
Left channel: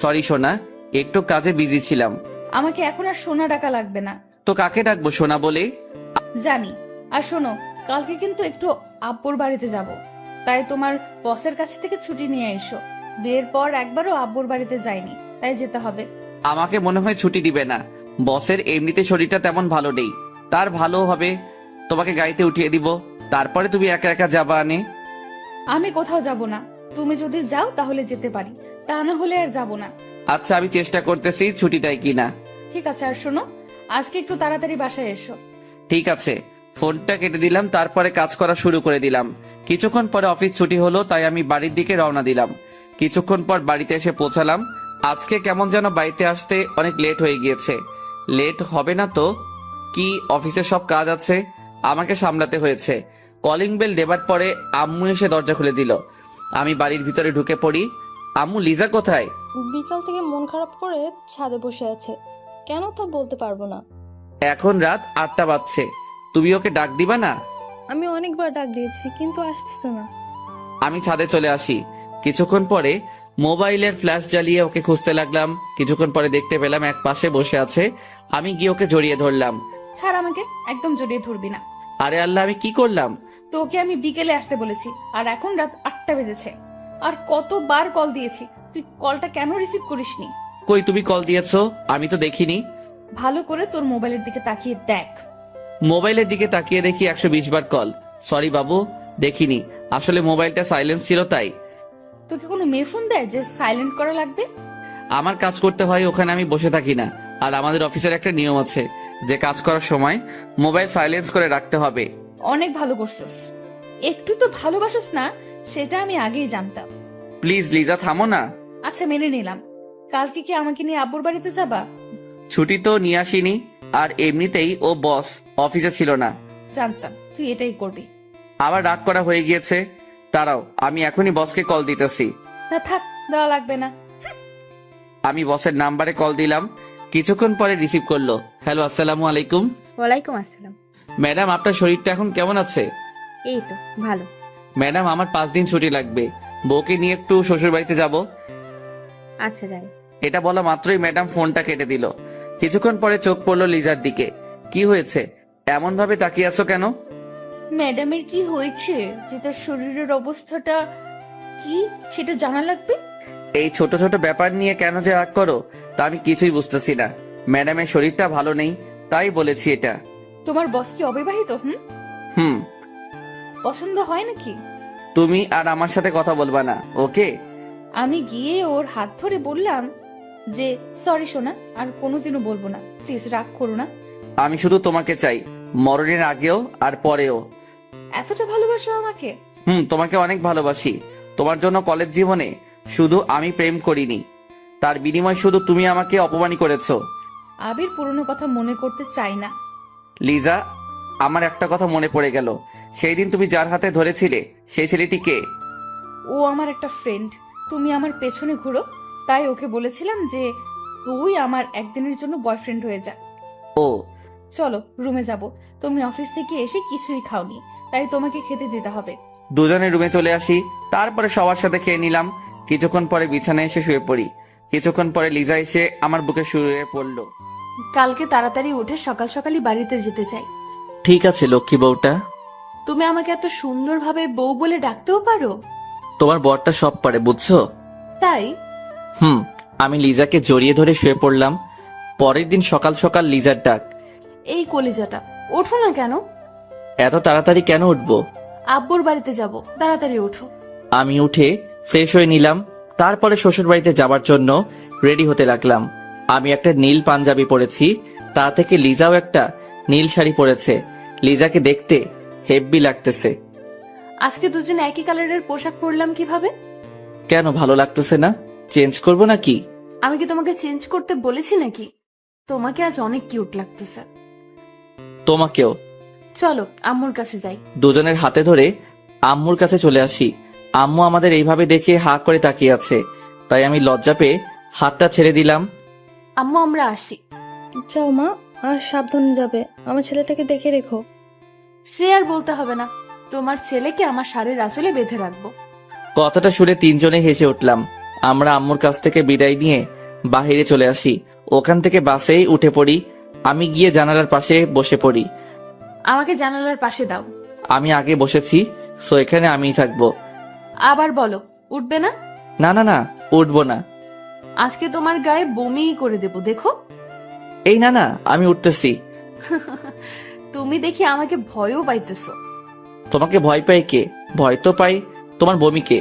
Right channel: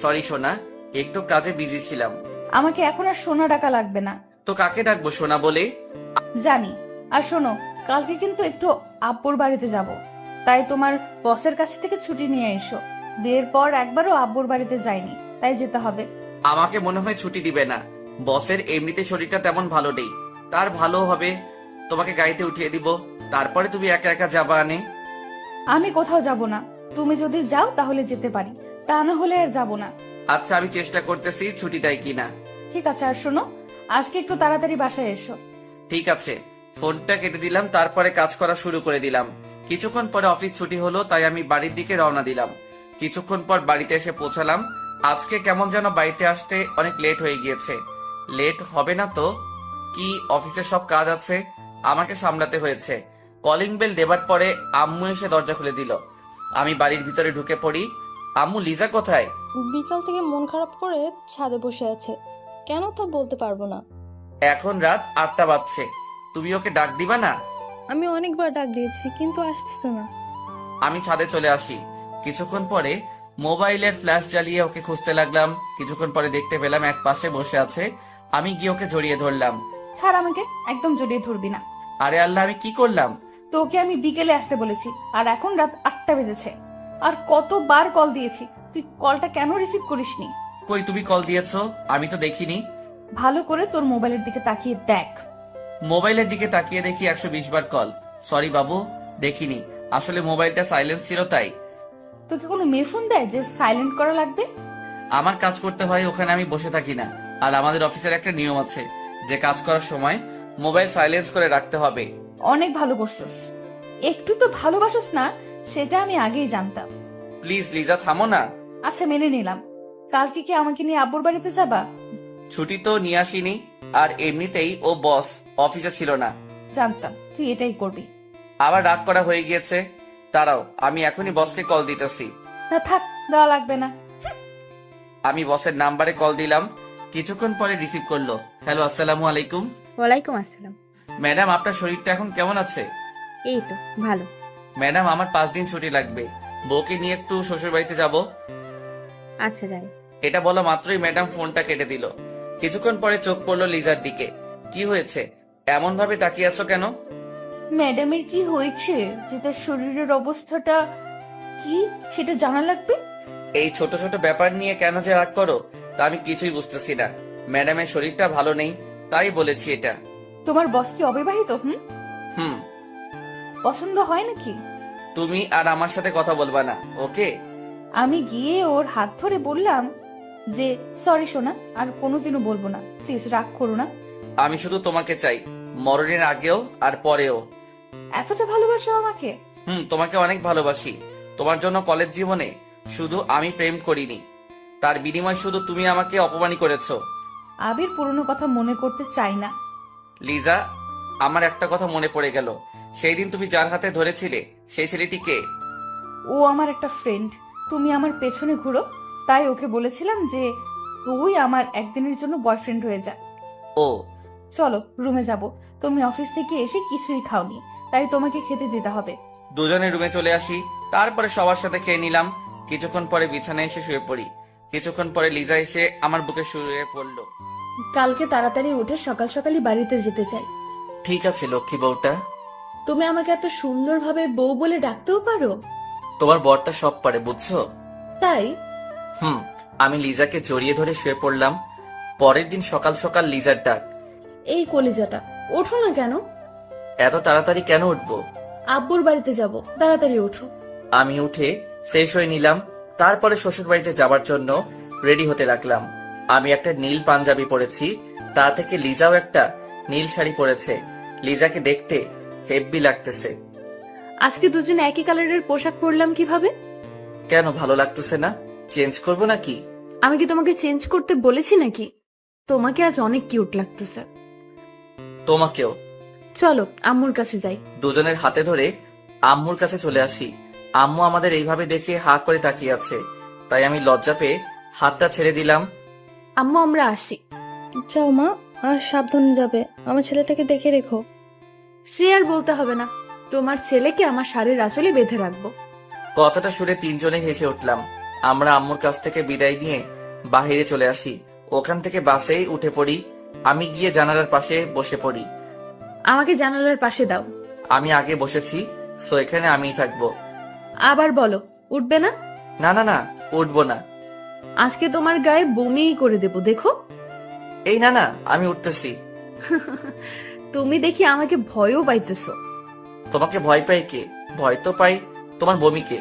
সরি সোনা, একটু কাজে বিজি ছিলাম। আমাকে এখন আর সোনা ডাকা লাগবে না। তো কাকে ডাকবো সোনা বলে? জানি। আর শোনো, কালকে কিন্তু একটু আব্বুর বাড়িতে যাব, তাই তোমার বসের কাছ থেকে ছুটি নিয়ে এসো। বিয়ের পর একবারও আব্বুর বাড়িতে যাইনি, তাই যেতে হবে। আমাকে মনে হয় ছুটি দিবে না। বসের এমনিতে শরীরটা তেমন ভালো নেই, তার ভালো হবে তোমাকে গাড়িতে উঠিয়ে দিব, তারপরে তুমি একা একা যাবা আনে। আমি কোথাও যাব না, তুমি যদি যাও তাহলে যেতে পারি, তা না হলে আর যাব না। আচ্ছা, আমি চেষ্টা করতেছি ছুটি দেয় কিনা। ঠিক আছে, আর শোনো, আজকে একটু তাড়াতাড়ি বাসায় এসো। ঠিক আছে। ফোনটা কেটে দিলাম, তারপরে কাজ করা শুরু করে দিলাম। কিছুক্ষণ পরে অফিস ছুটি হলো, তাই আমি বাড়ির দিকে রওনা দিলাম। কিছুক্ষণ পর বাড়িতে এসে পৌঁছালাম। আজকে কেমন যেন বাড়িতে আসতে অনেক লেট হয়ে গিয়েছে। লেট হবে না তো কি, অফিসের সব কাজ আছে, আমাকে সামলাতে হয়েছে। কলিং বেল দেবার পরে আম্মু এসে দরজা খুলে দিল। আমি বাড়ির ভিতরে ঢুকে পড়ি। আম্মু, লিজা কোথায়? বিকাল থেকে মন খারাপ করে ছাদে বসে আছে, কেন তা বলতে পারবো না। এখন রাত 8টা বাজছে, তুমি ওকে ডাক দিবা না? আমি অনেকবার ডাক দিয়েছি কিন্তু আসতেছে না। আমি ছাদে চলে আসি। কিছুক্ষণ পরে মোবাইলের ফ্ল্যাশ জ্বালিয়ে ওকে খুঁজতে লাগলাম। কিছুক্ষণ পরে দেখতে পেলাম এক পাশে বসে আছে। আমি গিয়ে ওকে জড়িয়ে ধরলাম। ছাড় আমাকে, একদম জড়িয়ে ধরবি না। আরে আল্লাহ, আমি কি করলাম? তোকে আমি বিকেলে আসতে বলেছি, আর এখন রাত 8টা বেজেছে। আর কতবার কল দিয়েছি, তুই কলটা কেন রিসিভ করিসনি? কই তুমি কল দিয়েছো? আমি তো দেখিনি। ভালো করে তোর মোবাইলের দিকে তাকিয়ে দেখ। মোবাইলের দিকে তাকিয়ে দেখি 120 বার কল। সরি বাবু, দেখিনি। আসলে মোবাইলটা সাইলেন্স ছিল তাই। তোকে কোনো মেয়ে ফোন দেয় যে সাইলেন্ট করা লাগবে? আমার কাজ করতে হয়, ওখানে আমি বসে থাকি না। আর আমাদের অফিসের একটা নিয়ম আছে যে কাজ করার সময় মোবাইল সাইলেন্স করে রাখতে হবে। অনেক ভালো করছস। একটু তো ভালোবাসস না, সেটা আমি আগেই জানতাম। প্লিজ লিজা, থামো না। আচ্ছা, মেনে নিলাম। কালকে কি আমাকে নিয়ে আব্বুর বাড়িতে যাবা? ছুটি তো নিয়ে আসিনি, আর এমনিতেই ও বস অফিসে ছিল না। জানতাম তুই এটাই করবি। আবার রাগ করা হয়ে গিয়েছে। দাঁড়াও, আমি এখনই বসকে কল দিতেছি। না থাক, দেওয়া লাগবে না। আমি বসের নাম্বারে কল দিলাম। কিছুক্ষণ পরে রিসিভ করলো। হ্যালো, আসসালামু আলাইকুম। ওয়ালাইকুম আসসালাম। ম্যাডাম, আপনার শরীরটা এখন কেমন আছে? এই তো ভালো। ম্যাডাম, আমার 5 দিন ছুটি লাগবে। বউকে নিয়ে একটু শ্বশুর বাড়িতে যাব। আচ্ছা যাই। এটা বলা মাত্রই ম্যাডাম ফোনটা কেটে দিল। কিছুক্ষণ পরে চোখ পড়লো লিজার দিকে। কি হয়েছে, এমন ভাবে তাকিয়ে আছো কেন? ম্যাডামের কি হয়েছে, যে তার শরীরের অবস্থাটা কি সেটা জানা লাগবে? এই ছোট ছোট ব্যাপার নিয়ে কেন যে রাগ করো তা আমি কিছুই বুঝতেছি না। ম্যাডামের শরীরটা ভালো নেই, তাই বলেছি এটা। তোমার বস কি অবিবাহিত? হুম। পছন্দ হয় নাকি? তুমি আর আমার সাথে কথা বলবা না, ওকে? আমি গিয়ে ওর হাত ধরে বললাম যে সরি সোনা, আর কোনোদিনও বলবো না, প্লিজ রাগ করো না। আমি শুধু তোমাকে চাই, মরণের আগেও আর পরেও। এতটা ভালোবাসো আমাকে? তোমাকে অনেক ভালোবাসি। তোমার জন্য কলেজ জীবনে শুধু আমি প্রেম করিনি, তার বিনিময় শুধু তুমি আমাকে অপমানই করেছো। আবির পুরনো কথা মনে করতে চাই না। লিজা, আমার একটা কথা মনে পড়ে গেল। সেই দিন তুমি যার হাতে ধরেছিলে সেই ছেলেটি কে? ও আমার একটা ফ্রেন্ড। তুমি আমার পেছনে ঘুরো, তাই ওকে বলেছিলাম যে তুই আমার একদিনের জন্য বয়ফ্রেন্ড হয়ে যা। ও। চলো রুমে যাব। তুমি অফিস থেকে এসে কিছুই খাওনি, তাই তোমাকে খেতে দিতে হবে। দুজনে রুমে চলে আসি, তারপরে সবার সাথে খেয়ে নিলাম। কিছুক্ষণ পরে বিছানায় এসে শুয়ে পড়ি। কিছুক্ষণ পরে লিজা এসে আমার বুকে শুয়ে পড়লো। কালকে তাড়াতাড়ি উঠে সকাল সকালই বাড়িতে যেতে চাই। ঠিক আছে লক্ষ্মী বউটা। তুমি আমাকে এত সুন্দরভাবে বউ বলে ডাকতেও পারো? তোমার বরটা সব পারে, বুঝছো? তাই? আমি লিজাকে জড়িয়ে ধরে শুয়ে পড়লাম। পরের দিন সকাল সকাল লিজার ডাক। এই কলিজাটা, ওঠো না কেন? এত তাড়াতাড়ি কেন উঠবো? আব্বুর বাড়িতে যাব, তাড়াতাড়ি ওঠো। আমি উঠে ফ্রেশ হয়ে নিলাম। তারপরে শ্বশুর বাড়িতে যাবার জন্য রেডি হতে লাগলাম। আমি একটা নীল পাঞ্জাবি পরেছি, তা থেকে লিজাও একটা নীল শাড়ি পরেছে। লিজাকে দেখতে হেব্বি লাগতেছে। আজকে দুজনে একই কালারের পোশাক পরলাম কিভাবে? কেন, ভালো লাগতেছে না? চেঞ্জ করবো নাকি? আমি কি তোমাকে চেঞ্জ করতে বলেছি নাকি? তোমাকে আজ অনেক কিউট লাগতেছে। তোমাকেও। চলো আম্মুর কাছে যাই। দুজনের হাতে ধরে আম্মুর কাছে চলে আসি। আম্মু আমাদের এইভাবে দেখে হা করে তাকিয়ে আছে, তাই আমি লজ্জা পেয়ে হাতটা ছেড়ে দিলাম। আম্মু আমরা আসি। যাও মা, আর সাবধানে যাবে, আমার ছেলেটাকে দেখে রেখো। সে আর বলতে হবে না, তোমার ছেলেকে আমার শাড়ির আঁচলে বেঁধে রাখবো। কথাটা শুনে তিনজনে হেসে উঠলাম। আমরা আম্মুর কাছ থেকে বিদায় নিয়ে বাহিরে চলে আসি। ওখান থেকে বাসেই উঠে পড়ি। আমি গিয়ে জানালার পাশে বসে পড়ি। আমাকে জানালার পাশে দাও। আমি আগে বসেছি, সো এখানে আমিই থাকবো। আবার বলো, উঠবে না? না না না, উঠবো না। আজকে তোমার গায়ে বমিই করে দেবো, দেখো। এই না না, আমি উঠতেছি। তুমি দেখি আমাকে ভয়ও পাইতেছো। তোমাকে ভয় পাই কে? ভয় তো পাই তোমার বমিকে।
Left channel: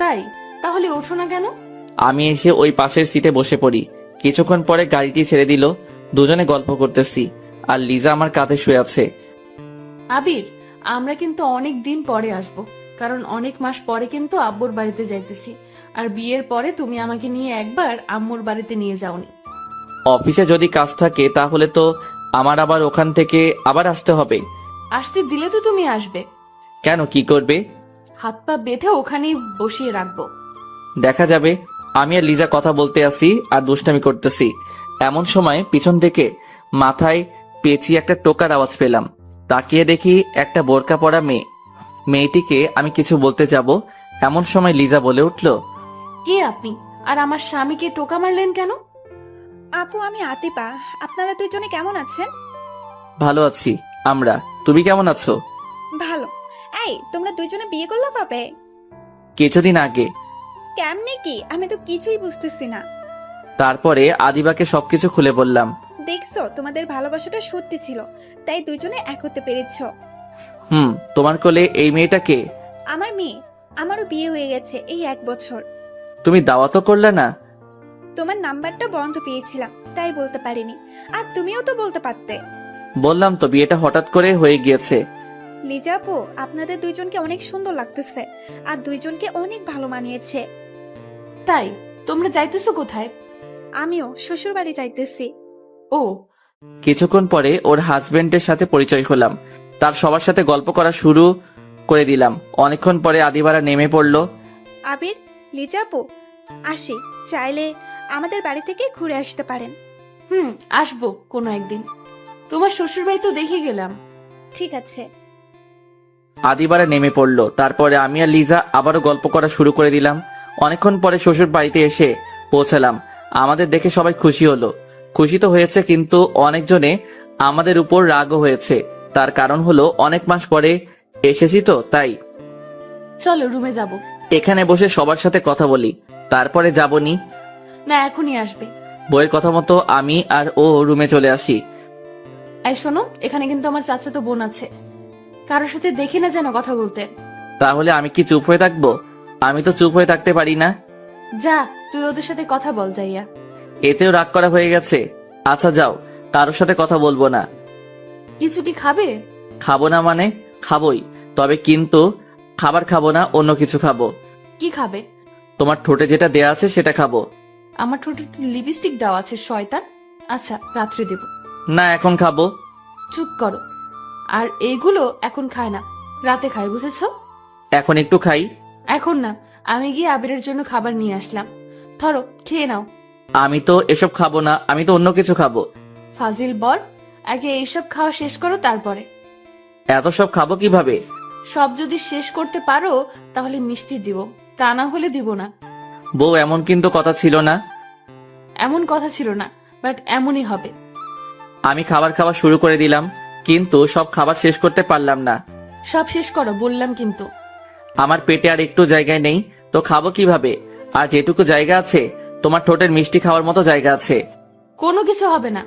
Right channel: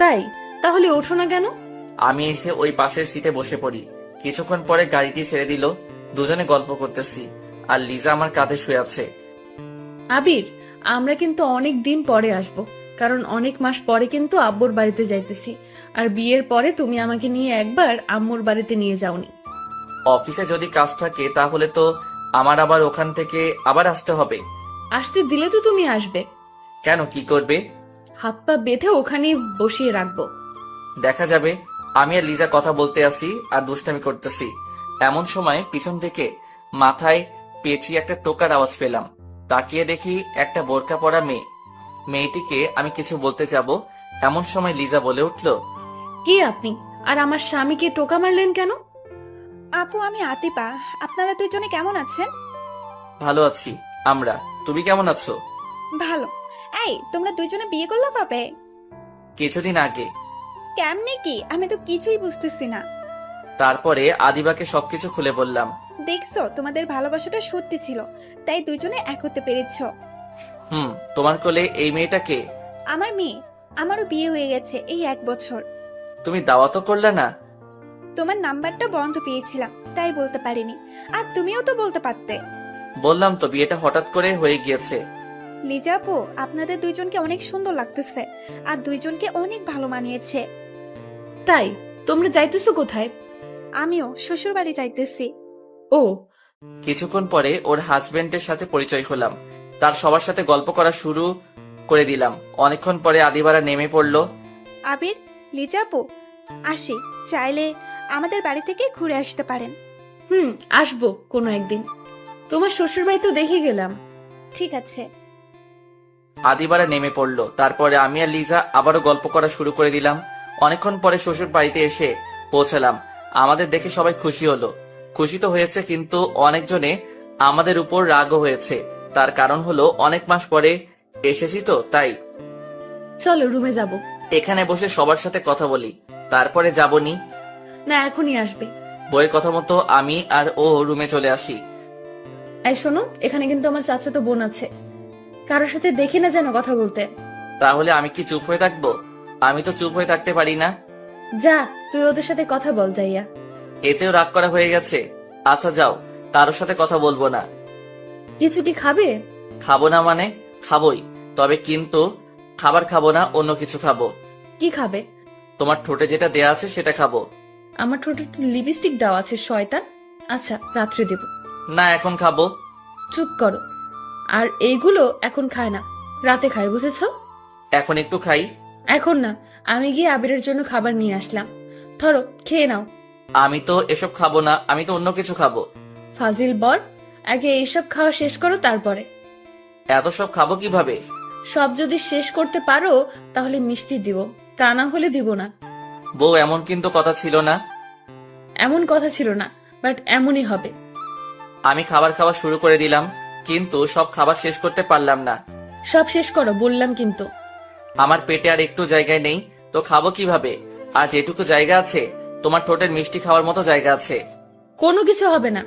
তাই? তাহলে ওঠো না কেন? আমি এসে ওই পাশের সিটে বসে পড়ি। কিছুক্ষণ পরে গাড়িটি ছেড়ে দিল। দুজনে গল্প করতেছি, আর লিজা আমার কাঁধে শুয়ে আছে। আবির, আমরা কিন্তু অনেক দিন পরে আসব, কারণ অনেক মাস পরে কিন্তু আব্বুর বাড়িতে যাইতেছি। আর বিয়ের পরে তুমি আমাকে নিয়ে একবার আম্মুর বাড়িতে নিয়ে যাওনি। অফিসে যদি কাজ থাকে তাহলে তো আমার আবার ওখান থেকে আবার আসতে হবে। আসতে দিলে তো তুমি আসবে। কেন, কি করবে? হাত পা বেঁধে ওখানেই বসিয়ে রাখবো। দেখা যাবে। আমি আর লিজা কথা বলতে আসি আর দুষ্টামি করতেছি। এমন সময় পিছন থেকে মাথায় পেঁচিয়ে একটা টোকার আওয়াজ পেলাম। তাকিয়ে দেখি একটা বোরকা পরা মেয়ে। মেয়েটিকে আমি কিছু বলতে যাব, এমন সময় লিজা বলে উঠল, কে আপনি? আর আমার স্বামীকে টোকা মারলেন কেন? আপু, আমি আতিপা। আপনারা দুইজনে কেমন আছেন? ভালো আছি আমরা, তুমি কেমন আছো? ভালো। এই, তোমরা দুইজনে বিয়ে করলো কবে? কিছুদিন আগে। কেমনে কি? আমি তো কিছুই বুঝতেছি না। তারপরে আদিবাকে সবকিছু খুলে বললাম। দেখছো, তোমাদের ভালোবাসাটা সত্যি ছিল, তাই দুজনে এক হতে পেরেছো। তোমার কোলে এই মেয়েটাকে? আমার মেয়ে। আমারও বিয়ে হয়ে গেছে এই 1 বছর। তুমি দাওয়াতও করলে না? তোমার নাম্বারটা বন্ধ পেয়েছিলাম, তাই বলতে পারিনি। আর তুমিও তো বলতে পারতে। বললাম তো বিয়েটা হঠাৎ করে হয়ে গিয়েছে। লিজা আপু, আপনাদের দুইজনকে অনেক সুন্দর লাগতেছে, আর দুইজনকে অনেক ভালো মানিয়েছে। তাই তোমরা যাইতেছো কোথায়? আমিও শ্বশুর বাড়ি যাইতেছি। ও, কিছুক্ষণ পরে ওর হাজবেন্ডের সাথে পরিচয় হলাম। তার সবার সাথে গল্প করা শুরু করে দিলাম। অনেকক্ষণ পরে আদিবারা নেমে পড়লো। আবির, লিজা আপু, আসি। চাইলে আমাদের বাড়ি থেকে ঘুরে আসতে পারেন। আসবো কোনো একদিন। তোমার শ্বশুর বাড়ি তো দেখে গেলাম। ঠিক আছে। আদিবারা নেমে পড়লো। তারপরে আমি আর লিজা আবারও গল্প করা শুরু করে দিলাম। অনেকক্ষণ পরে শ্বশুর বাড়িতে এসে পৌঁছালাম। আমাদের দেখে সবাই খুশি হলো। খুশি তো হয়েছে, কিন্তু অনেকজনে আমাদের উপর রাগও হয়েছে। তার কারণ হলো অনেক মাস পরে এসেছি তো, তাই। চলো রুমে যাব। এখানে বসে সবার সাথে কথা বলি, তারপরে যাবনি। না, এখনই আসবে। বইয়ের কথা মতো আমি আর ও রুমে চলে আসি। এই শোনো, এখানে কিন্তু আমার চাচাতো বোন আছে, কারোর সাথে দেখি না যেন কথা বলতে। তাহলে আমি কি চুপ হয়ে থাকবো? আমি তো চুপ হয়ে থাকতে পারি না। যা, তুই ওদের সাথে কথা বল যাইয়া। এতেও রাগ করা হয়ে গেছে। আচ্ছা যাও, কারোর সাথে কথা বলবো না। কিছু কি খাবে? খাবো না মানে খাবোই, তবে কিন্তু খাবার খাবো না, অন্য কিছু খাবো। কি খাবে? তোমার ঠোঁটে যেটা দেয়া আছে সেটা খাবো। আমার ঠোঁটে লিপস্টিক দেওয়া আছে শয়তান। আচ্ছা, রাত্রে দেব। না, এখন খাবো। চুপ করো। আর এইগুলো এখন খায় না, রাতে খায়, বুঝেছো? এখন একটু খাই। এখন না, আমি গিয়ে আবিরের জন্য খাবার নিয়ে আসলাম। ধরো, খেয়ে নাও। আমি তো এসব খাবো না, আমি তো অন্য কিছু খাবো। ফাজিল বর, আগে এইসব খাওয়া শেষ করো, তারপরে। এত সব খাবো কিভাবে? সব যদি শেষ করতে পারো তাহলে মিষ্টি দিব, তা না হলে দিব না। বউ, এমন কিন্তু কথা ছিল না। এমন কথা ছিল না, বাট এমনই হবে। আমি খাবার খাওয়া শুরু করে দিলাম, কিন্তু সব খাবার শেষ করতে পারলাম না। সব শেষ করো বললাম কিন্তু। আমার পেটে আর একটু জায়গায় নেই, তো খাবো কিভাবে? আর যেটুকু জায়গা আছে তোমার ঠোঁটের মিষ্টি খাওয়ার মতো জায়গা আছে। কোনো কিছু হবে না।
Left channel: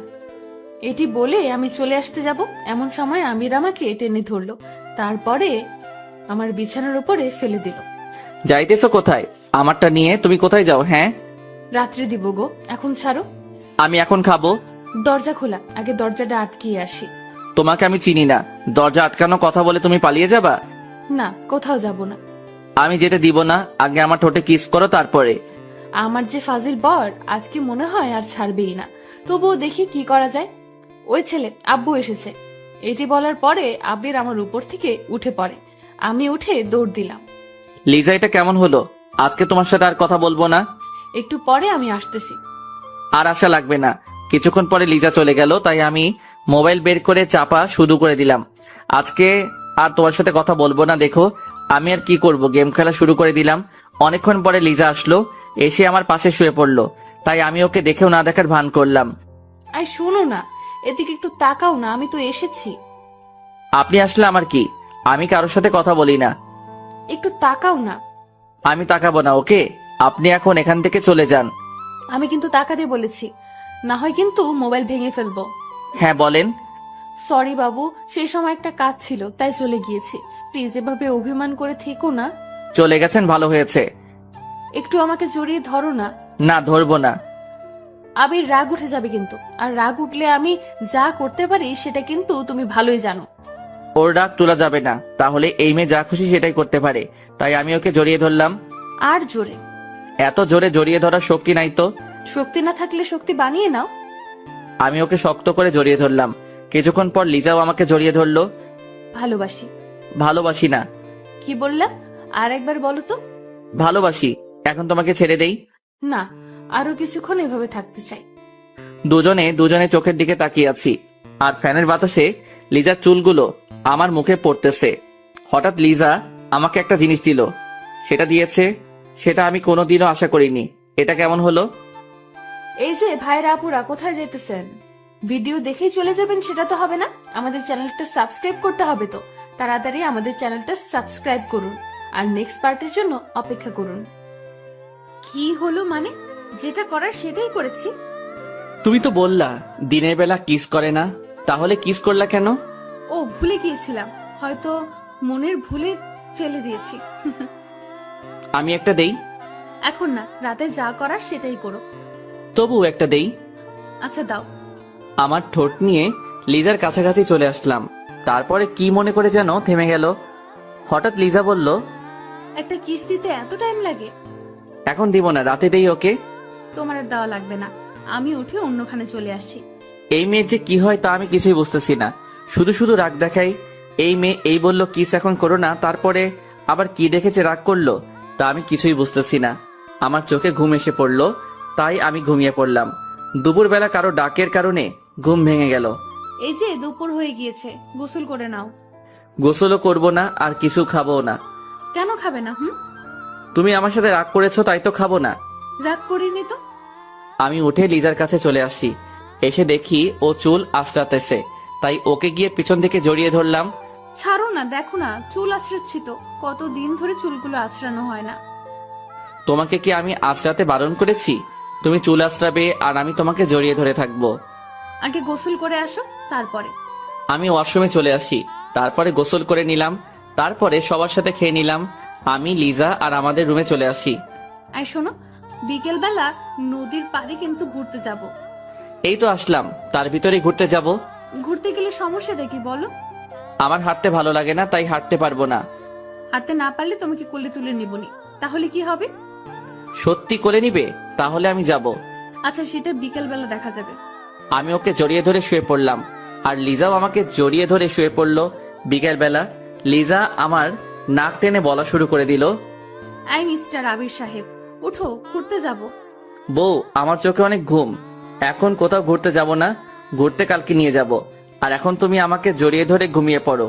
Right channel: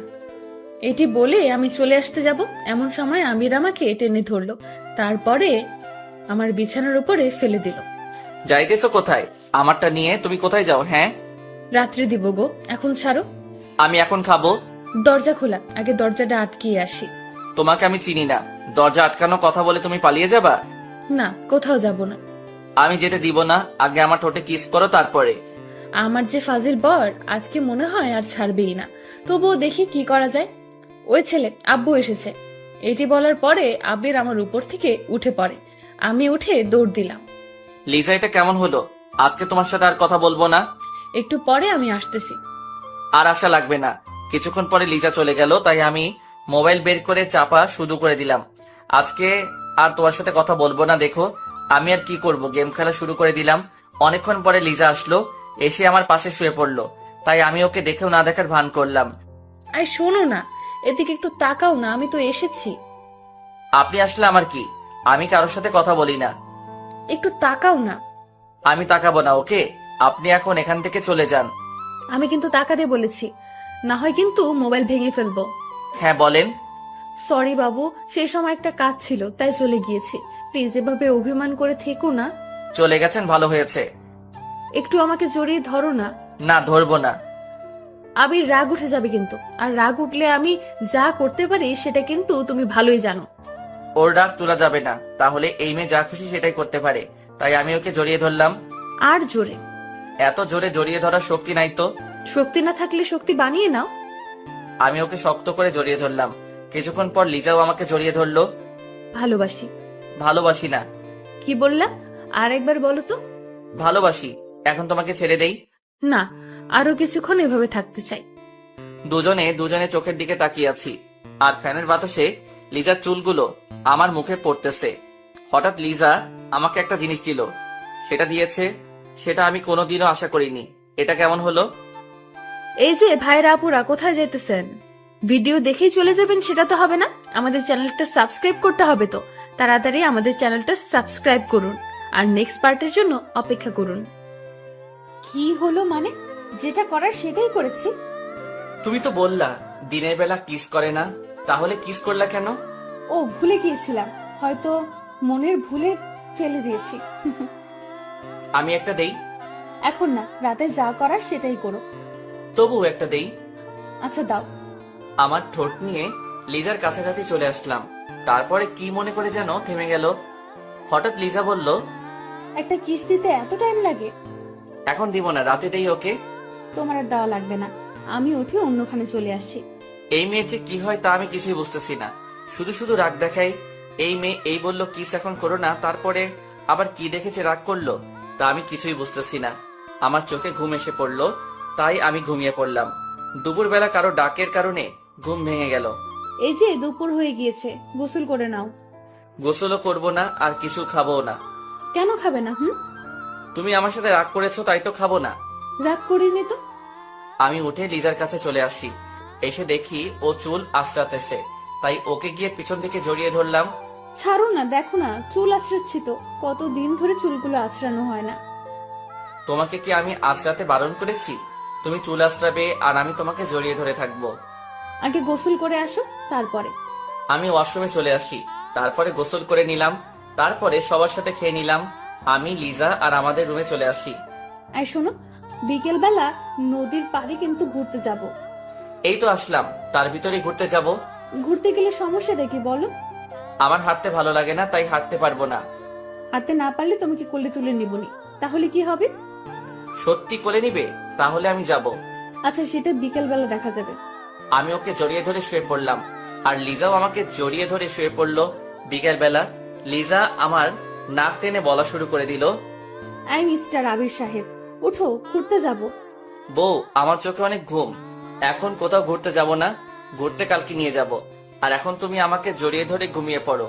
এটি বলে আমি চলে আসতে যাব, এমন সময় আমির আমাকে টেনে ধরলো, তারপরে আমার বিছানার উপরে ফেলে দিল। যাইতেছো কোথায়? আমারটা নিয়ে তুমি কোথায় যাও? হ্যাঁ, রাত্রে দিব গো, এখন ছাড়ো। আমি এখন খাবো। দরজা খোলা, আগে দরজাটা আটকিয়ে আসি। তোমাকে আমি চিনি না, দরজা আটকানো কথা বলে তুমি পালিয়ে যাবা? না, কোথাও যাব না। আমি যেতে দিব না, আগে আমার ঠোঁটে কিস করো, তারপরে। আমার যে ফাজিল বর, আজকে মনে হয় আর ছাড়বেই না। তবুও দেখি কি করা যায়। ওই ছেলে, আব্বু এসেছে। এটি বলার পরে আবির আমার উপর থেকে উঠে পড়ে। আমি উঠে দৌড় দিলাম। লিজা, এটা কেমন হলো? আজকে তোমার সাথে আর কথা বলবো না। একটু পরে আমি আসতেছি। আর আশা লাগবে না। কিছুক্ষণ পরে লিজা চলে গেল, তাই আমি মোবাইল বের করে চাপা শুরু করে দিলাম। আজকে আর তোমার সাথে কথা বলবো না। দেখো, আমি আর কি করব, গেম খেলা শুরু করে দিলাম। অনেকক্ষণ পরে লিজা আসলো, এসে আমার পাশে শুয়ে পড়লো। তাই আমি ওকে দেখেও না দেখার ভান করলাম। আই শোনো না, এদিকে একটু তাকাও না, আমি তো এসেছি। আপনি আসলে আমার কি? আমি কারোর সাথে কথা বলি না। একটু তাকাও না। আমি তাকাবো না, ওকে? আপনি এখন এখান থেকে চলে যান। আমি কিন্তু তাকাতে বলেছি, না হয় কিন্তু মোবাইল ভেঙে ফেলবো। হ্যাঁ, বলেন। সরি বাবু, সেই সময় একটা কাজ ছিল, তাই চলে গিয়েছি। প্লিজ এভাবে অভিমান করে থেকো না। চলে গেছেন, ভালো হয়েছে। একটু আমাকে জড়িয়ে ধরো না। না, ধরবো না। আবির রাগ উঠে যাবে কিন্তু, আর রাগ উঠলে আমি যা করতে পারি সেটা কিন্তু তুমি ভালোই জানো। ওর রাগ তোলা যাবে না, তাহলে এই মেয়ে যা খুশি সেটাই করতে পারে। তাই আমি ওকে জড়িয়ে ধরলাম। আর জোরে। এত জোরে জড়িয়ে ধরার শক্তি নাই তো। শক্তি না থাকলে শক্তি বানিয়ে নাও। আমি ওকে শক্ত করে জড়িয়ে ধরলাম। কিছুক্ষণ পর লিজাও আমাকে জড়িয়ে ধরলো। ভালোবাসি। ভালোবাসি না। কি বললা? আর একবার বলো তো। ভালোবাসি। এখন তোমাকে ছেড়ে দেই? না, আরো কিছুক্ষণ এভাবে থাকতে চাই। দুজনে চোখের দিকে তাকিয়ে আছি, আর ফ্যানের বাতাসে লিজার চুলগুলো আমার মুখে পড়তেছে। হঠাৎ লিজা আমাকে একটা জিনিস দিল। সেটা দিয়েছে, সেটা আমি কোনোদিনও আশা করিনি। এটা কেমন হলো? এই যে ভাইরা আপুরা, কোথায় যেতেছেন? ভিডিও দেখেই চলে যাবেন সেটা তো হবে না, আমাদের চ্যানেলটা সাবস্ক্রাইব করতে হবে। তো তাড়াতাড়ি আমাদের চ্যানেলটা সাবস্ক্রাইব করুন, আর নেক্সট পার্টের জন্য অপেক্ষা করুন। কি হলো মানে? যেটা করার সেটাই করেছি। তুমি তো বললা দিনের বেলা কিস করে না, তাহলে কিস করলা কেন? ও ভুলে গিয়েছিলাম, হয়তো মনের ভুলে ফেলে দিয়েছি। আমি একটা দেই? এখন না, রাতে যা করার সেটাই করো। তবু একটা দেই। আচ্ছা দাও। আমার ঠোঁট নিয়ে লিজার কাছাকাছি চলে আসলাম, তারপরে কি মনে করে যেন থেমে গেল। হঠাৎ লিজা বলল, একটা কিস দিতে এত টাইম লাগে? এখন দিব না, রাতে দেই ওকে। তোমার আর দেওয়া লাগবে না, আমি উঠে অন্যখানে চলে আসছি। এই মেয়ের যে কি হয় তা আমি কিছুই বুঝতেছি না, শুধু শুধু রাগ দেখাই। এই মেয়ে এই বললো কিস এখন করো না, তারপরে আবার কি দেখেছে রাগ করলো, তা আমি কিছুই বুঝতেছি না। আমার চোখে ঘুম এসে পড়লো, তাই আমি ঘুমিয়ে পড়লাম। দুপুরবেলা কারো ডাকের কারণে ঘুম ভেঙে গেল। এই যে দুপুর হয়ে গিয়েছে, গোসল করে নাও। গোসলও করবো না, আর কিছু খাবো না। কেন খাবে না? তুমি আমার সাথে রাগ করেছো তাই তো খাবো না। রাগ করিনি তো। আমি উঠে লিজার কাছে চলে আসি, এসে দেখি ও চুল আঁচড়াতেছে, তাই ওকে গিয়ে পিছন থেকে জড়িয়ে ধরলাম। ছাড়ো না, দেখো না চুল আঁচড়াচ্ছি তো, কতদিন ধরে চুলগুলো আঁচড়ানো হয় না। তোমাকে কি আমি আঁচড়াতে বারণ করেছি? তুমি চুল আঁচড়াবে আর আমি তোমাকে জড়িয়ে ধরে থাকবো। আগে গোসল করে আসো, তারপরে। আমি ওয়াশরুমে চলে আসি, তারপরে গোসল করে নিলাম, তারপরে সবার সাথে খেয়ে নিলাম। আমি, লিজা আর আমাদের রুমে চলে আসি। আর শোনো, বিকেল বেলা নদীর পাড়ে কিন্তু ঘুরতে যাব। এই তো আসলাম, তার ভিতরে ঘুরতে যাব? ঘুরতে গেলে সমস্যাটা কি বলো? আমার হাঁটতে ভালো লাগে না, তাই হাঁটতে পারবো না। হাঁটতে না পারলে তোমাকে কোলে তুলে নিবনি, তাহলে কি হবে? সত্যি করে নিবে? তাহলে আমি যাব। আচ্ছা, সেটা বিকেল বেলা দেখা যাবে। আমি ওকে জড়িয়ে ধরে শুয়ে পড়লাম, আর লিজাও আমাকে জড়িয়ে ধরে শুয়ে পড়লো। বিকেল বেলা লিজা আমার নাক টেনে বলা শুরু করে দিল, আই মিস্টার আবির সাহেব, উঠো, ঘুরতে যাব। বউ আমার চোখে অনেক ঘুম, এখন কোথাও ঘুরতে যাব না, ঘুরতে কালকে নিয়ে যাব। আর এখন তুমি আমাকে জড়িয়ে ধরে ঘুমিয়ে পড়ো।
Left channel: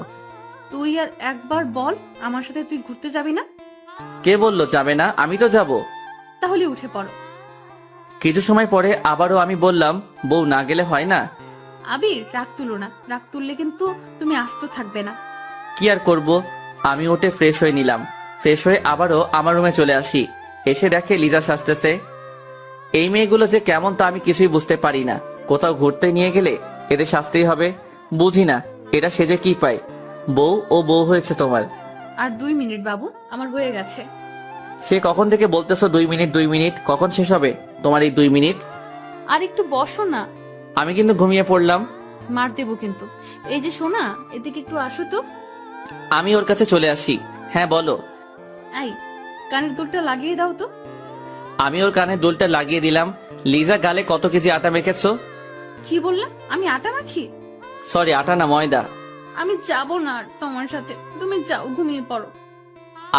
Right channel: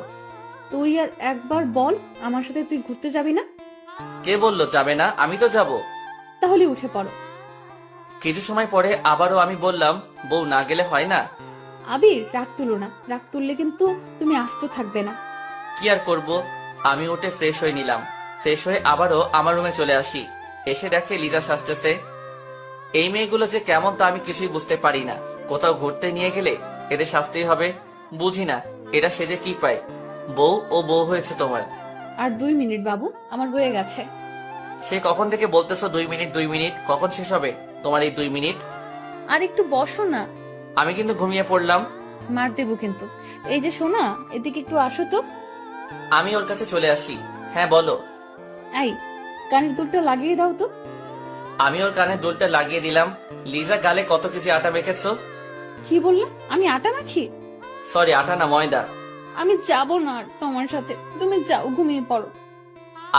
তুই আর একবার বল, আমার সাথে তুই ঘুরতে যাবি না? কে বললো যাবে না? আমি তো যাব। তাহলে উঠে পড়ো। কিছু সময় পরে আবারও আমি বললাম, বউ না গেলে হয় না? আবির, রাগ তুলো না, রাগ তুললে কিন্তু তুমি আস্ত থাকবে না। কি আর করব। আমি উঠে ফ্রেশ হয়ে নিলাম, ফ্রেশ হয়ে আবারও আমার রুমে চলে আসি, এসে দেখে লিজা সাজতেছে। এই মেয়েগুলো যে কেমন তা আমি কিছুই বুঝতে পারি না। কোথাও ঘুরতে নিয়ে গেলে এদের শাস্তিই হবে, বুঝি না এটা সেজে কি পায়। বউ ও বউ হয়েছে তোমার। আর 2 মিনিট বাবু, আমার হয়ে গেছে। সে কখন থেকে বলতেছো 2 মিনিট 2 মিনিট, কখন শেষ হবে তোমার এই 2 মিনিট? আর একটু বসো না। আমি কিন্তু ঘুমিয়ে পড়লাম। মার দেবো কিন্তু। এই যে সোনা, এদিকে একটু আসো তো। আমি ওর কাছে চলে আসি। হ্যাঁ বলো। এই, কানের দুলটা লাগিয়ে দাও তো। আমি ওর কানে দুলটা লাগিয়ে দিলাম। লিজা গালে কত কেজি আটা মেখেছো? কি বললাম? আমি আটা মাখি? সরি, আটা না, ময়দা। আমি যাব না আর তোমার সাথে, তুমি যাও, ঘুমিয়ে পড়ো।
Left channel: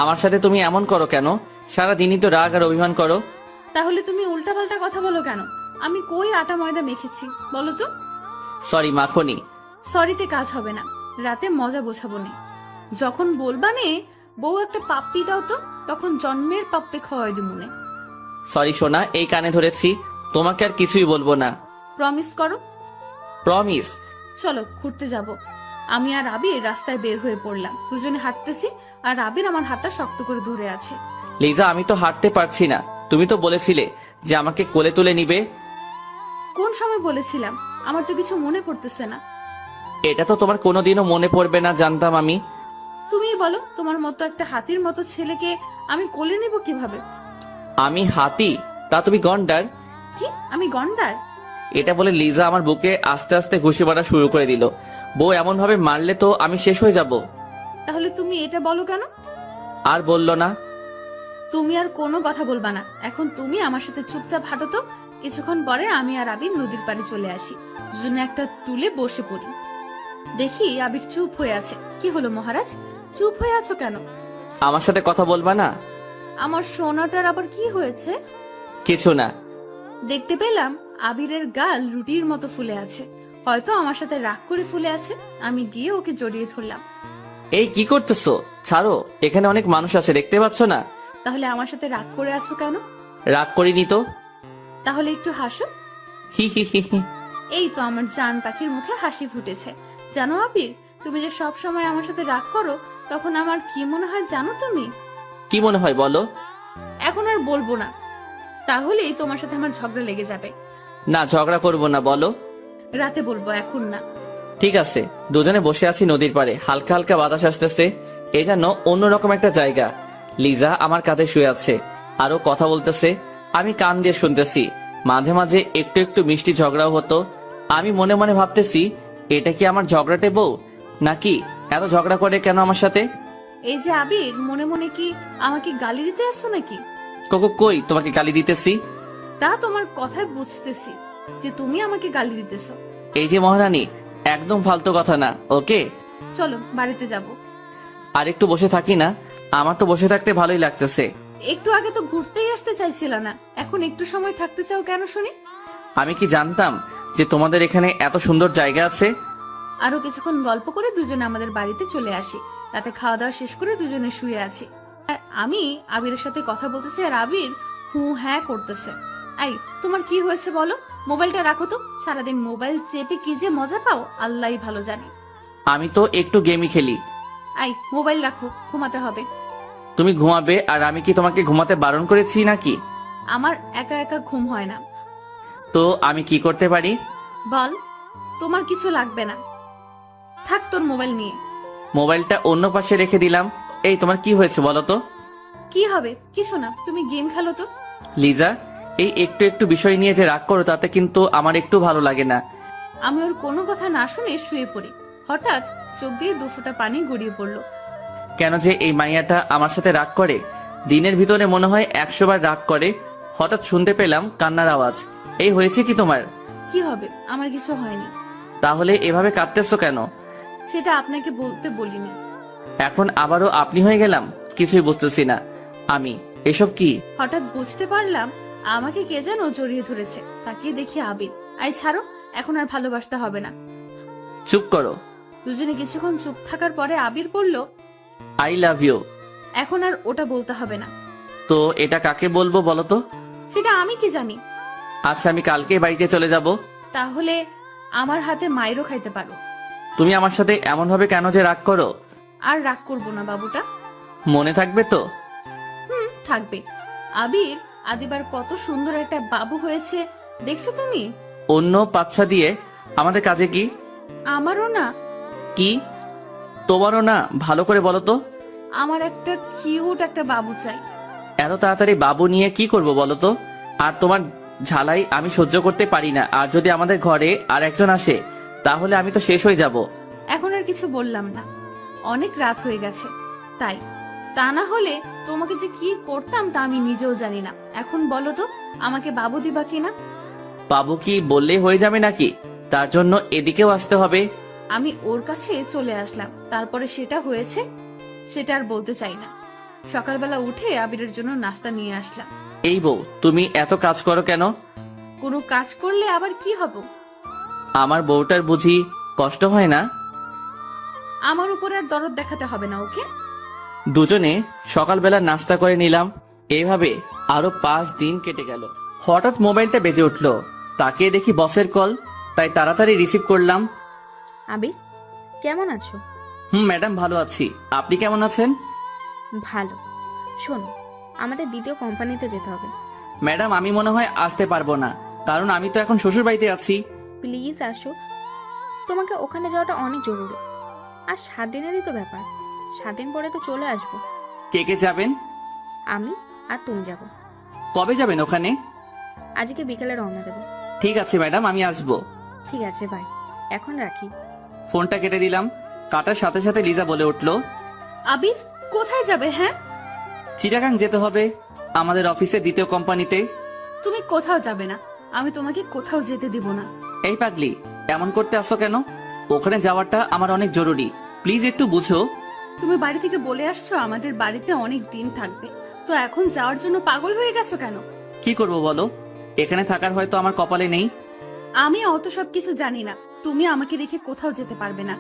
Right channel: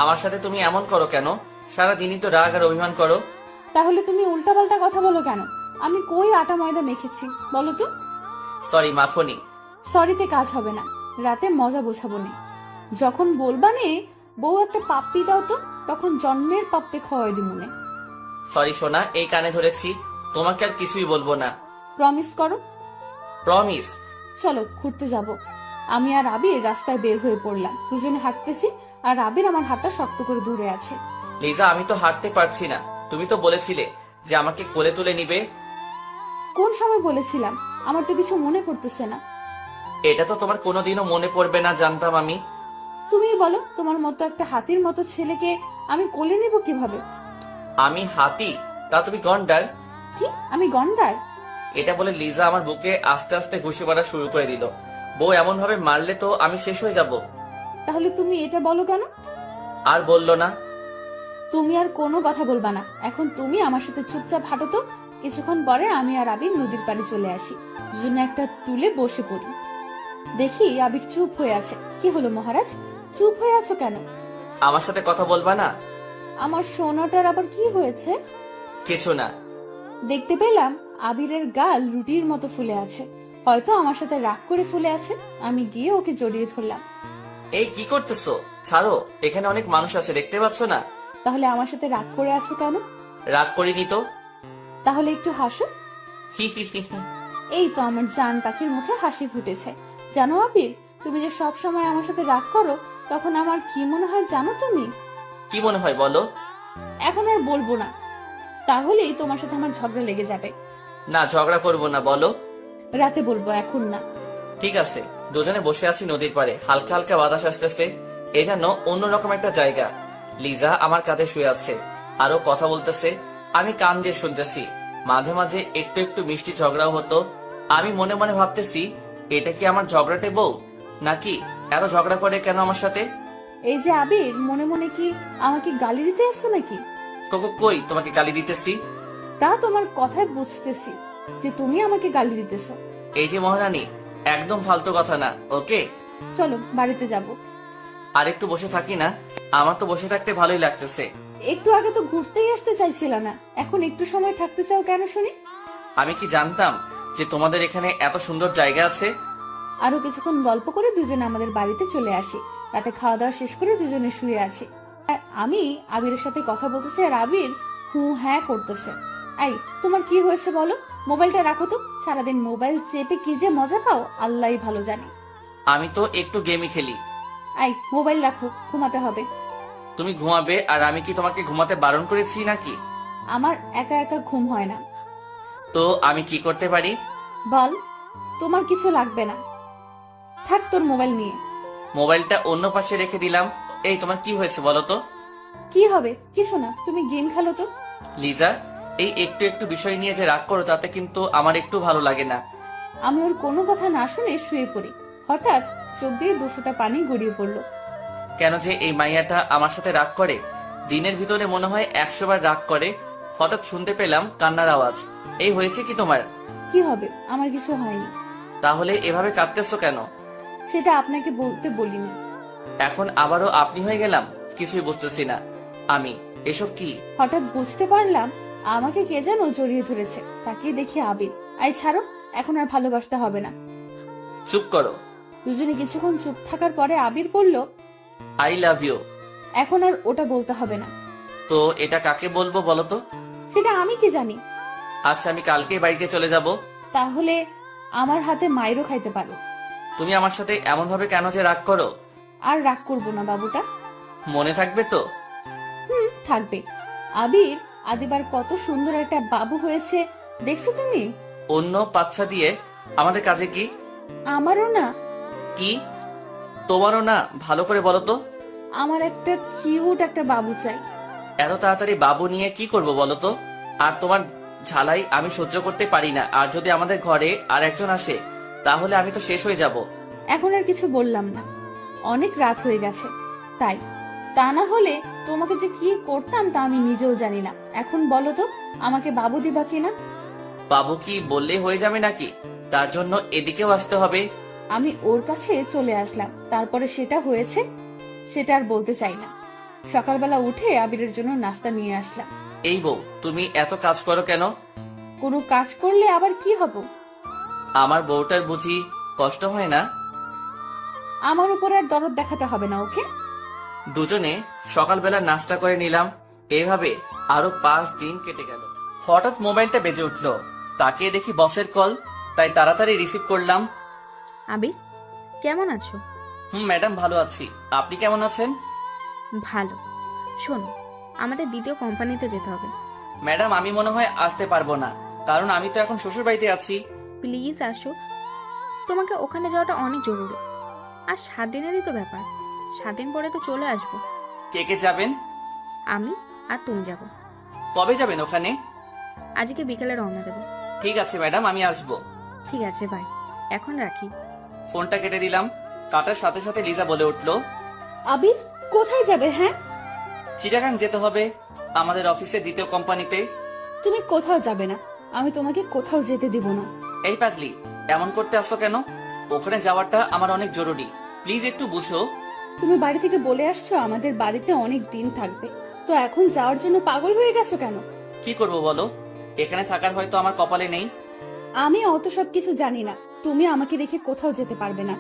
আমার সাথে তুমি এমন করো কেন? সারাদিনই তো রাগ আর অভিমান করো। তাহলে তুমি উল্টাপাল্টা কথা বলো কেন? আমি কই আটা ময়দা মেখেছি বলো তো? সরি মাখনি। সরিতে কাজ হবে না, রাতে মজা বোঝাবো নে। যখন বলবা নে বউ একটা পাপ্পি দাও তো, তখন জন্মের পাপ্পি খাওয়াই দিমুনে। সরি সোনা, এই কানে ধরেছি, তোমাকে আর কিছুই বলবো না। প্রমিস করো। প্রমিস। চলো ঘুরতে যাব। আমি আর আবির রাস্তায় বের হয়ে পড়লাম, দুজনে হাঁটতেছি, আর আবির আমার হাতটা শক্ত করে ধরে আছে। লিজা আমি তো হাঁটতে পারছি না, তুমি তো বলেছিলে যে আমাকে কোলে তুলে নিবে। কোন সময় বলেছিলাম? আমার তো কিছু মনে পড়তেছে না। এটা তো তোমার কোনোদিনও মনে পড়বে না জানতাম আমি। তুমিই বলো, তোমার মতো একটা হাতির মতো ছেলেকে আমি কোলে নিব কিভাবে? আমি হাতি? তা তুমি গন্ডার। কি আমি গন্ডার? এটা বলে লিজা আমার বুকে আস্তে আস্তে ঘুষি মারা শুরু করে দিল। বউ এমন ভাবে মারলে তো আমি শেষ হয়ে যাব। তাহলে তুমি এটা বলো কেন? আর বললো না। তুমি আর কোনো কথা বলবা না, এখন তুমি আমার সাথে চুপচাপ হাঁটো তো। কিছুক্ষণ পরে আমি আর আবির নদীর পাড়ে চলে আসি, দুজনে একটা টুলে বসে পড়ি। দেখি আবির চুপ হয়ে আছে। কি হলো মহারাজ, চুপ হয়ে আছো কেন? আমার সাথে কথা বলবা না? আমার সোনাটার আবার কি হয়েছে? কিছু না। দেখতে পেলাম আবিরের গাল রুটির মতো ফুলে আছে, হয়তো আমার সাথে রাগ করে ফুলে আছে। আমি গিয়ে ওকে জড়িয়ে ধরলাম। এই কি করতেছো? ছাড়ো, এখানে অনেক মানুষ আছে, দেখতে পাচ্ছ না? তাহলে আমার সাথে রাগ করে আছো কেন? রাগ করিনি তো। তাহলে একটু হাসো। হি হি হি হি। এই তো আমার জান পাখির মুখে হাসি ফুটেছে। জানো আবির, তুমি যে সব সময় আমার সাথে রাগ করো, তখন আমার কি মনে হয় জানো তুমি? কি মনে হয় বলো? এখন আর বলবো না, তাহলেই তোমার সাথে আমার ঝগড়া লেগে যাবে। না, ঝগড়া করবো না, বলো। রাতে বলবো, এখন না। ঠিক আছে। দুজনে বসে আছি নদীর পাড়ে, হালকা হালকা বাতাস আসতেছে। এ যেন অন্যরকম একটা জায়গা। লিজা আমার কাঁধে শুয়ে আছে, আরো কথা বলতেছে, আমি কান দিয়ে শুনতেছি। মাঝে মাঝে একটু একটু মিষ্টি ঝগড়াও হতো। আমি মনে মনে ভাবতেছি, এটা কি আমার ঝগড়াটে বউ, নাকি এত ঝগড়া করে কেন আমার সাথে? এই যে আবির, মনে মনে কি আমাকে গালি দিতে আসছো নাকি? কোকো, কই তোমাকে গালি দিতেছি? তা তোমার কথায় বুঝতেছি যে তুমি আমাকে গালি দিতেছো। এই যে মহারানী, একদম ফালতু কথা না, ওকে? চলো বাড়িতে যাব। আর একটু বসে থাকি না? আমার তো বসে থাকতে ভালোই লাগতেছে। একটু আগে তো ঘুরতেই আসতে চাইছিল না, এখন একটু সময় থাকতে চাও কেন শুনি? আমি কি জানতাম যে তোমাদের এখানে এত সুন্দর জায়গা আছে? আরো কিছুক্ষণ গল্প করে দুজনে আমাদের বাড়িতে চলে আসি। রাতে খাওয়া দাওয়া শেষ করে দুজনে শুয়ে আছি। আর আমি আবিরের সাথে কথা বলতেছি, আর আবির হু হ্যাঁ করতেছে। এই, তোমার কি হয়েছে বলো? মোবাইলটা রাখো তো। সারাদিন মোবাইল চেপে কি যে মজা পাও আল্লাহই ভালো জানে। আমি তো একটু গেমই খেলি। এই, মোবাইল রাখো, ঘুমাতে হবে। তুমি ঘুমাবে আর আমি কি তোমাকে ঘুমাতে বারণ করেছি নাকি? আমার একা একা ঘুম হয় না। তো আমি কি করতে পারি? বল। তোমার কিছু লাগবে না, থাক তোর মোবাইল নিয়ে। মোবাইলটা অন্য পাশে রেখে দিলাম। এই, তোমার কি হয়েছে বলো তো? কি হবে? কিছু না, তুমি গেম খেলো তো। লিজা, এই একটু একটু বিষয় নিয়ে যে রাগ করো, তাতে কিন্তু আমার একটু ভালো লাগে না। আমি ওর কোনো কথা না শুনে শুয়ে পড়ি। হঠাৎ চোখ দিয়ে দুফোঁটা পানি গড়িয়ে পড়লো। কেন যে এই মাইয়াটা আমার সাথে রাগ করে? দিনের ভিতরে মনে হয় 100 বার রাগ করে। হঠাৎ শুনতে পেলাম কান্নার আওয়াজ। এই, হয়েছে কি তোমার? কি হবে? আমার কিছু হয়নি। তাহলে এভাবে কাঁদতেছো কেন? সেটা আপনাকে বলতে বলিনি। এখন আবারও আপনি হয়ে গেলাম, কিছুই বুঝতেছি না আমি। এসব কি? হঠাৎ বুঝতে পারলাম আমাকে কে যেন জড়িয়ে ধরেছে। তাকিয়ে দেখি আবির। আই ছাড়ো, এখন আর ভালোবাসতে হবে না। চুপ করো। দুজনে কিছুক্ষণ চুপ থাকার পরে আবির বলল, আই লাভ ইউ। এখন আর ওটা বলতে হবে না। তো এটা কাকে বলবো বলো তো? সেটা আমি কি জানি। আচ্ছা, আমি কালকে বাড়িতে চলে যাব। তাহলে আমার হাতে মাইরও খাইতে পারো। তুমি আমার সাথে এমন ভাবে কেন যে রাগ করো? আর রাগ করবো না বাবুটা। মনে থাকবে তো? থাকবে। আবির, আদিবার কত সুন্দর একটা বাবু হয়েছে দেখছো তুমি? অন্য পাচ্ছা দিয়ে আমাদের কাজে কি? আমারও না। কি তোমারও না? ভালো করে বলো তো। আমার একটা কিউট একটা বাবু চাই। এত তাড়াতাড়ি বাবু নিয়ে কি করব বলো তো? আর তোমার ঝালাই আমি সহ্য করতে পারি না। আর যদি আমাদের ঘরে আর একজন আসে, তাহলে আমি তো শেষ হয়ে যাব। এখন আর কিছু বললাম না, অনেক রাত হয়ে গেছে তাই। তা না হলে তোমাকে যে কি করতাম তা আমি নিজেও জানি না। এখন বলো তো, আমাকে বাবু দিবা কিনা? বাবু কি বললেই হয়ে যাবে নাকি? তার জন্য এদিকেও আসতে হবে? আমি ওর কাছে চলে আসলাম, তারপরে সেটা হয়েছে সেটা আর বলতে চাই না। সকালবেলা উঠে আবিরের জন্য নাস্তা নিয়ে আসলাম। এই বউ, তুমি এত কাজ করো কেন? কোনো কাজ করলে আবার কি হব? আমার বউটার বুঝি কষ্ট হয় না? আমার উপর আর দরদ দেখাতে হবে না ওকে। দুজনে সকালবেলা নাস্তা করে নিলাম। এভাবে আরো 5 দিন কেটে গেল। হঠাৎ মোবাইলটা বেজে উঠলো। তাকিয়ে দেখি বসের কল, তাই তাড়াতাড়ি রিসিভ করলাম। আবির, কেমন আছো? ম্যাডাম, ভালো আছি। আপনি কেমন আছেন? ভালো। শোনো, আমাদের দ্বিতীয় কোম্পানিতে যেতে হবে। ম্যাডাম, আমি মনে হয় আসতে পারবো না, কারণ আমি তো এখন শ্বশুর বাড়িতে আছি। প্লিজ আসো, তোমাকে ওখানে যাওয়াটা অনেক জরুরি। আর 7 দিনেরই তো ব্যাপার, 7 দিন পরে তো চলে আসবো। কে কে যাবেন? আমি আর তুমি যাবো। কবে যাবেন ওখানে? আজকে বিকেলে রওনা দেবো। ঠিক আছে ম্যাডাম, আমি আসবো। ঠিক আছে, বাই। এখন রাখি। ফোনটা কেটে দিলাম। কাটার সাথে সাথে লিজা বলে উঠলো, আবির, কোথায় যাবে? হ্যাঁ, চিটাগাং যেতে হবে, আমাদের অফিসে দ্বিতীয় কোম্পানিতে। তুমি কোথাও যাবে না, আমি তোমাকে কোথাও যেতে দিব না। এই পাগলি, এমন করতে আসছো কেন? ওখানে যাওয়াটা আমার অনেক জরুরি, প্লিজ একটু বুঝো। তুমি বাড়ি থেকে বলে আসছো আমাদের বাড়িতে অনেক দিন থাকবে, তো এখন যাওয়ার জন্য পাগল হয়ে গেছো কেন? কি করব বলো? এখানে থাকার হয়তো আমার কপালে নেই। আমি অত সবকিছু জানি না, তুমি আমাকে রেখে কোথাও যেতে পারবে না।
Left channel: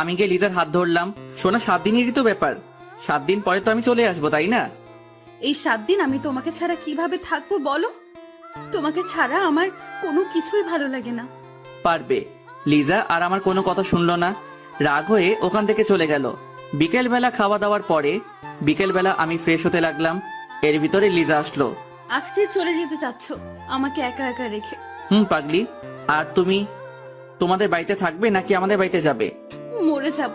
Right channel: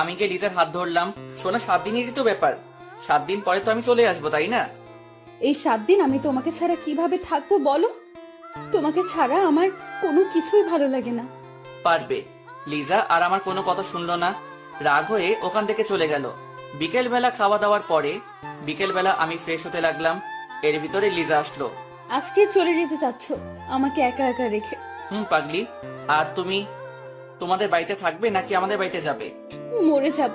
আমি গিয়ে লিজার হাত ধরলাম। শোনা, 7 দিনেরই তো ব্যাপার, 7 দিন পরে তো আমি চলে আসবো, তাই না? এই 7 দিন আমি তোমাকে ছাড়া কিভাবে থাকবো বলো? তোমাকে ছাড়া আমার কোনো কিছুই ভালো লাগে না। পারবে। লিজা আর আমার কোনো কথা শুনলো না, রাগ হয়ে ওখান থেকে চলে গেল। বিকেল বেলা খাওয়া দাওয়ার পরে বিকেলবেলা আমি ফ্রেশ হতে লাগলাম, এর ভিতরে লিজা আসলো। আজকে চলে যেতে চাচ্ছ আমাকে একা একা রেখে? পাগলি, আর তুমি তোমাদের বাড়িতে থাকবে নাকি আমাদের বাড়িতে যাবে? মরে যাব।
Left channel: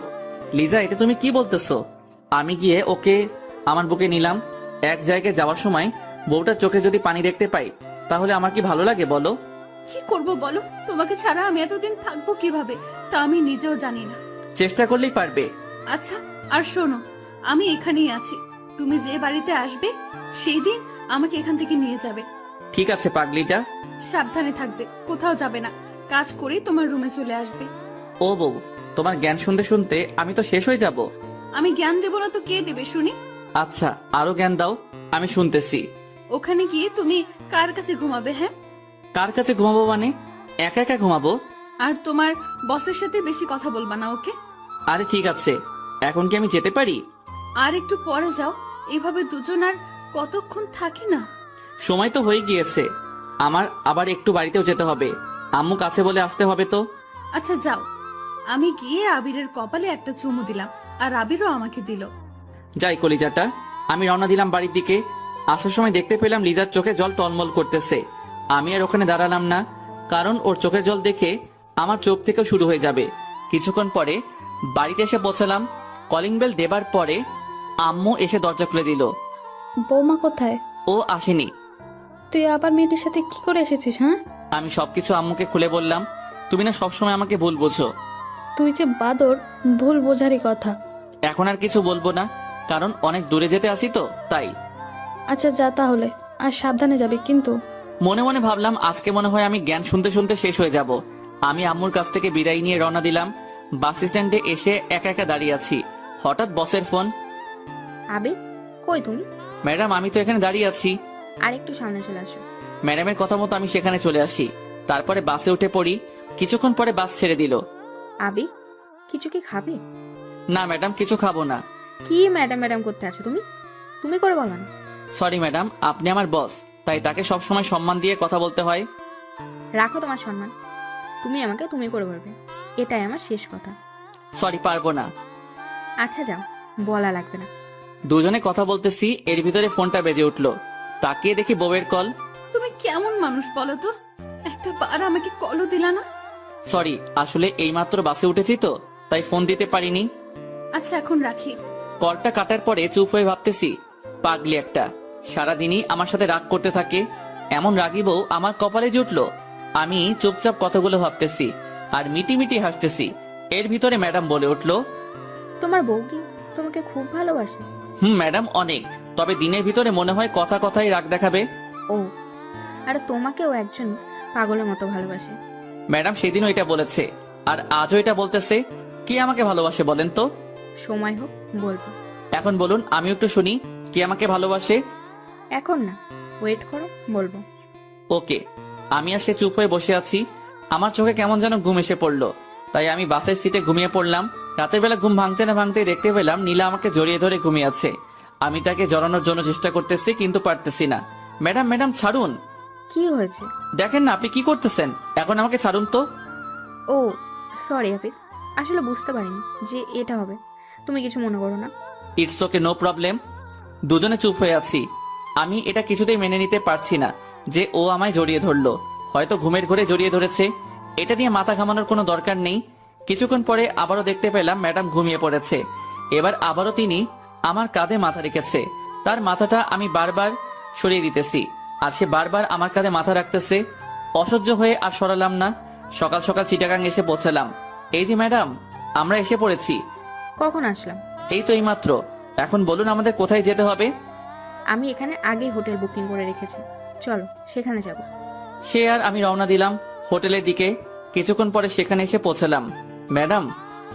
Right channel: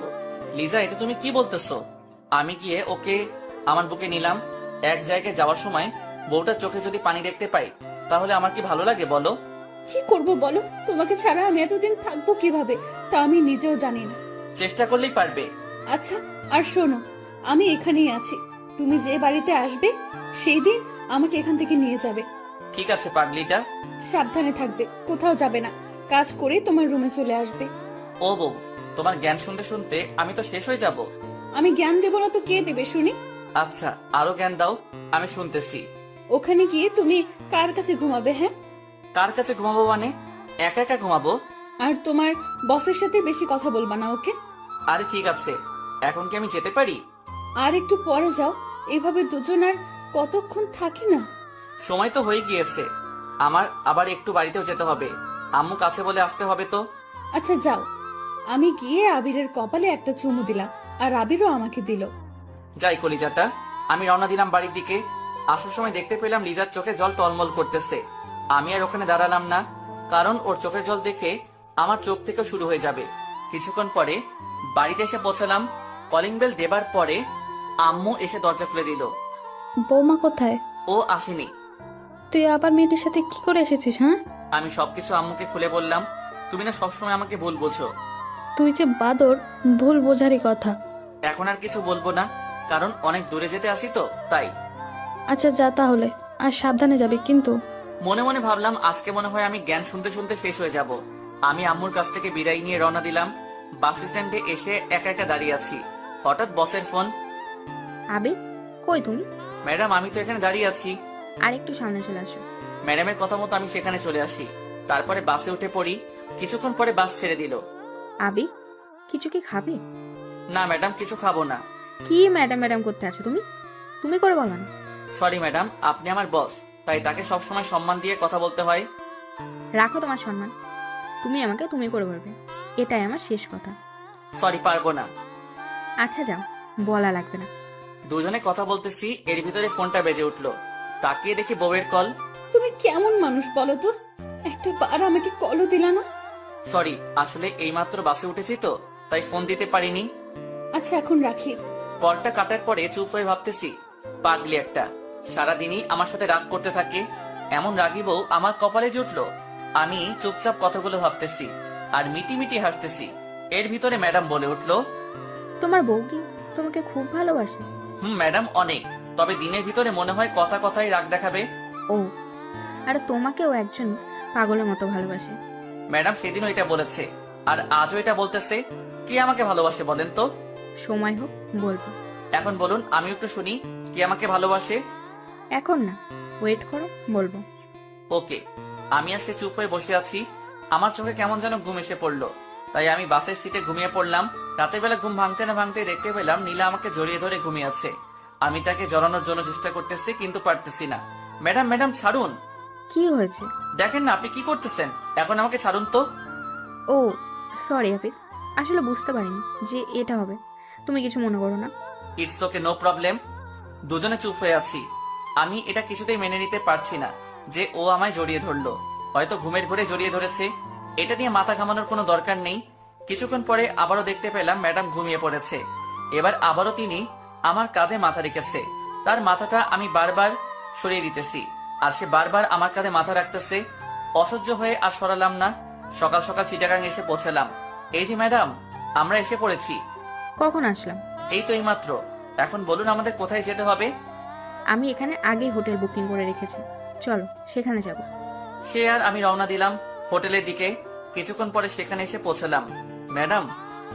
লিজা, এটা তুমি কি বলতেছো? আমি গিয়ে ওকে আমার বুকে নিলাম। এক জায়গায় যাওয়ার সময় বউটার চোখে যদি পানি দেখতে পাই তাহলে আমার কি ভালো লাগে বলো? কি করব বলো? তোমাকে ছাড়া আমি এতদিন থাকবো কিভাবে তা আমি নিজেও জানি না। চেষ্টা করলেই পারবে। আচ্ছা, আর শোনো, আমি এখানেই আছি। তুমি যে বাড়িতে আসবে সেই দিন আমাকে এখান থেকে নিয়ে যাবে। ঠিক আছে পাগলিটা। সাবধানে থাকবে, কোথাও যাবে না। কাজ করে তোমার রুমে চলে আসবে। ও বউ, তোমার জ্ঞান শুনতে শুনতে আমি তো শেষ হয়ে যাব। আমি জ্ঞান দেব না তো কে দেবে শুনি? আচ্ছা, আরো জ্ঞান দাও, আমি শুনতেছি। ওখানে গিয়ে তুমি কার কাছে ঘুমাবে? হ্যাঁ, কার কাছে ঘুমাবো মানে? একা একা ঘুমাবো। আর তোমার বসের সাথে বেশি কথা বলবা না, ওকে? আরে ঠিক আছে, এখন কি আমি যেতে পারি? আর একটু পরে যাও। এভাবে দুজন আর কতক্ষণ থাকি না? সময় তো হয়ে গিয়েছে, আমার আবার একটু বাড়িতেও যেতে হবে। আম্মু কাছে বলে আসতে হবে তো। আচ্ছা যাও। আমি গিয়ে আবিরের কপালে একটা চুমু দিলাম, আর আবিরও আমাকে দিল। যাই কলিজাটা। আমি রওনা দিলাম বাড়ির দিকে। আসার সময় দেখতে পেলাম লিজার চোখে জল টলমল করতেছে। আমি আর ওখানে দাঁড়ালাম না, কারণ ওর চোখের জল দেখে আমার চোখ থেকে শুরু হয়ে যাবে। কিছুক্ষণ পরে বাড়িতে এসে পৌঁছালাম। কলিং বেল দেবার পরে আম্মু এসে দরজা খুলে দিল। বৌমা কোথায়? ও আসেনি। তুই আবার মেয়েটির সাথে কি করে এসেছিস? হ্যাঁ, আমি সবকিছু আম্মুকে খুলে বললাম। তুমি না সবসময় আমাকে ভুল বোঝো। তুই যে বাদর, ভুল বোঝারই কথা। এখন আর কিছু বলবো না, কারণ অনেক দূরে যেতে আসি তো তাই। আচ্ছা যা তাহলে, আর সাবধানে যাবি কিন্তু। মনে মনে ভাবলাম আজকে মনে হয় আমি জ্ঞান শুনতে শুনতে শেষ হয়ে যাব। আমি আম্মুর কাছ থেকে বিদায় নিয়ে রওনা দিলাম। বাস স্ট্যান্ডে এসে একা একা দাঁড়িয়ে আছি। হঠাৎ বসের ফোন। আবে, কই তুমি? ম্যাডাম, আমি তো এখানে দাঁড়িয়ে আছি। আর একটু সামনে চলে আসো। ম্যাডামের কথা মতো আমি সেখানে চলে আসি। তারপরে বাসে উঠে পড়ি। কিছুক্ষণ পরে বাস ছেড়ে দিল। আবি, কিছু কি খাবে? না ম্যাডাম, কিছু খাবো না। কি ম্যাডাম ম্যাডাম করতে আছো তুমি? তুমি করে বলো না। সরি ম্যাডাম, আপনি আমার বস, তাই তাকে সবসময় সম্মান দিয়ে কথা বলতে হয়। রাখো তোমার সম্মান। তুমি আমাকে তুমি করে বলবে, এটাই আমার শেষ কথা। সরি, পারবো না। আচ্ছা যাও, বলা লাগবে না। দুজনে কথা বলতেছি, এর ভিতরে ফোনটা বেজে উঠলো। তাকিয়ে দেখি বউয়ের কল। তুমি কেমন মানুষ বলো তো? একটা বার আমাকে কলও দিলা না। সরি, আসলে এইমাত্র বাসে উঠেছি তো তাই ফোন দিতে পারিনি। আচ্ছা এখন রাখি। কলটা কাটার পরে চুপ হয়ে ভাবতেছি, পাগলি একটা, সারাদিনই আমার সাথে রাগ করতে থাকে। এমন রাগী বউ আমার কপালে জুটলো। আমি চুপচাপ কথাগুলো ভাবতেছি আর মিটি মিটি হাসতেছি। এর ভিতরে ম্যাডাম বলে উঠলো, তোমার বউ কি তোমাকে খুব ভালোবাসে? ম্যাডাম অনেক, তবে দিনের ভিতরে মনে হয় কথা কথাই রাগ দেখাবে। ও, আর তোমাকেও একজন পাগলের মতো ভালোবাসে। ম্যাডাম সেদিনও এটা বলেছে আর আজও এটা বলতেছে। কে আমাকে ভালোবাসে বলেন তো? সময় হোক বলবো। এখন বলুন, আমি একটু শুনি, কে আমাকে ভালোবাসে। এখন না, ওয়েট করো, বলবো। ওকে। আমি আসলে চুপ হয়ে বসে আছি। আমার চোখে কেমন যেন ঘুম এসে পড়লো, তাই আমি বাসের সিটে ঘুমিয়ে পড়লাম। রাতের বেলা ঘুম ভাঙতে না ভাঙতে দেখতে পেলাম নীলা আমাকে জড়িয়ে ধরে ঘুমিয়ে আছে। আমি তাকে জড়ানোর জন্য চেষ্টা করতেছি কিন্তু পারতেছি না। ম্যাডাম ম্যাডাম ছাড়ুন। কি হয়েছে? দেখেন না আপনি কি করতেছেন, এখন আমাকে ছাড়ুন তো। ও সরি আবির, আসলে বুঝতে পারিনি যে এটা হবে। তুমি কিছু মনে করো না। It's okay, no problem. দুজনে চুপ হয়ে আছি। আমি এটা কিছুতেই মেনে নিতে পারছি না যে ও আমায় জড়িয়ে ধরলো। হয়তো ঘুমের ঘরে জড়িয়ে ধরেছে, এটা নিয়ে মাথা ঘামানোর কোনো দরকার নেই। কিছুক্ষণ পরে আবারও দেখতে পেলাম ম্যাডাম ঘুমিয়ে পড়েছে। এবার আবারও তিনি আমার কাঁধে মাথা রেখেছে। তার মাথাটা আমি বারবার সরিয়ে দিতেছি আর সে বারবার আমার কাঁধে মাথা রাখতেছে। অসহ্য হয়ে আর সরালাম না। সকাল সকাল চিটাগাং এসে পৌঁছালাম। এই যে ম্যাডাম, আমরা এসে পড়েছি। কখন আসলাম? এই তো এইমাত্র। এখন বলুন আমাদের কোথায় যেতে হবে? আমি এখানে আগেই হোটেল বুকিং করে রেখেছি, চলো সেখানে যাব। সে আর আমি রওনা দিলাম হোটেলের দিকে। কিছুক্ষণ পরে সেখানে এসে পৌঁছালাম। ম্যাডাম,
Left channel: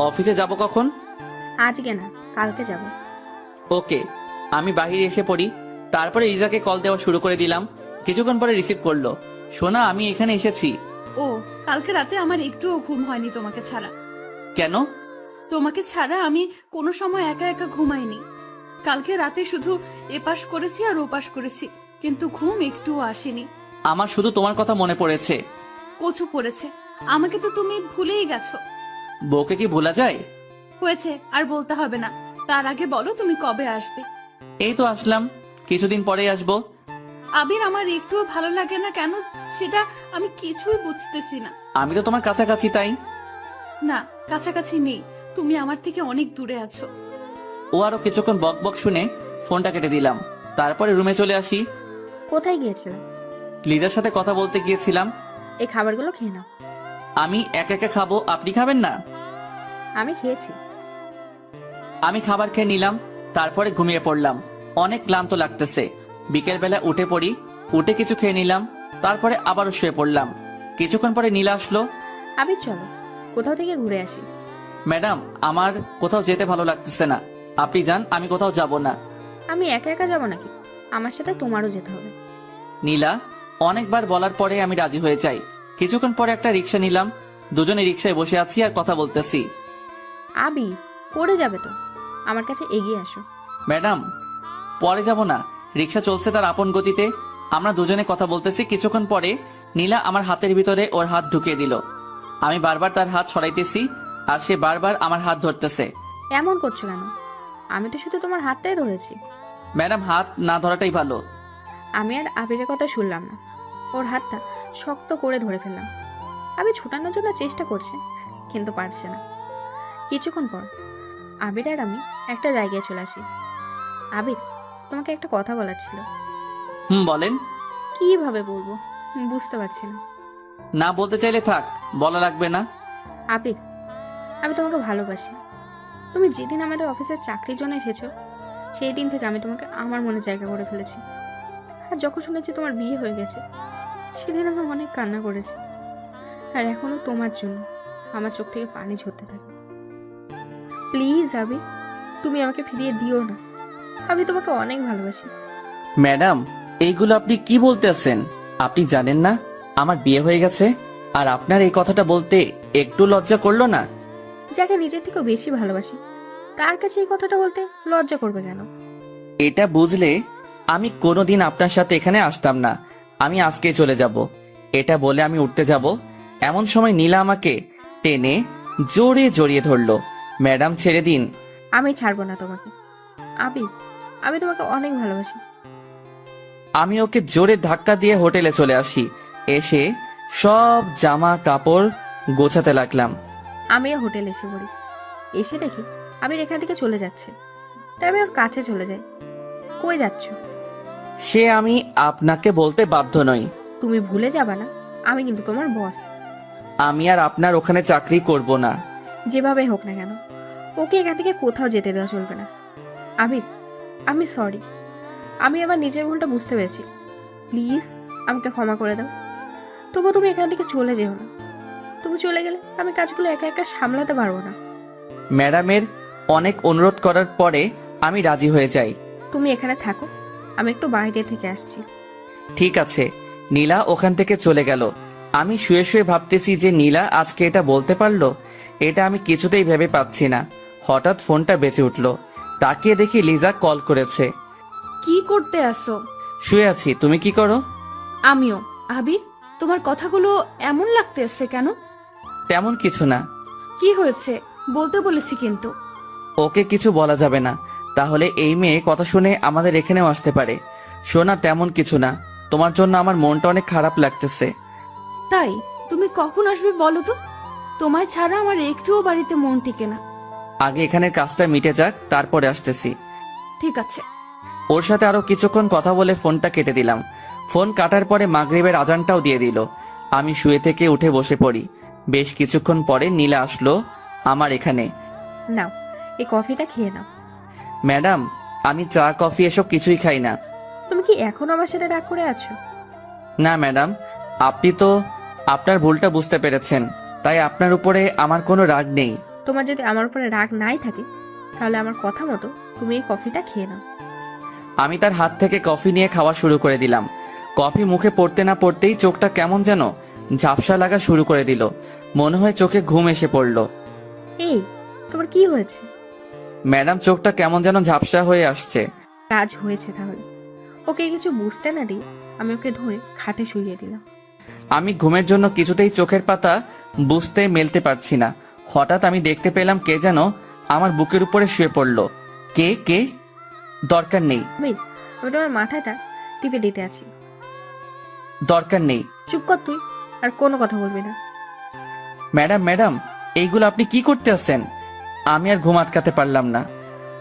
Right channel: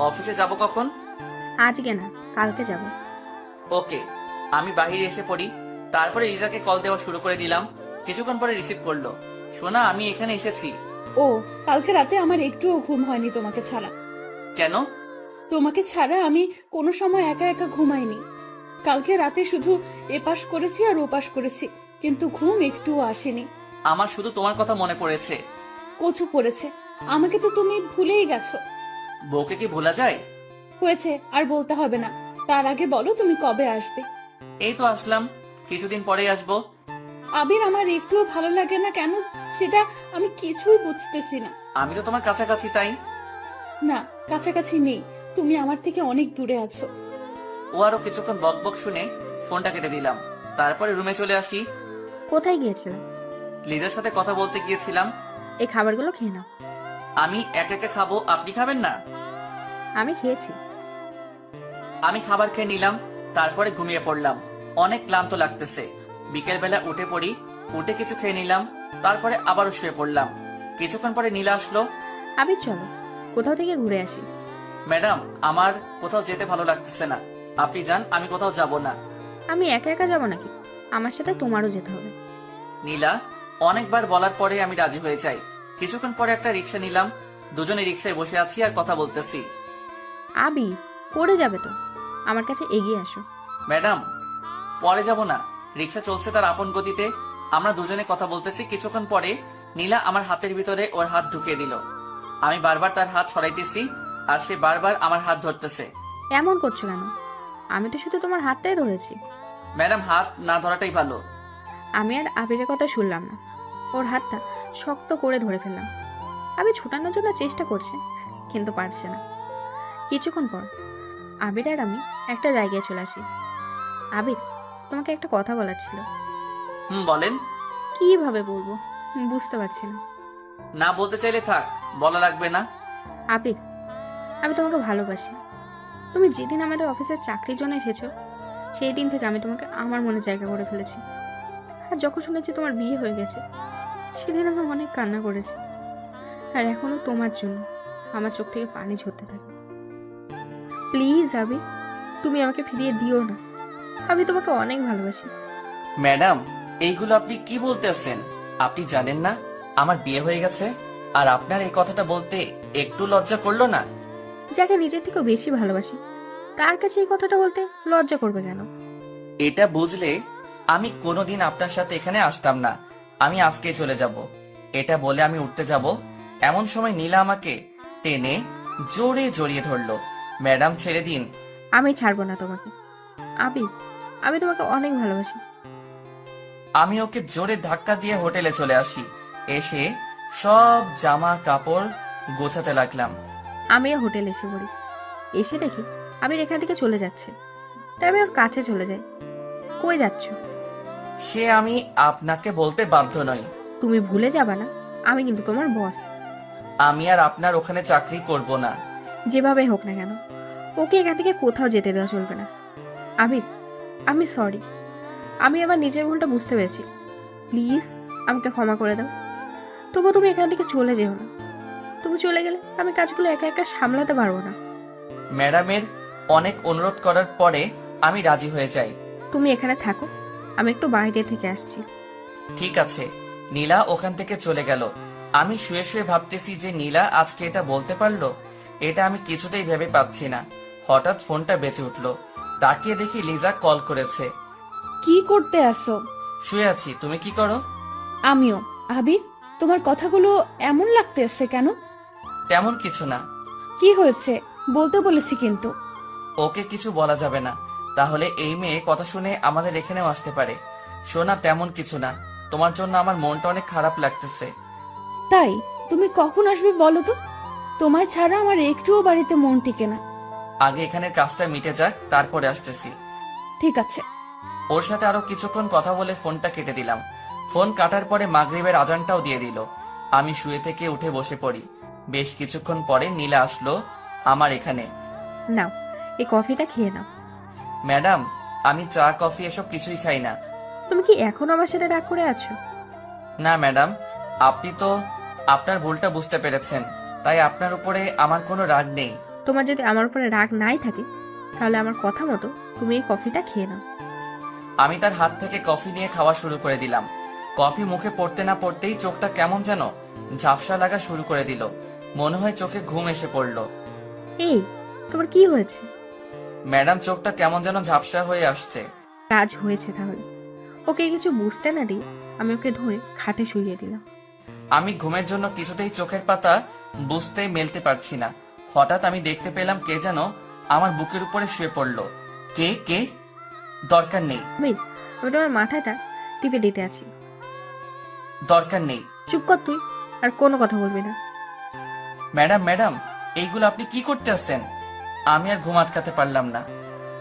অফিসে যাব কখন? আজকে না, কালকে যাব। ওকে। আমি বাহিরে এসে পড়ি। তারপরে রিজাকে কল দেওয়া শুরু করে দিলাম। কিছুক্ষণ পরে রিসিভ করলো। সোনা, আমি এখানে এসেছি। ও, কালকে রাতে আমার একটুও ঘুম হয়নি তোমাকে ছাড়া। কেন? তোমাকে ছাড়া আমি কোনো সময় একা একা ঘুমাইনি। কালকে রাতে শুধু এপাশ করেছি আর ওপাশ করেছি, কিন্তু ঘুম একটুও আসেনি। আমার শুধু তোমার কথা মনে পড়েছে। কচু পড়েছে। আমাকে তো তুমি ভুলেই গেছো। বউকে কি ভোলা যায়? হয়েছে, আর বলতে হবে না। তার আগে বলো তুমি কবে আসবে? এই তো আসলাম, কিছুদিন পরেই আসবো। আবির, আমার একটুও ভালো লাগে না কেন সেটা আমি কিছুই বুঝতেছি না। আমি তো তোমার কাছাকাছি, তাই। না, কাছাকাছি নেই, তুমি আমার থেকে অনেক দূরে আছো। ও আরো কিছুক্ষণ বক বক শুনে ফোনটা কেটে দিলাম। তারপরে রুমে চলে আসি। কোথায় গিয়েছিলাম? লিজার সাথে কথা বলতে গিয়েছিলাম। এই খাবারগুলো খেয়ে নাও। আমি একা একা খাবো, আপনি খাবেন না? আমি খেয়েছি। আমি খাবার খেয়ে নিলাম, তারপরে ঘুমিয়ে পড়লাম। অনেক ক্লান্ত লাগতেছে। বিকেল বেলা উঠে পড়ি, উঠে কিছু খেয়ে নিলাম, তারপরে আবারও শুয়ে পড়লাম। কিছুক্ষণ পরে নীলা আসলো। আবির চলো কোথাও থেকে ঘুরে আসি। ম্যাডাম, আমার কোথাও যেতে ভালো লাগতেছে না, আপনি যান, আমি কোথাও যাব না। আমি একা একা যাবো নাকি? আমার সাথে তোমারও যেতে হবে। নীলা অনেকবার বলার পরে আমি রাজি হয়ে যাই। কিছুক্ষণ পরে একটা রিক্সা নিলাম, দুজনে রিক্সায় বসে আছি আর কথা বলতেছি। আবির, পড়ে যাবে তো, আমার কাছে এগিয়ে আসো। ম্যাডাম, পরে যাব না, রিক্সা চলছে তার আপন গতিতে, আমরা দুজনে কথা বলতেছি। কিছুক্ষণ পরে নীলা আমার হাতের ভিতরে ওর হাত ঢুকিয়ে দিল। আমি বারবার তার হাত সরাইতেছি আর সে বারবার আমার হাত ধরতেছে। এমন করছো কেন? আমি তো শুধু তোমার হাতটাই ধরেছি। ম্যাডাম, হাত না ধরাটাই ভালো। আমি আর আবিরের কথা শুনলাম না, ওর হাতটা শক্ত করে ধরে ফেললাম। আবির ছুটানোর জন্য চেষ্টা করছে, কিন্তু পারছে না। কিছুক্ষণ পর আবির আর আমি একটা জায়গায় চলে আসি। আবির, তোমাকে একটা কথা বলার ছিল। বলেন। কিভাবে বলবো বুঝতে পারছি না। না বলতে চাইলে থাক, বলা লাগবে না। আবির, আমি তোমাকে ভালোবাসি। তুমি যেদিন আমাদের অফিসের চাকরির জন্য এসেছো, সেই দিন থেকে আমি তোমাকে আমার মনে জায়গা করে ফেলেছি। আর যখন শুনেছি তোমার বিয়ে হয়ে গেছে, সেদিন আমি অনেক কান্না করেছি। আর এখনো তোমার জন্য আমার চোখ থেকে পানি ঝরতে থাকে। প্লিজ আবির, তুমি আমাকে ফিরিয়ে দিও না। আমি তোমাকে অনেক ভালোবাসি। ম্যাডাম, এইগুলো আপনি কি বলতেছেন? আপনি জানেন না আমার বিয়ে হয়ে গেছে? আর আপনার এই কথাটা বলতে একটু লজ্জা করলো না? যাকে নিজের থেকেও বেশি ভালোবাসি, তার কাছে এই কথাটা বলতে লজ্জা করবে কেন? এটা বুঝলে আমি কোনোদিন আপনার সাথে এখানে আসতাম না। আমি আজকে চলে যাব। এটা বলে আমি উঠতে যাব, এমন সময় নীলা আমাকে টেনে জোরে জড়িয়ে ধরলো। ম্যাডাম, ছেড়ে দিন। আমি ছাড়বো না তোমাকে। আবির, আমি তোমাকে অনেক ভালোবাসি। আমি ওকে জোরে ধাক্কা দিয়ে হোটেলে চলে আসি। এসে সব জামা কাপড় গোছাতে লাগলাম। আমিও হোটেলে এসে পড়ি। এসে দেখি আবির এখান থেকে চলে যাচ্ছে, তাই আমি ওর কাছে চলে যাই। কই যাচ্ছ? সে আমি আপনাকে বলতে বাধ্য নই। তুমি ভুলে যাবা না, আমি কিন্তু তোমার বস। আমি আর আপনার ওখানে চাকরি করব না। যেভাবে হোক না কেন, ওকে এখান থেকে কোথাও যেতে দেওয়া চলবে না। আবির, আমি সরি। আমি আবার নিজের ভুলটা বুঝতে পেরেছি। প্লিজ আমাকে ক্ষমা করে দাও। তবু তুমি এখান থেকে চলে যেও না। তুমি চলে গেলে আমি কাজগুলো একা একা সামলাতে পারবো না। ম্যাডামের অনেক অনুরোধ করার পরে আমি রাজি হয়ে যাই। তুমি এখানে থাকো, আমি একটু বাইরে থেকে আসছি। ঠিক আছে। নীলা ওখান থেকে চলে গেল। আমি শুয়ে শুয়ে ভাবতেছি যে নীলা আজকে এটা বলতে পারলো, এটা আমি কিছুতেই ভেবে পাচ্ছি না। হঠাৎ ফোনটা বেঁচে উঠলো। তাকিয়ে দেখি লিজা কল করেছে। কি করতে আসো? শুয়ে আছি, তুমি কি করো? আমিও। আবির, তোমার কথাগুলো এমন লাগতেছে কেন? তেমন কিছু না। কি হয়েছে বলতে বলেছি কিন্তু। ওকে কিছু বলা যাবে না, তাহলে এই মেয়ে কথা শুনে আমাদের এখানেও আসতে পারে। শোনা, তেমন কিছু না। তোমার জন্য আমার মনটা অনেক খারাপ লাগতেছে। তাই তুমি কখন আসবে বলো তো? তোমায় ছাড়া আমার একটুও বাড়িতে মন টিকে না। আগে এখানের কাজটা মিটে যাক, তারপরে আসতেছি। ঠিক আছে। ওর সাথে আরো কিছুক্ষণ কথা বলে ফোনটা কেটে দিলাম। ফোন কাটার পরে মাগরিবের আজানটাও দিয়ে দিল। আমি শুয়ে থেকে উঠে বসে পড়ি। বেশ কিছুক্ষণ পরে নীলা আসলো আমার এখানে। নাও, এই কফিটা খেয়ে নাও। ম্যাডাম, আমি চা কফি এসব কিছুই খাই না। তুমি কি এখনো আমার সাথে রাগ করে আছো? না ম্যাডাম, আপনি তো আপনার ভুলটা বুঝতে পেরেছেন, তাই আপনার উপরে আমার কোনো রাগ নেই। তোমার যদি আমার উপরে রাগ নাই থাকে, তাহলে আমার কথা মতো তুমি এই কফিটা খেয়ে নাও। আমি তার হাত থেকে কফি নিয়ে খাওয়া শুরু করে দিলাম। কফি মুখে পড়তে না পড়তেই চোখটা কেমন যেন ঝাপসা লাগা শুরু করে দিল। মনে হয় চোখে ঘুম এসে পড়লো। এই, তোমার কি হয়েছে? ম্যাডাম, চোখটা কেমন যেন ঝাপসা হয়ে আসছে। কাজ হয়েছে তাহলে। ওকে কিছু বুঝতে না দিয়ে আমি ওকে ধরে খাটে শুইয়ে দিলাম। আমি ঘুমের জন্য কিছুতেই চোখের পাতা বুঝতে মেলতে পারছি না। হঠাৎ আমি দেখতে পেলাম কে যেন আমার বুকের উপরে শুয়ে পড়লো। কে কে? দরকার নেই। আবির, আমি তোমার মাথাটা টিপে দিতে আছি। দরকার নেই। চুপ কর তুই, আর কোনো কথা বলবি না। ম্যাডাম ম্যাডাম, এইগুলো আপনি কি করতে আছেন? আমি আর ঘুম আটকাতে পারলাম না।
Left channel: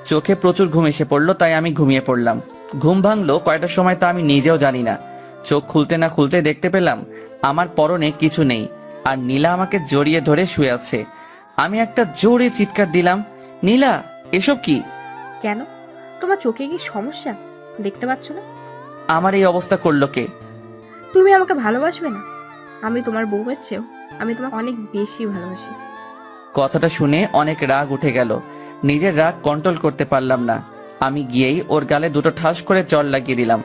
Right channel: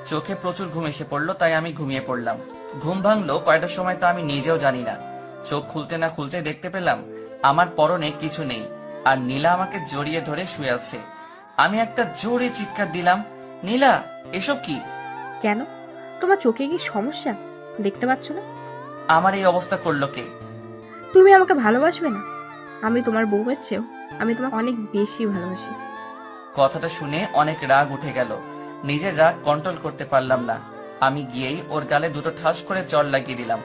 চোখে প্রচুর ঘুম এসে পড়লো, তাই আমি ঘুমিয়ে পড়লাম। ঘুম ভাঙলো কয়টার সময় তা আমি নিজেও জানি না। চোখ খুলতে না খুলতে দেখতে পেলাম আমার পরনে কিছু নেই, আর নীলা আমাকে জড়িয়ে ধরে শুয়ে আছে। আমি একটা জোরে চিৎকার দিলাম, নীলা এসব কি? কেন, তোমার চোখে কি সমস্যা? দেখতে পাচ্ছ না? আমার এই অবস্থা করলো কে? তুমি আমাকে ভালোবাসবে না? আমি তোমার বউয়ের চেয়েও আমি তোমাকে অনেক বেশি ভালোবাসি। কথাটা শুনে অনেক রাগ উঠে গেল। নিজের রাগ কন্ট্রোল করতে পারলাম না। আমি গিয়েই ওর গালে দুটো ঠাস করে জল লাগিয়ে দিলাম।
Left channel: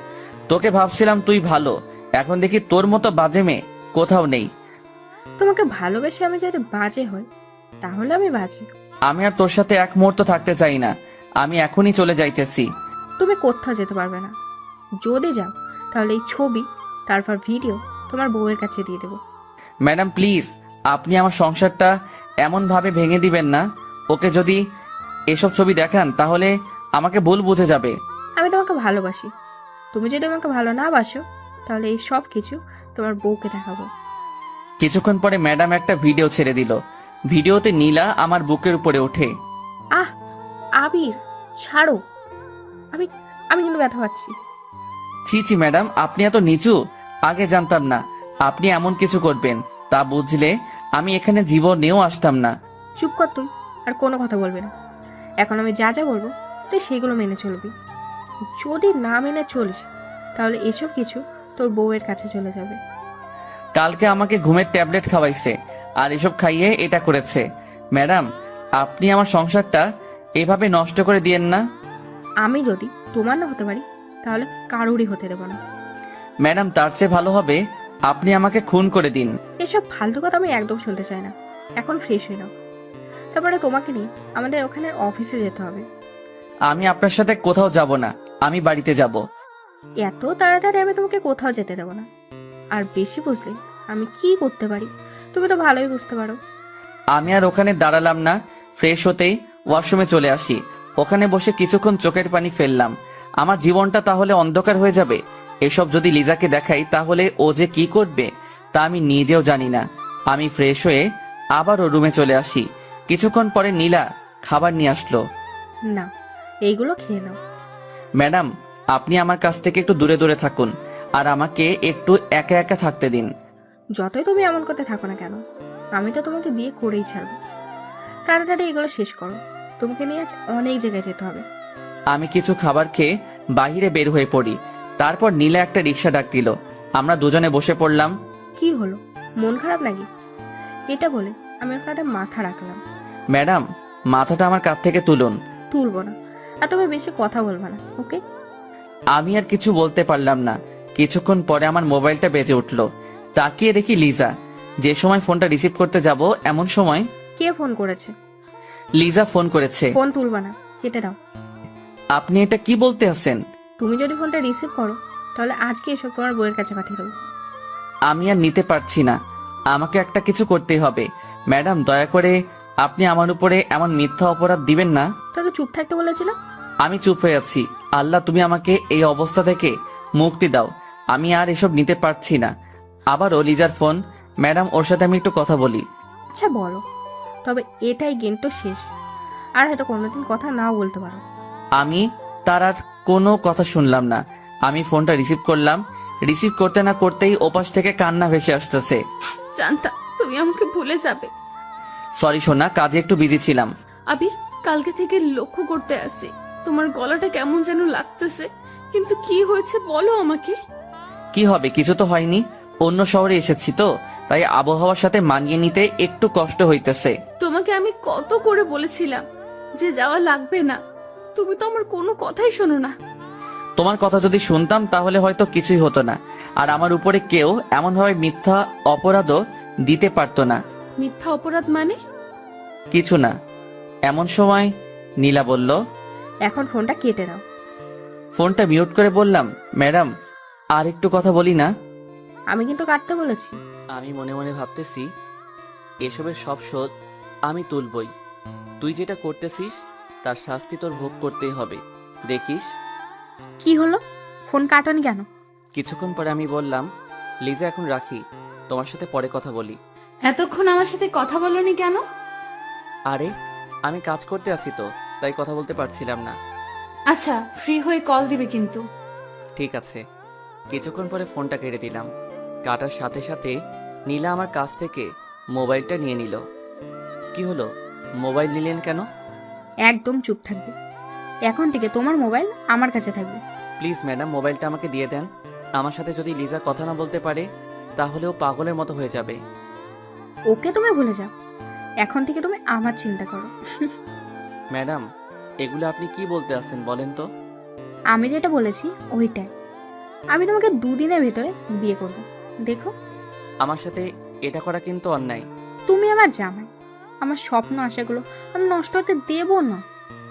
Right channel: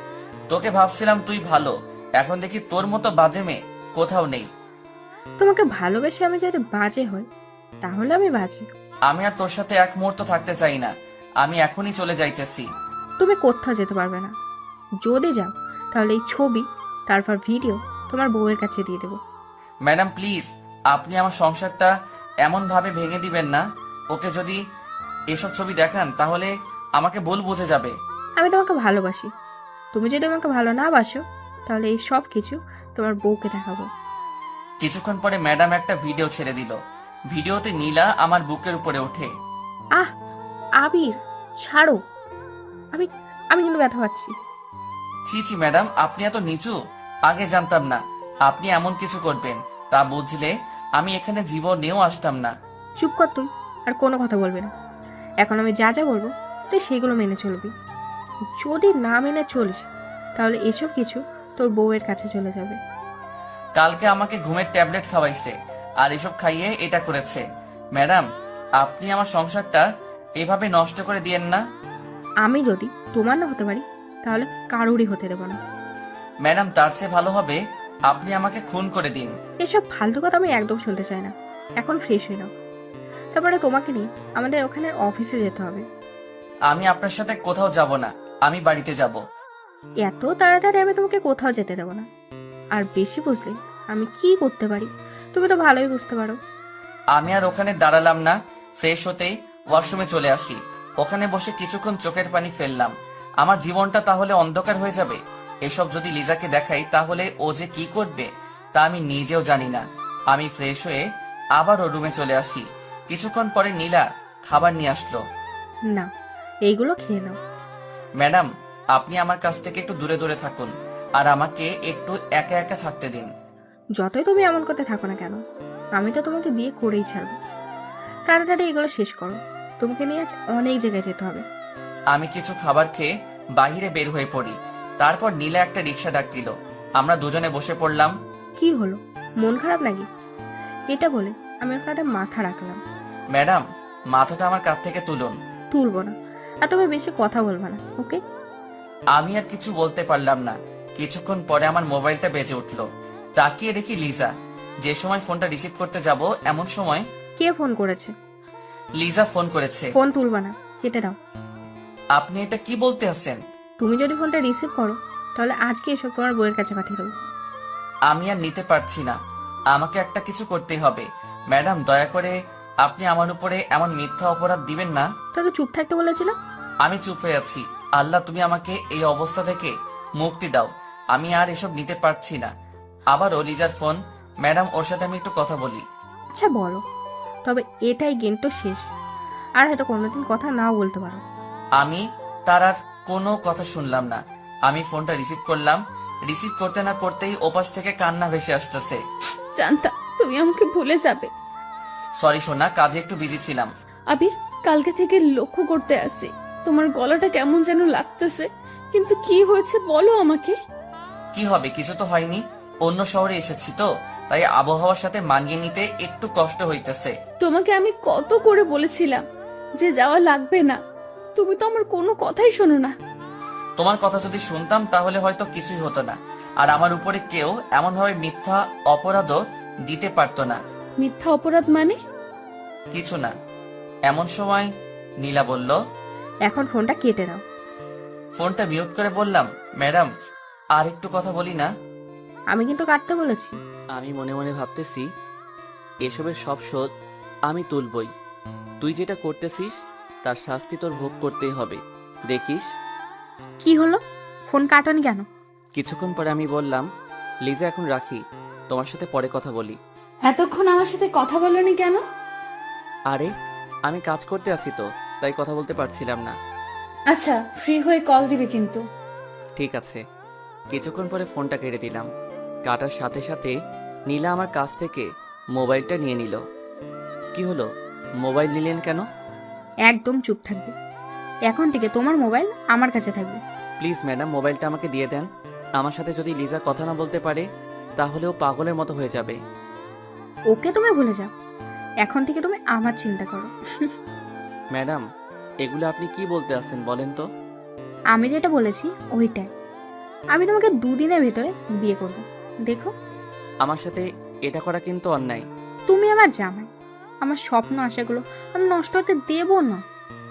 তোকে ভাবছিলাম তুই ভালো, এখন দেখি তোর মতো বাজে মেয়ে কোথাও নেই। তোমাকে ভালোবেসে আমি যদি বাজে হই, তাহলে আমি বাজে। আমি আর তোর সাথে এক মুহূর্ত থাকতে চাই না। আমি এখনই চলে যাইতেছি। তুমি কোথাও যেতে পারবে না। যদি যাও, তাহলে এই ছবি, তারপর ভিডিও তোমার বউয়ের কাছে দিয়ে দেবো। ম্যাডাম প্লিজ, আপনি আমার সংসারটা এমন ভাবে ভেঙে দিবেন না। ওকে যদি এসব ছবি দেখান তাহলে আমাকে ভুল বুঝে যাবে। আমি তোমাকে ভালোবাসি। তুমি যদি আমাকে ভালো না বাসো, তাহলে এই সব কিছু তোমার বউকে দেখাবো। কিছুক্ষণ পরে ম্যাডাম একটা ভিডিও ছেড়ে দিল। ভিডিওতে নীলা আমার বুকের উপরে ওঠে। আহ, আবির, ছাড়ো। আমি আমি কিন্তু ব্যথা পাচ্ছি। ছি ছি ম্যাডাম, আপনি এত নিচু? আগে জানতাম না আপনি এমন কিছু করবেন। তা বুঝলে আমি এখানে জীবনেও আসতাম না। চুপ কর তুই, আর কোনো কথা বলবি না। এখন আমি যা যা বলবো তুই সেগুলো মেনে চলবি। যদি না মেনে চলিস, তাহলে এসব কিছু তোর বউয়ের কাছে চলে যাবে। কালকে আমাকে ঘুমের ট্যাবলেট খাওয়াইছে, আর এসব খাইয়ে এটা করেছে। ম্যাডাম, আপনি আমার সংসারটা এভাবে নষ্ট করে দিয়েন না। আমি যদি তোমার না হতে পারি, তাহলে কারোরই হতে দেবো না। ম্যাডাম, তার চেয়ে ভালো হবে আপনি আমাকে খুন করে দিন। এসব ফালতু কথা আমি একদম শুনতে চাই না। এখন ফ্রেশ হয়ে নাও, তারপরে তোমাকে নিয়ে আমাদের ওখানে অফিসে যেতে হবে। আমি আপনার সাথে কোথাও যাব না, আমি বাড়িতে যাব। এত তাড়াতাড়ি আমি তোমাকে কোথাও যেতে দেবো না। আর বেশি বুঝলে আমি কি করতে পারি তুমি তো ভালোই বুঝতে পারো। আমি আর ওখানে দাঁড়ালাম না। ফ্রেশ হতেই ওয়াশরুমে চলে আসি। ওখানে বসে কিছুক্ষণ চোখের পানি ফেললাম। আমার জীবনটা তাহলে অন্ধকার হয়ে যাবে। এসব যদি লিজাকে দেখাই তাহলে ও যে কি করবে তা আমি নিজেও জানি না। আমি ফ্রেশ হয়ে আবারও রুমে চলে আসি। কিছুক্ষণ পরে নীলা খাবার নিয়ে আসলো। না, এইগুলো খেয়ে নাও। ম্যাডাম, আপনি আমার কাছ থেকে একটু দূরে দূরে থাকুন, আর আমাকে একটু একা একা থাকতে দিন। যতই তুমি এমন করতে থাকো না কেন, আমি তো তোমাকে বিয়ে করেই ছাড়বো। তাড়াতাড়ি এগুলো শেষ করো, তোমাকে নিয়ে আজ অনেক জায়গায় যেতে হবে। আমি কিছু খাবার খেয়ে বাইরে বের হয়ে পড়ি। তারপর নীলা একটা রিক্সা ডাক দিল। আমরা দুজনে বসে পড়লাম। কি হলো, মন খারাপ নাকি? এটা বলে আমি ওর কাঁধে মাথা রাখলাম। ম্যাডাম, মাথাটা আমার কাঁধ থেকে তুলুন। তুলবো না, আর তুমি বেশি কথা বলবা না, ওকে? আমি আর কিছু বলতে পারলাম না। কিছুক্ষণ পরে আমার মোবাইলটা বেজে উঠলো। তাকিয়ে দেখি লিজা। যে সময় ফোনটা রিসিভ করতে যাব এমন সময় কে ফোন করেছে? লিজা ফোন করেছে। ফোন তুলবা না, কেটে দাও। আপনি এটা কি বলতে আছেন? তুমি যদি ফোনটা রিসিভ করো, তাহলে আজকে এসব তোমার বউয়ের কাছে পাঠিয়ে দেবো। আমি আর নিতে পারছি না। আমাকে একটা কিছু করতেই হবে। ম্যাডাম, দয়া করে আপনি আমার উপরে এমন মিথ্যা অপরাধ দিবেন না। তোকে চুপ থাকতে বলেছিলাম। আমি চুপ হয়ে আছি। আল্লাহ, তুমি আমাকে এই অবস্থা থেকে মুক্তি দাও। আমি আর এসব নিতে পারছি না। আবারও লিজার ফোন। ম্যাডাম, ওর সাথে আমি একটু কথা বলি। আচ্ছা বলো, তবে এটাই গেম তো শেষ, আর হয়তো কোনোদিন কথা নাও বলতে পারো। আমি তার আর কোনো কথা শুনলাম না। আমি ফোনটা রিসিভ করলাম। রিসিভ করতে না করতেই ওপাশ থেকে কান্না ভেসে আসতেছে। জানতাম তুমি আমাকে ভুলে যাবে। সরি সোনা, কাজে একটু বিজি ছিলাম। আবির, কালকে থেকে লক্ষ্য করতে আসি তোমার গলাটা কেমন যেন লাগতেছে, কিন্তু কি হয়েছে বলো আমাকে। কি হবে, কিছু তো হয়নি। অন্য শহরে এসেছি তো, তাই আবহাওয়ার সাথে মানিয়ে নিতে একটু কষ্ট হইতেছে। তোমাকে আমি কত করে বলেছিলাম যে যাওয়া লাগবে না, তুমি তো আমার কোনো কথাই শোনো না। তোমার কথা যদি শুনতাম তাহলে হয়তো কিছুই হতো না, আর আমার উপরে কেউ এমনভাবে মিথ্যা অপরাধও দিতে পারতো না। মিথ্যা অপরাধ মানে? কিছু না। এমন সময় নীলা বলল, এখন ফোনটা কেটে দাও। ফোনটা মিউট করে বললাম, ম্যাডাম আর একটু কথা বলি না? আমি কিন্তু কাটতে বলেছি। আমি মনে মনে ভাবতেছি এসবের সব শোধ আমি তুলবই। তুই যেটা করতেছিস তার শাস্তি তোর ভোগ করতেই হবে। দেখিস কি হলো? ফোন কাটনি কেন? কিছুক্ষণ পরে আমি বললাম, লিজা এখন রাখি, তোমার সাথে পরে কথা বলি। এতক্ষণ আমার সাথে কথা বলনি কেন? আরে আমি কাজ করতে আসি তো, তাই কথা বলতে পারছিলাম না। আচ্ছা, ফ্রি হয়ে কল দিবে কিন্তু। ঠিক আছে। কিছুক্ষণ পরে ফোনটা কেটে দিলাম। কাটার সাথে সাথে নীলা আমার কাছ থেকে মোবাইলটা নিয়ে নিল। কি হলো, মোবাইল নিলেন কেন? একদম চুপ থাকবে। এখন থেকে তোমার মোবাইল আমার কাছে থাকবে। প্লিজ ম্যাডাম, মোবাইলটা আমাকে দিয়ে দেন। আমার সাথে যদি লিজা কথা না বলতে পারে তাহলে ও পাগলের মতো হয়ে যাবে। ওকে তুমি ভুলে যাও, এখন থেকে তুমি আমার চিন্তা করো। ম্যাডাম, এগুলো আপনি কি বলতে আসছেন বলেন তো? আমি যেটা বলেছি ওইটাই। আমি তোমাকে 2 দিনের ভেতরে বিয়ে করব, দেখো। আমার সাথে এটা করা কিন্তু অন্যায়। তুমি আমার জামাই, আমার স্বপ্ন আশাগুলো আমি নষ্ট হতে দেবো না।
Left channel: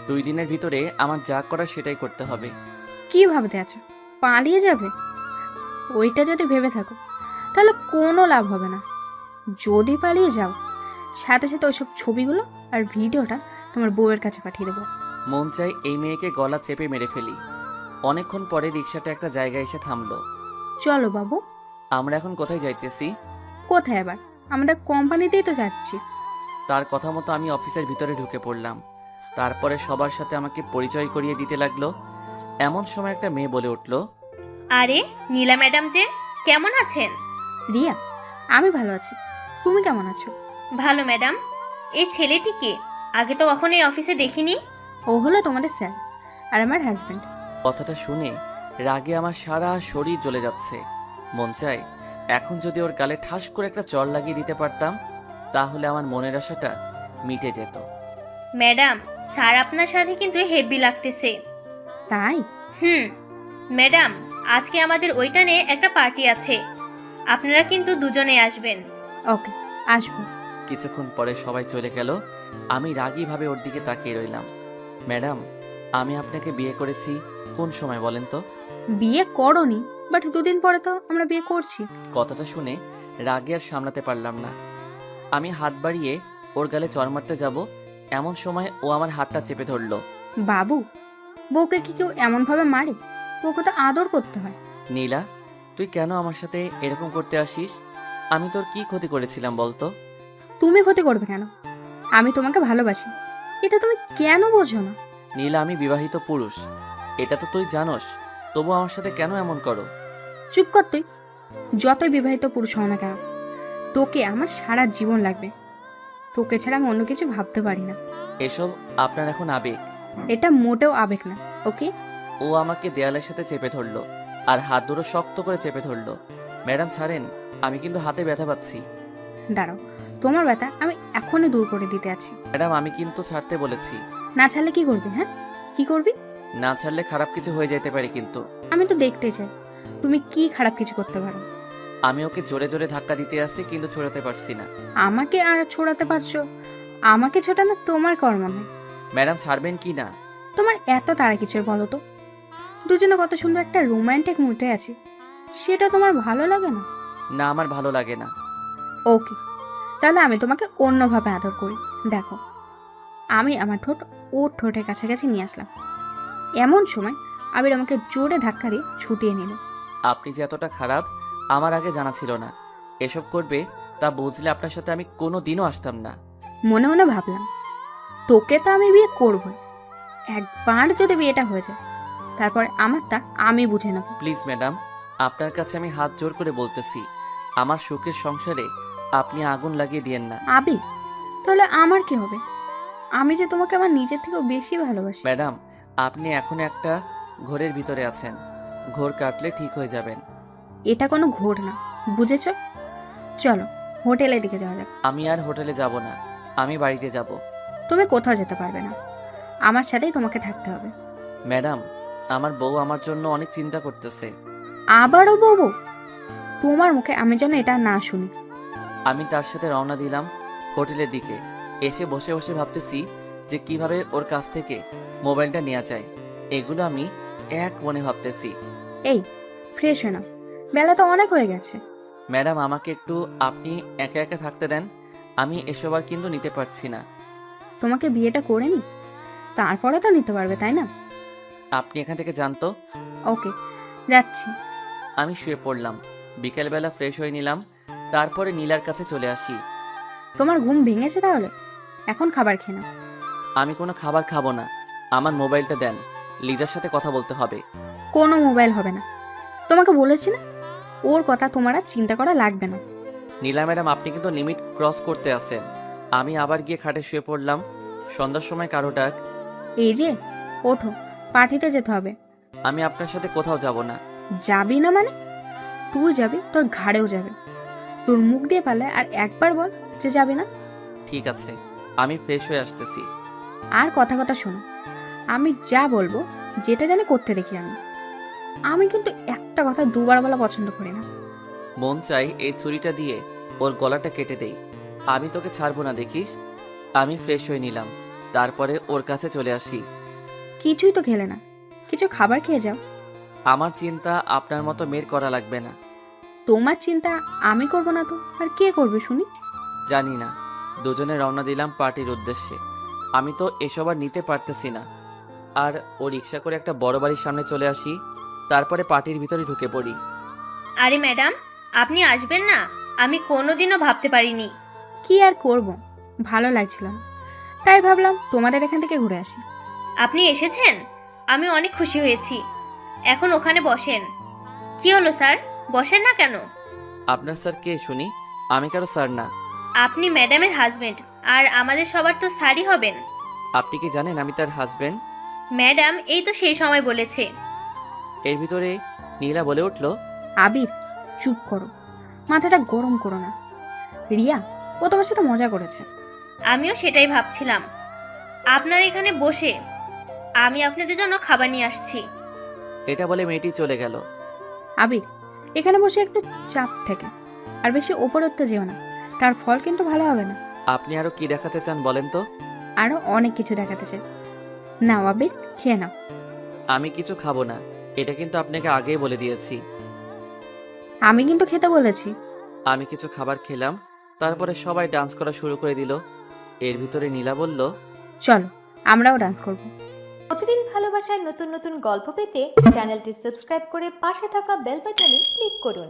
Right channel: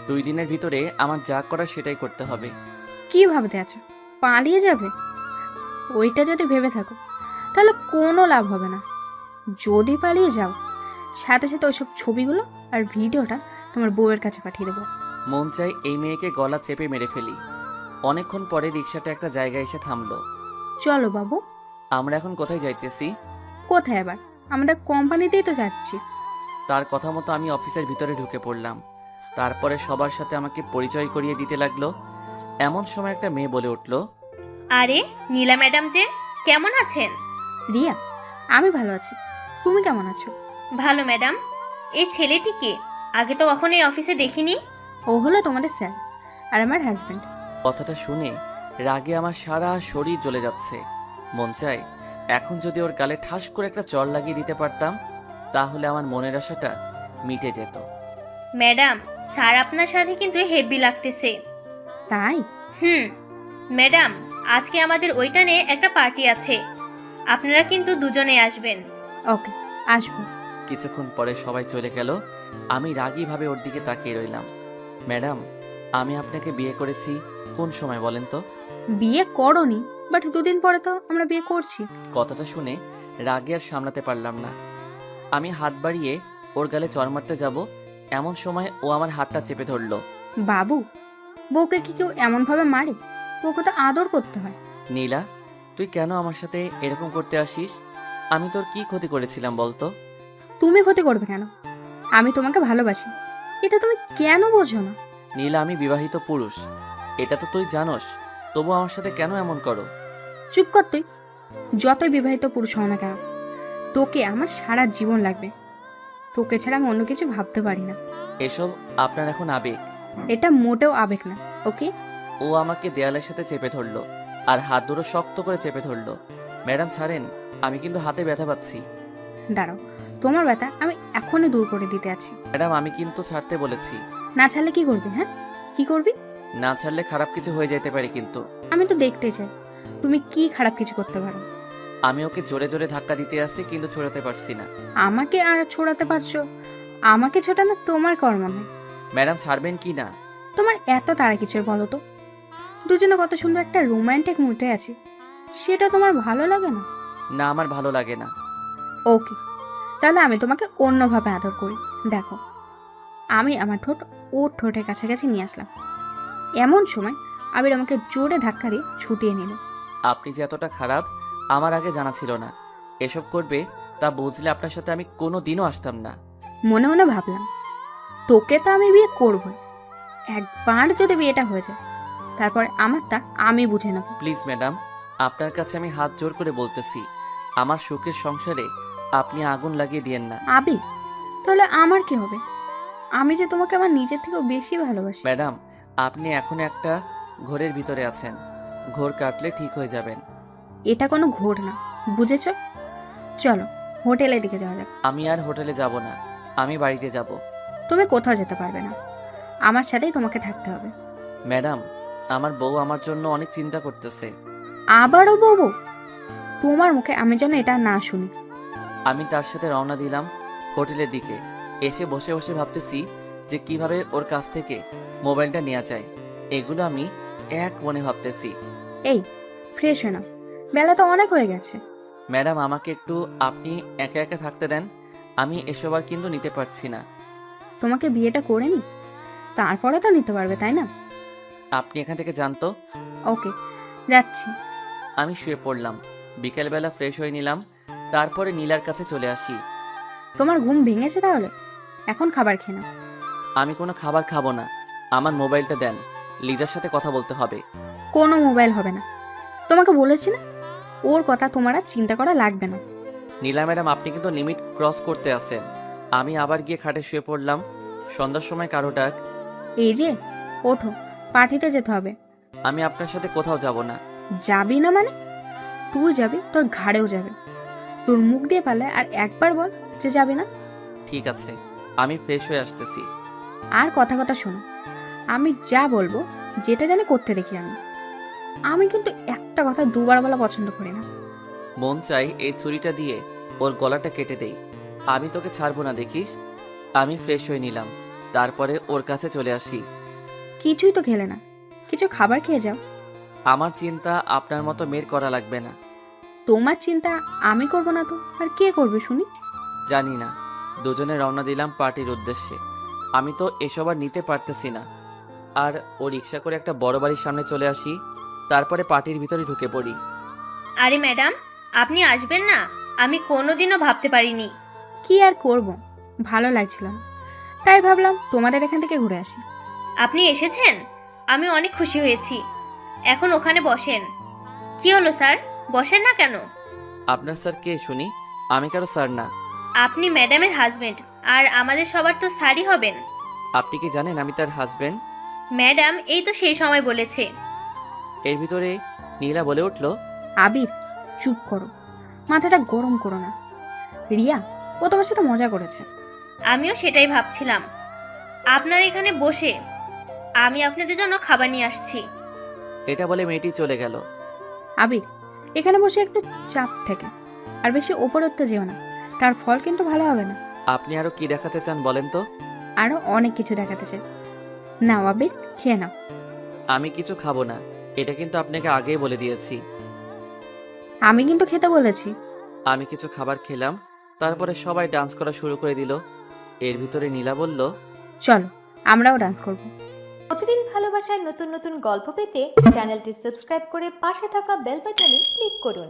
2 দিনের ভিতরে আমার যা করার সেটাই করতে হবে। কি ভাবতে আছো পালিয়ে যাবে? ওইটা যদি ভেবে থাকো তাহলে কোনো লাভ হবে না। যদি পালিয়ে যাও, সাথে সাথে ওইসব ছবিগুলো আর ভিডিওটা তোমার বউয়ের কাছে পাঠিয়ে দেবো। মন চাই এই মেয়েকে গলা চেপে মেরে ফেলি। অনেকক্ষণ পরে রিক্সাটা একটা জায়গায় এসে থামলো। চলো বাবু। আমরা এখন কোথায় যাইতেছি? কোথায় আবার? আমাদের কোম্পানিতেই তো যাচ্ছি। তার কথা মতো আমি অফিসের ভিতরে ঢুকে পড়লাম। তারপরে সবার সাথে আমাকে পরিচয় করিয়ে দিতে লাগলো। এমন সময় একটা মেয়ে বলে উঠল, আরে নীলা ম্যাডাম যে, কেমন আছেন? রিয়া, আমি ভালো আছি, তুমি কেমন আছো? ভালো ম্যাডাম। এই ছেলেটিকে আগে তো কখনো এই অফিসে দেখিনি। ও হলো তোমাদের স্যার আর আমার হাজব্যান্ড। কথাটা শুনে রাগে আমার সারা শরীর জ্বলে যাচ্ছে। মন চায় এখন যদি ওর গালে ঠাস করে একটা চড় লাগিয়ে দিতে পারতাম তাহলে আমার মনের আশাটা মিটে যেত। ম্যাডাম, স্যার আপনার সাথে কিন্তু হেভি লাগতেছে। তাই? ম্যাডাম, আজকে আমাদের ওইটানে একটা পার্টি আছে, আপনারা কিন্তু দুজনে আসবেন। ওকে, আসবো। কিছুক্ষণ পরে সবাই চলে গেল। আমি রাগীভাবে ওর দিকে তাকিয়ে রইলাম। ম্যাডাম, আমি আপনাকে বিয়ে করেছি কোন সময় বলেন তো? বিয়ে করনি, বাট 2 দিন পরে তো আমরা বিয়ে করছি। কথাটা শুনে রাগে আর সামলাতে পারলাম না। আমি হাত বাড়িয়ে ওর গালে চড় মারতে যাব, এমন সময় ও আমার হাতটা চেপে ধরলো। বাবু, বউকে কি কেউ এমন ভাবে মারে? বউকে তো আদর করতে হয়। নীলা, তুই কেন আমার সাথে এরকম করতে আসিস? আমি তোর কি ক্ষতি করেছিলাম বলতো? তুমি ক্ষতি করবে কেন? আমি তোমাকে ভালোবাসি, এটা তুমি কেন বোঝো না? নীলা, আমি বিবাহিত পুরুষ, এটা তো তুই জানোস, তবু আমার সাথে কেন এমন করো? চুপ কর তুই। যতই বিবাহিত পুরুষ হও না কেন, তোকে আমার সারা জীবন লাগবে। তোকে ছাড়া আমি অন্য কিছু ভাবতে পারি না। এসব আপনার এখন আবেগ। এটা মোটেও আবেগ না, ওকে? ও আমাকে দেয়ালের সাথে চেপে ধরলো আর হাত দুটো শক্ত করে চেপে ধরলো। ম্যাডাম ছাড়েন, আমি কিন্তু হাতে ব্যথা পাচ্ছি। দাঁড়াও, তোমার ব্যথা আমি এখনই দূর করে দিতে আছি। ম্যাডাম, আমি কিন্তু ছাড়তে বলেছি। না ছাড়লে কি করবি? হ্যাঁ, কি করবি? না ছাড়লে খারাপ কিছু হয়ে যেতে পারে কিন্তু। আমি তো দেখতে চাই তুমি কি খারাপ কিছু করতে পারো। আমি ওকে জোরে জোরে ধাক্কা দিতে আসছি কিন্তু ছড়াতে পারছি না। আমাকে আর ছোড়াতে পারছো? আমাকে ছোটানো তোমার কর্ম নয়। ম্যাডাম, ছাড়বেন কি না? তোমার এত তারা কিসের বলো তো? দুজনে কত সুন্দর একটা রোমান্টিক মুডে আছি, সেটা তোমার ভালো লাগে না? না, আমার ভালো লাগে না। ওকে, তাহলে আমি তোমাকে অন্যভাবে আদর করি। দেখো, আমি আমার ঠোঁট ওর ঠোঁটের কাছাকাছি নিয়ে আসলাম। এমন সময় আবির আমাকে জোরে ধাক্কা দিয়ে ছুটিয়ে নিল। আপনি যে এতটা খারাপ আমার আগে জানা ছিল না। এসব করবে তা বুঝলে আপনার সাথে আমি কোনো দিনও আসতাম না। মনে মনে ভাবলাম, তোকে তো আমি বিয়ে করবই, একবার যদি বিয়েটা হয়ে যায় তারপরে আমারটা আমি বুঝে নেব। প্লিজ ম্যাডাম, আপনার কাছে আমি হাত জোর করে বলতেছি, আমার সুখের সংসারে আপনি আগুন লাগিয়ে দিয়েন না। আবির, তাহলে আমার কি হবে? আমি যে তোমাকে আমার নিজের থেকেও বেশি ভালোবাসি। ম্যাডাম, আপনি এখন একটা ঘোরের ভিতরে আছেন, ঘোর কাটলে ঠিক হয়ে যাবেন। এটা কোনো ঘোর না, বুঝেছো? চলো হোটেলের দিকে যাওয়া যাক। আমি আর হোটেলে যাব না, আমি বাড়িতে যাব। তুমি কোথাও যেতে পারবে না, আমার সাথেই তোমাকে থাকতে হবে। ম্যাডাম, আমার বউ আমার জন্য অনেক চিন্তা করতেছে। আবারও বউ? তোমার মুখে আমি যেন এটা না শুনি। আমি তার সাথে রওনা দিলাম হোটেলের দিকে। এসে বসে বসে ভাবতেছি যে কিভাবে ওর কাছ থেকে মোবাইলটা নেওয়া যায়। এগুলো আমি এক মনে ভাবতেছি। এই, ফ্রেশ হয়ে নাও, বেলা তো অনেক হয়ে গেছে। ম্যাডাম, আমাকে একটু আপনি একা একা থাকতে দেন, আমি এসব আর কিন্তু নিতে পারছি না। তোমাকে বিয়েটা করে নি, তারপরে তো নিতে পারবে, তাই না? আপনি এখান থেকে যান তো। ওকে, যাচ্ছি। আমি শুয়ে পড়লাম। বিকেলবেলা ফ্রেশ হয়ে নিলাম, তারপরে নীলার কাছে চলে আসি। তোমার ঘুম ভেঙেছে তাহলে? এখন খাবার খেয়ে নাও। আমি কোনো খাবার খাবো না, আমার মোবাইলটা দেন, লিজার সাথে কথা বলতে হবে। কোনো মোবাইল হবে না, তোমাকে বলেছি না, ওর কথা তোমার আর চিন্তা করা লাগবে না। নীলা ম্যাডাম, আপনি কিন্তু লিমিট ক্রস করতে আসেন। আমি আবার গিয়ে খাটে শুয়ে পড়লাম। সন্ধ্যার সময় কারো ডাক। এই যে, ওঠো, পার্টিতে যেতে হবে। আমি আপনার সাথে কোথাও যাব না। যাবি না মানে? তুই যাবি, তোর ঘাড়েও যাবে। তোর মুখ দিয়ে পারলে আর একবার বল যে যাবি না। ঠিক আছে, আমি ফ্রেশ হয়ে আসতেছি। আর কথা কথা শোনো, আমি যা বলবো যেটা জানি করতে দেখি আমি কিন্তু একটা কথা দুবার বলা পছন্দ করি না। মন চাই এই ছুরিটা দিয়ে ওর গলাটা কেটে দেই। আমি তোকে ছাড়বো না, দেখিস। আমি ফ্রেশ হয়ে নিলাম, তারপরে ওর কাছে চলে আসি। কিছুই তো খেলে না, কিছু খাবার খেয়ে যাও। আমার চিন্তা আপনার মতো মেয়ের করা লাগবে না। তোমার চিন্তা আমি করব না তো আর কে করবে শুনি? জানি না। দুজনে রওনা দিলাম পার্টির উদ্দেশ্যে। আমি তো এসব আর নিতে পারতেছি না। আর ও রিক্সা করে একটা বড় বাড়ির সামনে চলে আসি, তারপরে পার্টির ভিতরে ঢুকে পড়ি। আরে ম্যাডাম, আপনি আসবেন না? আমি কোনোদিনও ভাবতে পারিনি। কি আর করব, ভালো লাগছিল না, তাই ভাবলাম তোমাদের এখান থেকে ঘুরে আসি। আপনি এসেছেন, আমি অনেক খুশি হয়েছি। এখন ওখানে বসেন। কি হলো স্যার, বসেন না কেন? আপনার স্যার কে শুনি? আমি কারো স্যার না। আপনি ম্যাডামের হাজবেন্ড, আর আমাদের সবার তো স্যারই হবেন। আপনি কি জানেন আমি তার হাজবেন্ড? ম্যাডাম এই তো সেই সময় বলেছে। এর ভিতরে নীলা বলে উঠল, আবির, চুপ করো, মাথাটা গরম করো না। রিয়া, ও তোমার সাথে মজা করেছে। আমিও সেটাই ভাবছিলাম। আপনার এখানে বসে আমি আপনাদের জন্য খাবার নিয়ে আসছি। এটা বলে মেয়েটি চলে গেল। আবির, এখানে বসে একটু চাপ থেকে, আর বেশি ওপরে উঠতে যেও না, তার ফল কিন্তু ভালো হবে না। আপনি আরো কি দেখাতে চান বলেন তো? আরো অনেক কিছু দেখাতে চাই। নাও আবির, খেয়ে নাও। আমি কিছু খাবো না, এটা কিন্তু আপনাকে আগেই বলে দিয়েছি। আমি কিন্তু খেতে বলেছি। আমি কিছু খাবার খেলাম, তারপরে সবাই ডান্স করা শুরু করে দিল। এর ভিতরে নীলা বলল, চলো আমরাও ডান্স করব। প্রতিদিন ভালোবাসার নতুন নতুন গল্প পেতে চ্যানেলটি সাবস্ক্রাইব করে পাশে থাকা বেল বাটনে ক্লিক করুন।